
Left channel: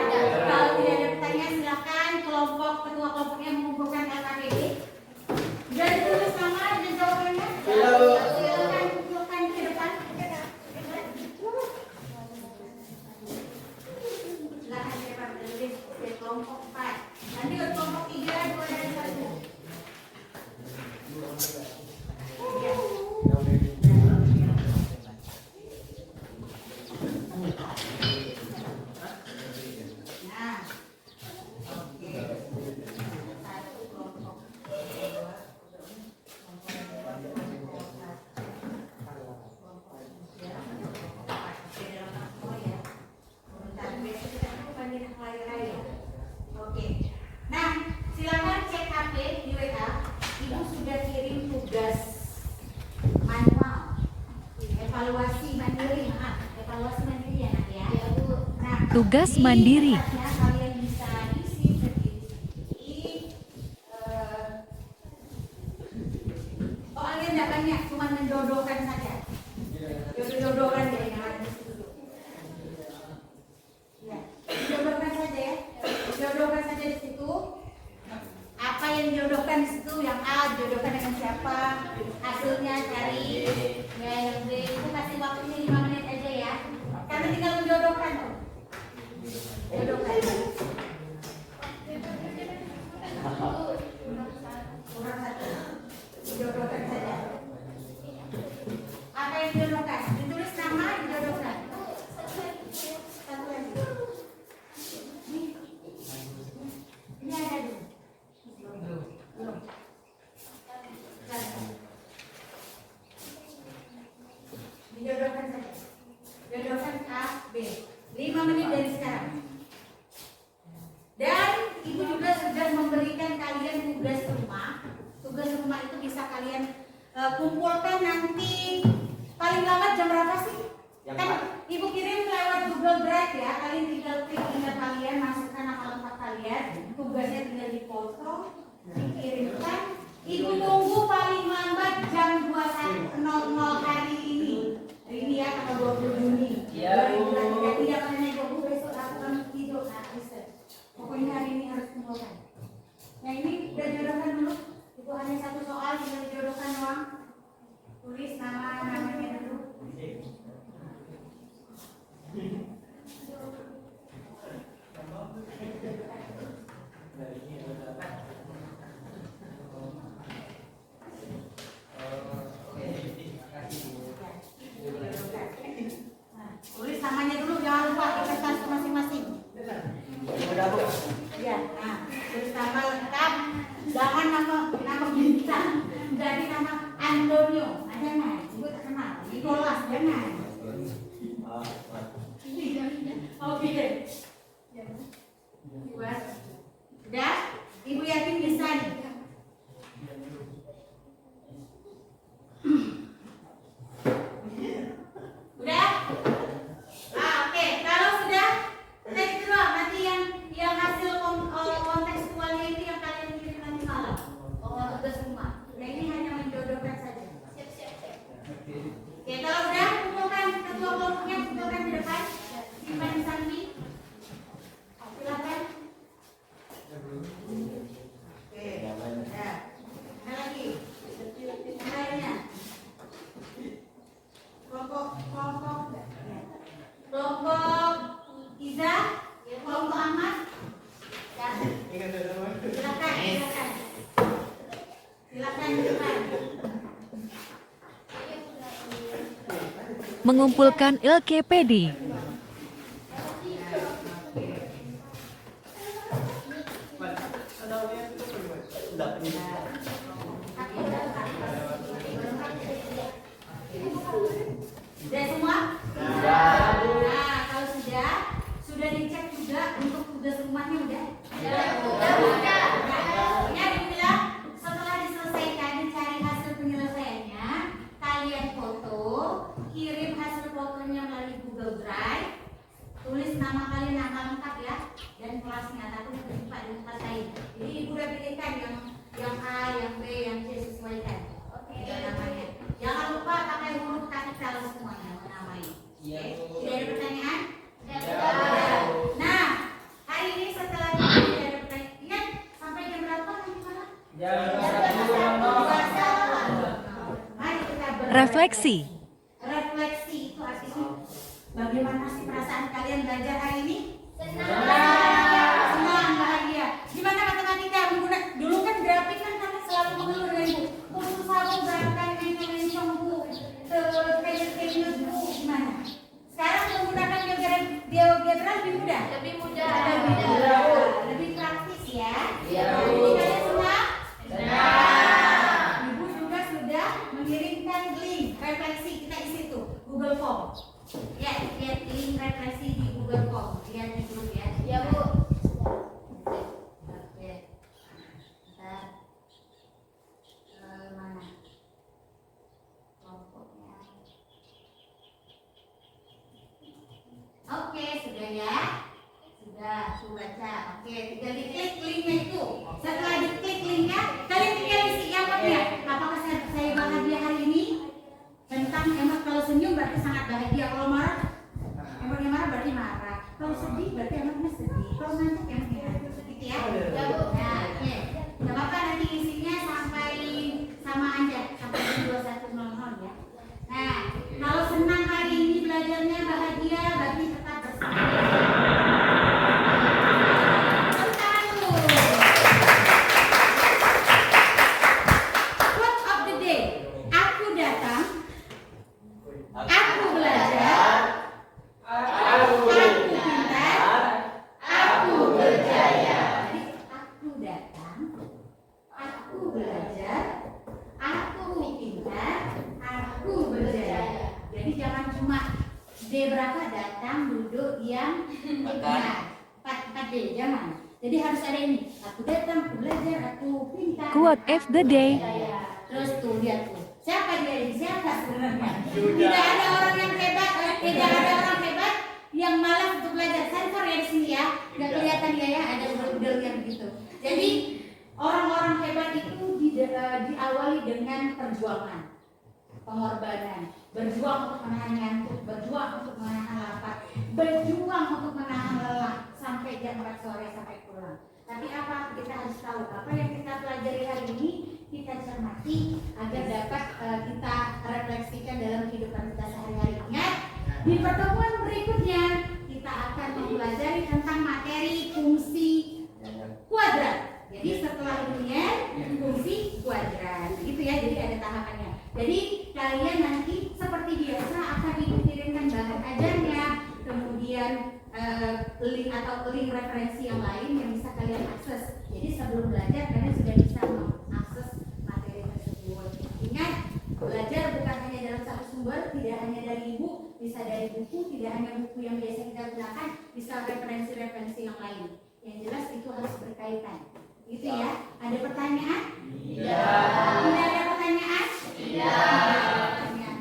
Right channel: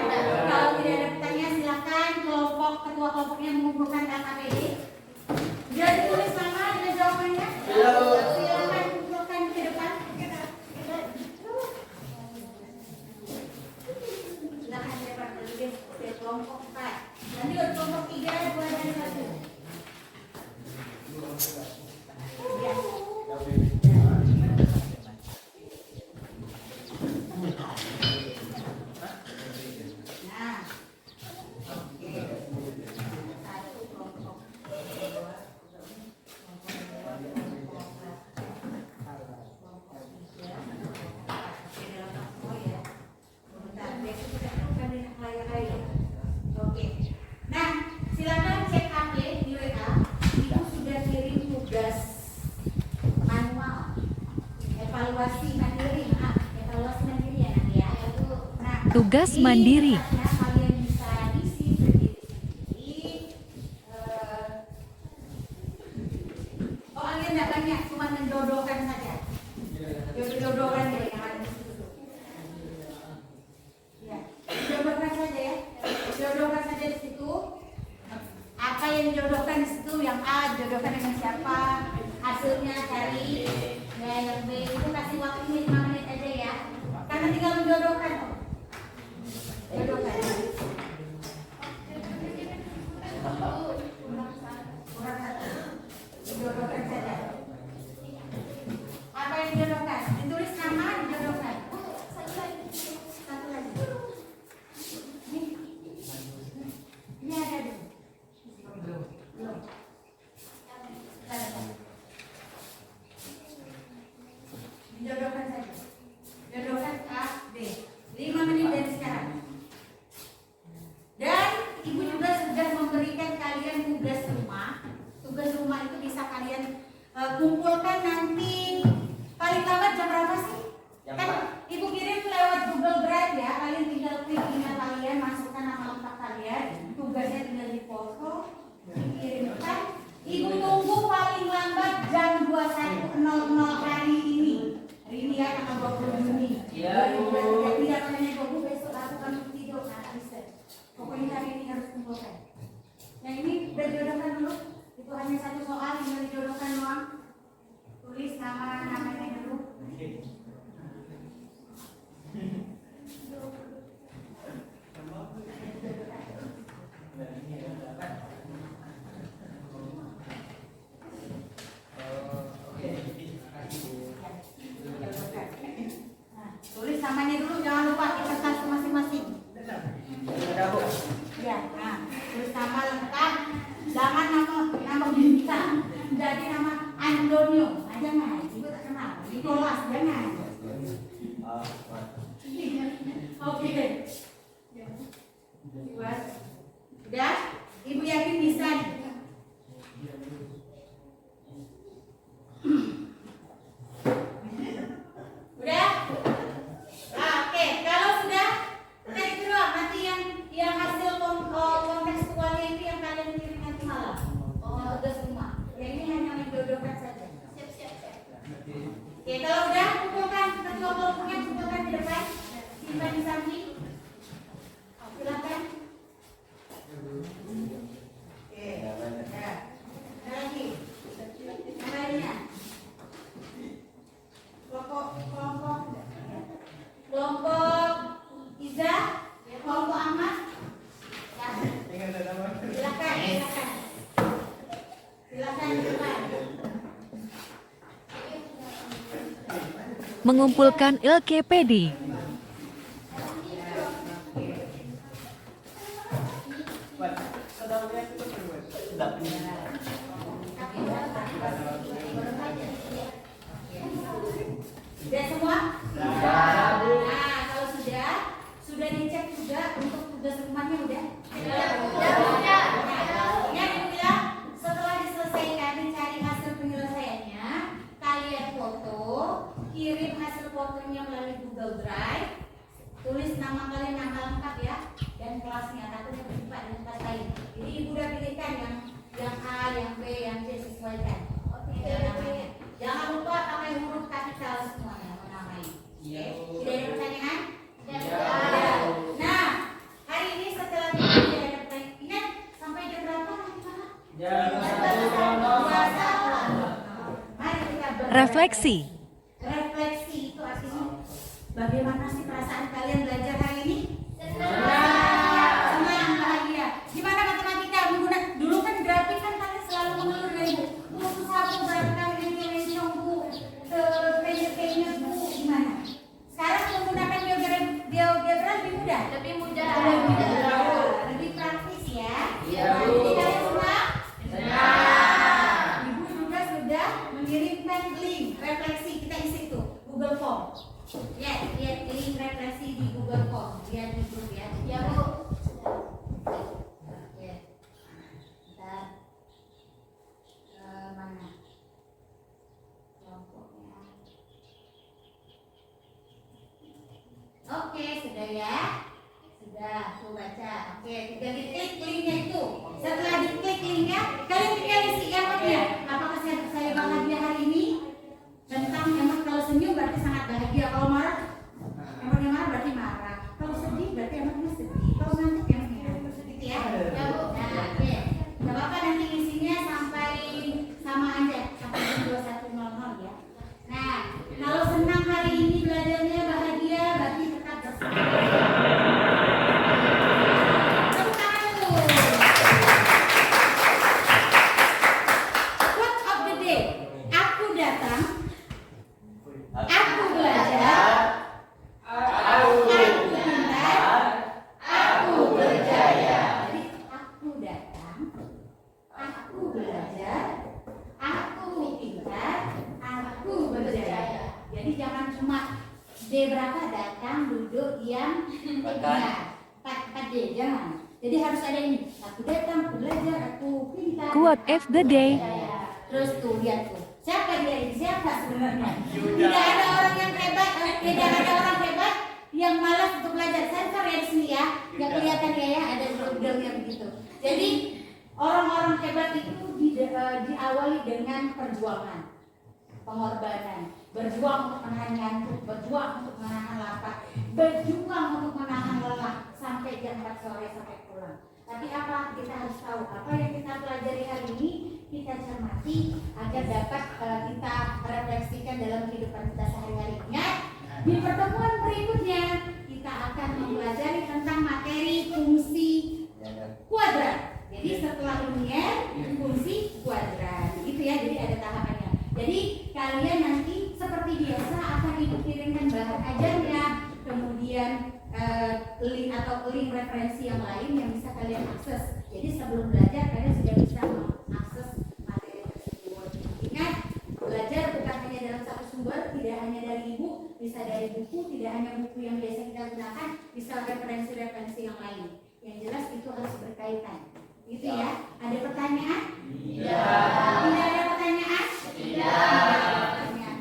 Kalau tidak ada pertanyaan, silakan ketua kelompoknya mengumpulkan LKPD. Jadi tulis nama dan jawabannya. Silakan kumpulkan ke depan. Silakan ke depan. Dari kelompok 4. Nanti ke kelompok 3, 2 dan 1. Ya. Nah, oke. Satu kelompok. Oke. Nah, silakan cek HP di WA. Ibu sudah kirim tugas manual, evaluasi mandiri, ya nanti ya. Nah, Tugas di mandiri. tempatnya kalian bisa isi sendiri-sendiri. Kalian nggak banyak, cuma mendodokan saja. Mendodokan deh yang ada di situ. Ya, jodohkan saja ya. Jodohkan saja di situ. Apa yang dijodohkan di situ? Yang A jodohkan dengan siapa? Hasilnya cari. Ya, yang B itu kasih waktunya 5 menit aja ya. Karena tinggal menjodohkan kok. Jodohkan. Kurang satu. Dijodohkan saja. Apa yang dijodohkan? Ditulis nama, dijodohkan. Satu lagi. Ini ada dulu. Belum. itu bisa kalian kumpulkan nanti paling lambat jam berapa sih? Jam Kan ibu kirim lewat Google Drive ya, kalian tinggal klik email kalian, masukkan nama lengkap kalian, tugasnya tinggal difoto, dikirimkan. Ibu tunggu paling lambat jam 21.00 hari ini. Hari ini ya, tanggal 20 Juni. Iya, Bu. Tidak pernah ibu besok aku kan tidur, bisa. Pokoknya hari ini harus kumpulkan. Yang ini udah jodohkan dulu. Itu hanya satu soal, tinggal dijodohkan doang. Tulis namanya dulu. Nah, tulis namanya dulu, jangan lupa kertas masing-masing. Sudah, Bu. Iya, nah, tulis nama lengkap, jangan nama bintang, jadi nama Antonio, jangan, ibu tak kenal, Nicholas, jangan. Oke deh. Buat, udah, ibu yakin bisa nih. Udah? Oke, kalau sudah, tek keluar nanti yang hasil kontekstualnya itu yang kalian kirim nanti malam. Tugas rumah. Yang ini hanya menjodohkan saja. Oke, kalau udah, kumpulkan ketua kelompoknya, kumpulkan ke depan. Simpan di samping. Silakan. Oke, ya. Ada lagi. Yang lainnya. Kelompok Iza, kelompok Ahmad. Ya. Silakan. Silakan di depan. Mengumpulkan LKPD. Sudah semua? Nah, kalau sudah dicek juga untuk tugas rumahnya udah? Udah. Ingat ibu bilang, setelah diselesaikan dicari hasil penyelesaiannya, kalian foto, kirim hasil fotonya melalui Google Drive, tulis nama kalian, nama lengkap ya, dan kelasnya, takut terjebak dengan kelas lain. Jadi ibu udah pilihkan yang A, yang B, yang C sesuaikan. Namanya. Jangan lupa pakai huruf kapital semuanya menamai. Iya, Bu. Tidak ada pertanyaan? Iya. Nah, hari ini setelah tidak ada pertanyaan, ingat sampai jam berapa nanti malam? Jam 21. Mari kita Refleksi. Refleksi itu artinya bagaimana sih perasaan kalian belajar hari ini? Senang, bahagia. Gimana matematika? Dulu kan grafik kan kalian selalu mengeluh dengan ibu. Khusus aku gerakan rencong bu, penyet bu, gimana? Sekarang menggunakan GeoGebra lebih mudah. Lebih praktis ya. Iya, Bu. Jadi kalian senang? Ibu juga sudah mengirimkan link refleksi, kita isi tuh Google Form. Ya, lihat link refleksi di Google Form. Lihat di grup ya. Ya, Bu. Oke. Ntar mana kelompoknya? Oke, sudah ya. Sudah, tuh baca. Oke, tinggal diklik linknya itu. Setelah diklik linknya, kalian tinggal isi emotnya. Apakah saya bahagia hari ini? Tentang emot, kalau senyum berarti sangat bahagia. Kalau marah, emotnya marah berarti marah. Kalau sedih berarti emotnya sedih. Kalau ngantuk emotnya ngantuk. Gitu ya. Ya Bu. Nah, oke. Gak apa-apa, nanti isinya sampai sama aja sampai jam 21.00 ya. Nah, kalau senang hari ini belajarnya bahagia berarti tetap bersama. Tepuk tangan dulu. Quote of the day. Aku datang. Aku belajar. Aku pintar. Aku berjaya. Jadi aku datang. Aku belajar. Aku pintar. Aku berjaya. Jadi jangan cuma D berapa datang, duduk, diam, nah, 4D jangan. Jadi harus ada ini. Aku datang, aku belajar, aku pintar. Quote of the day. Berjaya. Terus tuh lihat tuh, siapa dia ini? Siapa sebenarnya? Tidak ada orang yang hebat, tidak ada orang hebat yang malas untuk belajar. Sensor ya di sini ya, nggak kelihatan ya, ada gerder-gerdernya begitu. Jadi orang-orang hebat itu diawali dengan perjuangan, pengorbanan, berjuang untuk menahan ngantuk, berjuang untuk menahan lapar, berjuang untuk menahan lelah sampai jam 4 sore sampai pulang. Tapi apa kita harus tahu, apa yang kita pelajari hari ini kita cermati agar dapat kita refleksikan dalam kehidupan kita sehari-hari. Ingat, di pertemuan berikutnya kita akan mempelajari tentang materi fungsi kuadrat. Jadi setelah linear, fungsi kuadrat, gitu ya. Jadi ada tahapannya. Jadi kalian nanti seperti biasa akan ibu kirimkan bahan ajarnya, kemudian link atau link referensi yang lain yang bisa kalian akses. Jadi sebelum belajar kalian sudah bisa mengakses materi tersebut. Ingat, belajar bukan hanya dalam satu sumber, tidak hanya dari ibu, bisa dari buku, tidak hanya buku yang biasa kita gunakan, bisa referensi-referensi yang lain. Yang jelas itu harus berkaitan. Gitu ya. Ada pertanyaan? Iya. Tidak ada pertanyaan? Iya.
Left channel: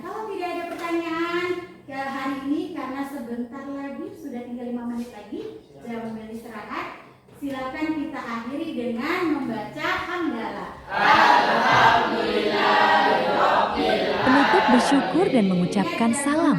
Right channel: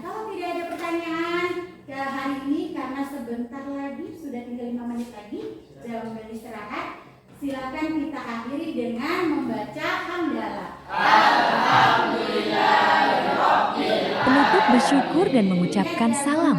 Kalau tidak ada pertanyaan hari ini, karena sebentar lagi sudah tinggal 5 menit lagi jam beristirahat, silakan kita akhiri dengan membaca hamdalah. Penutup bersyukur dan mengucapkan salam.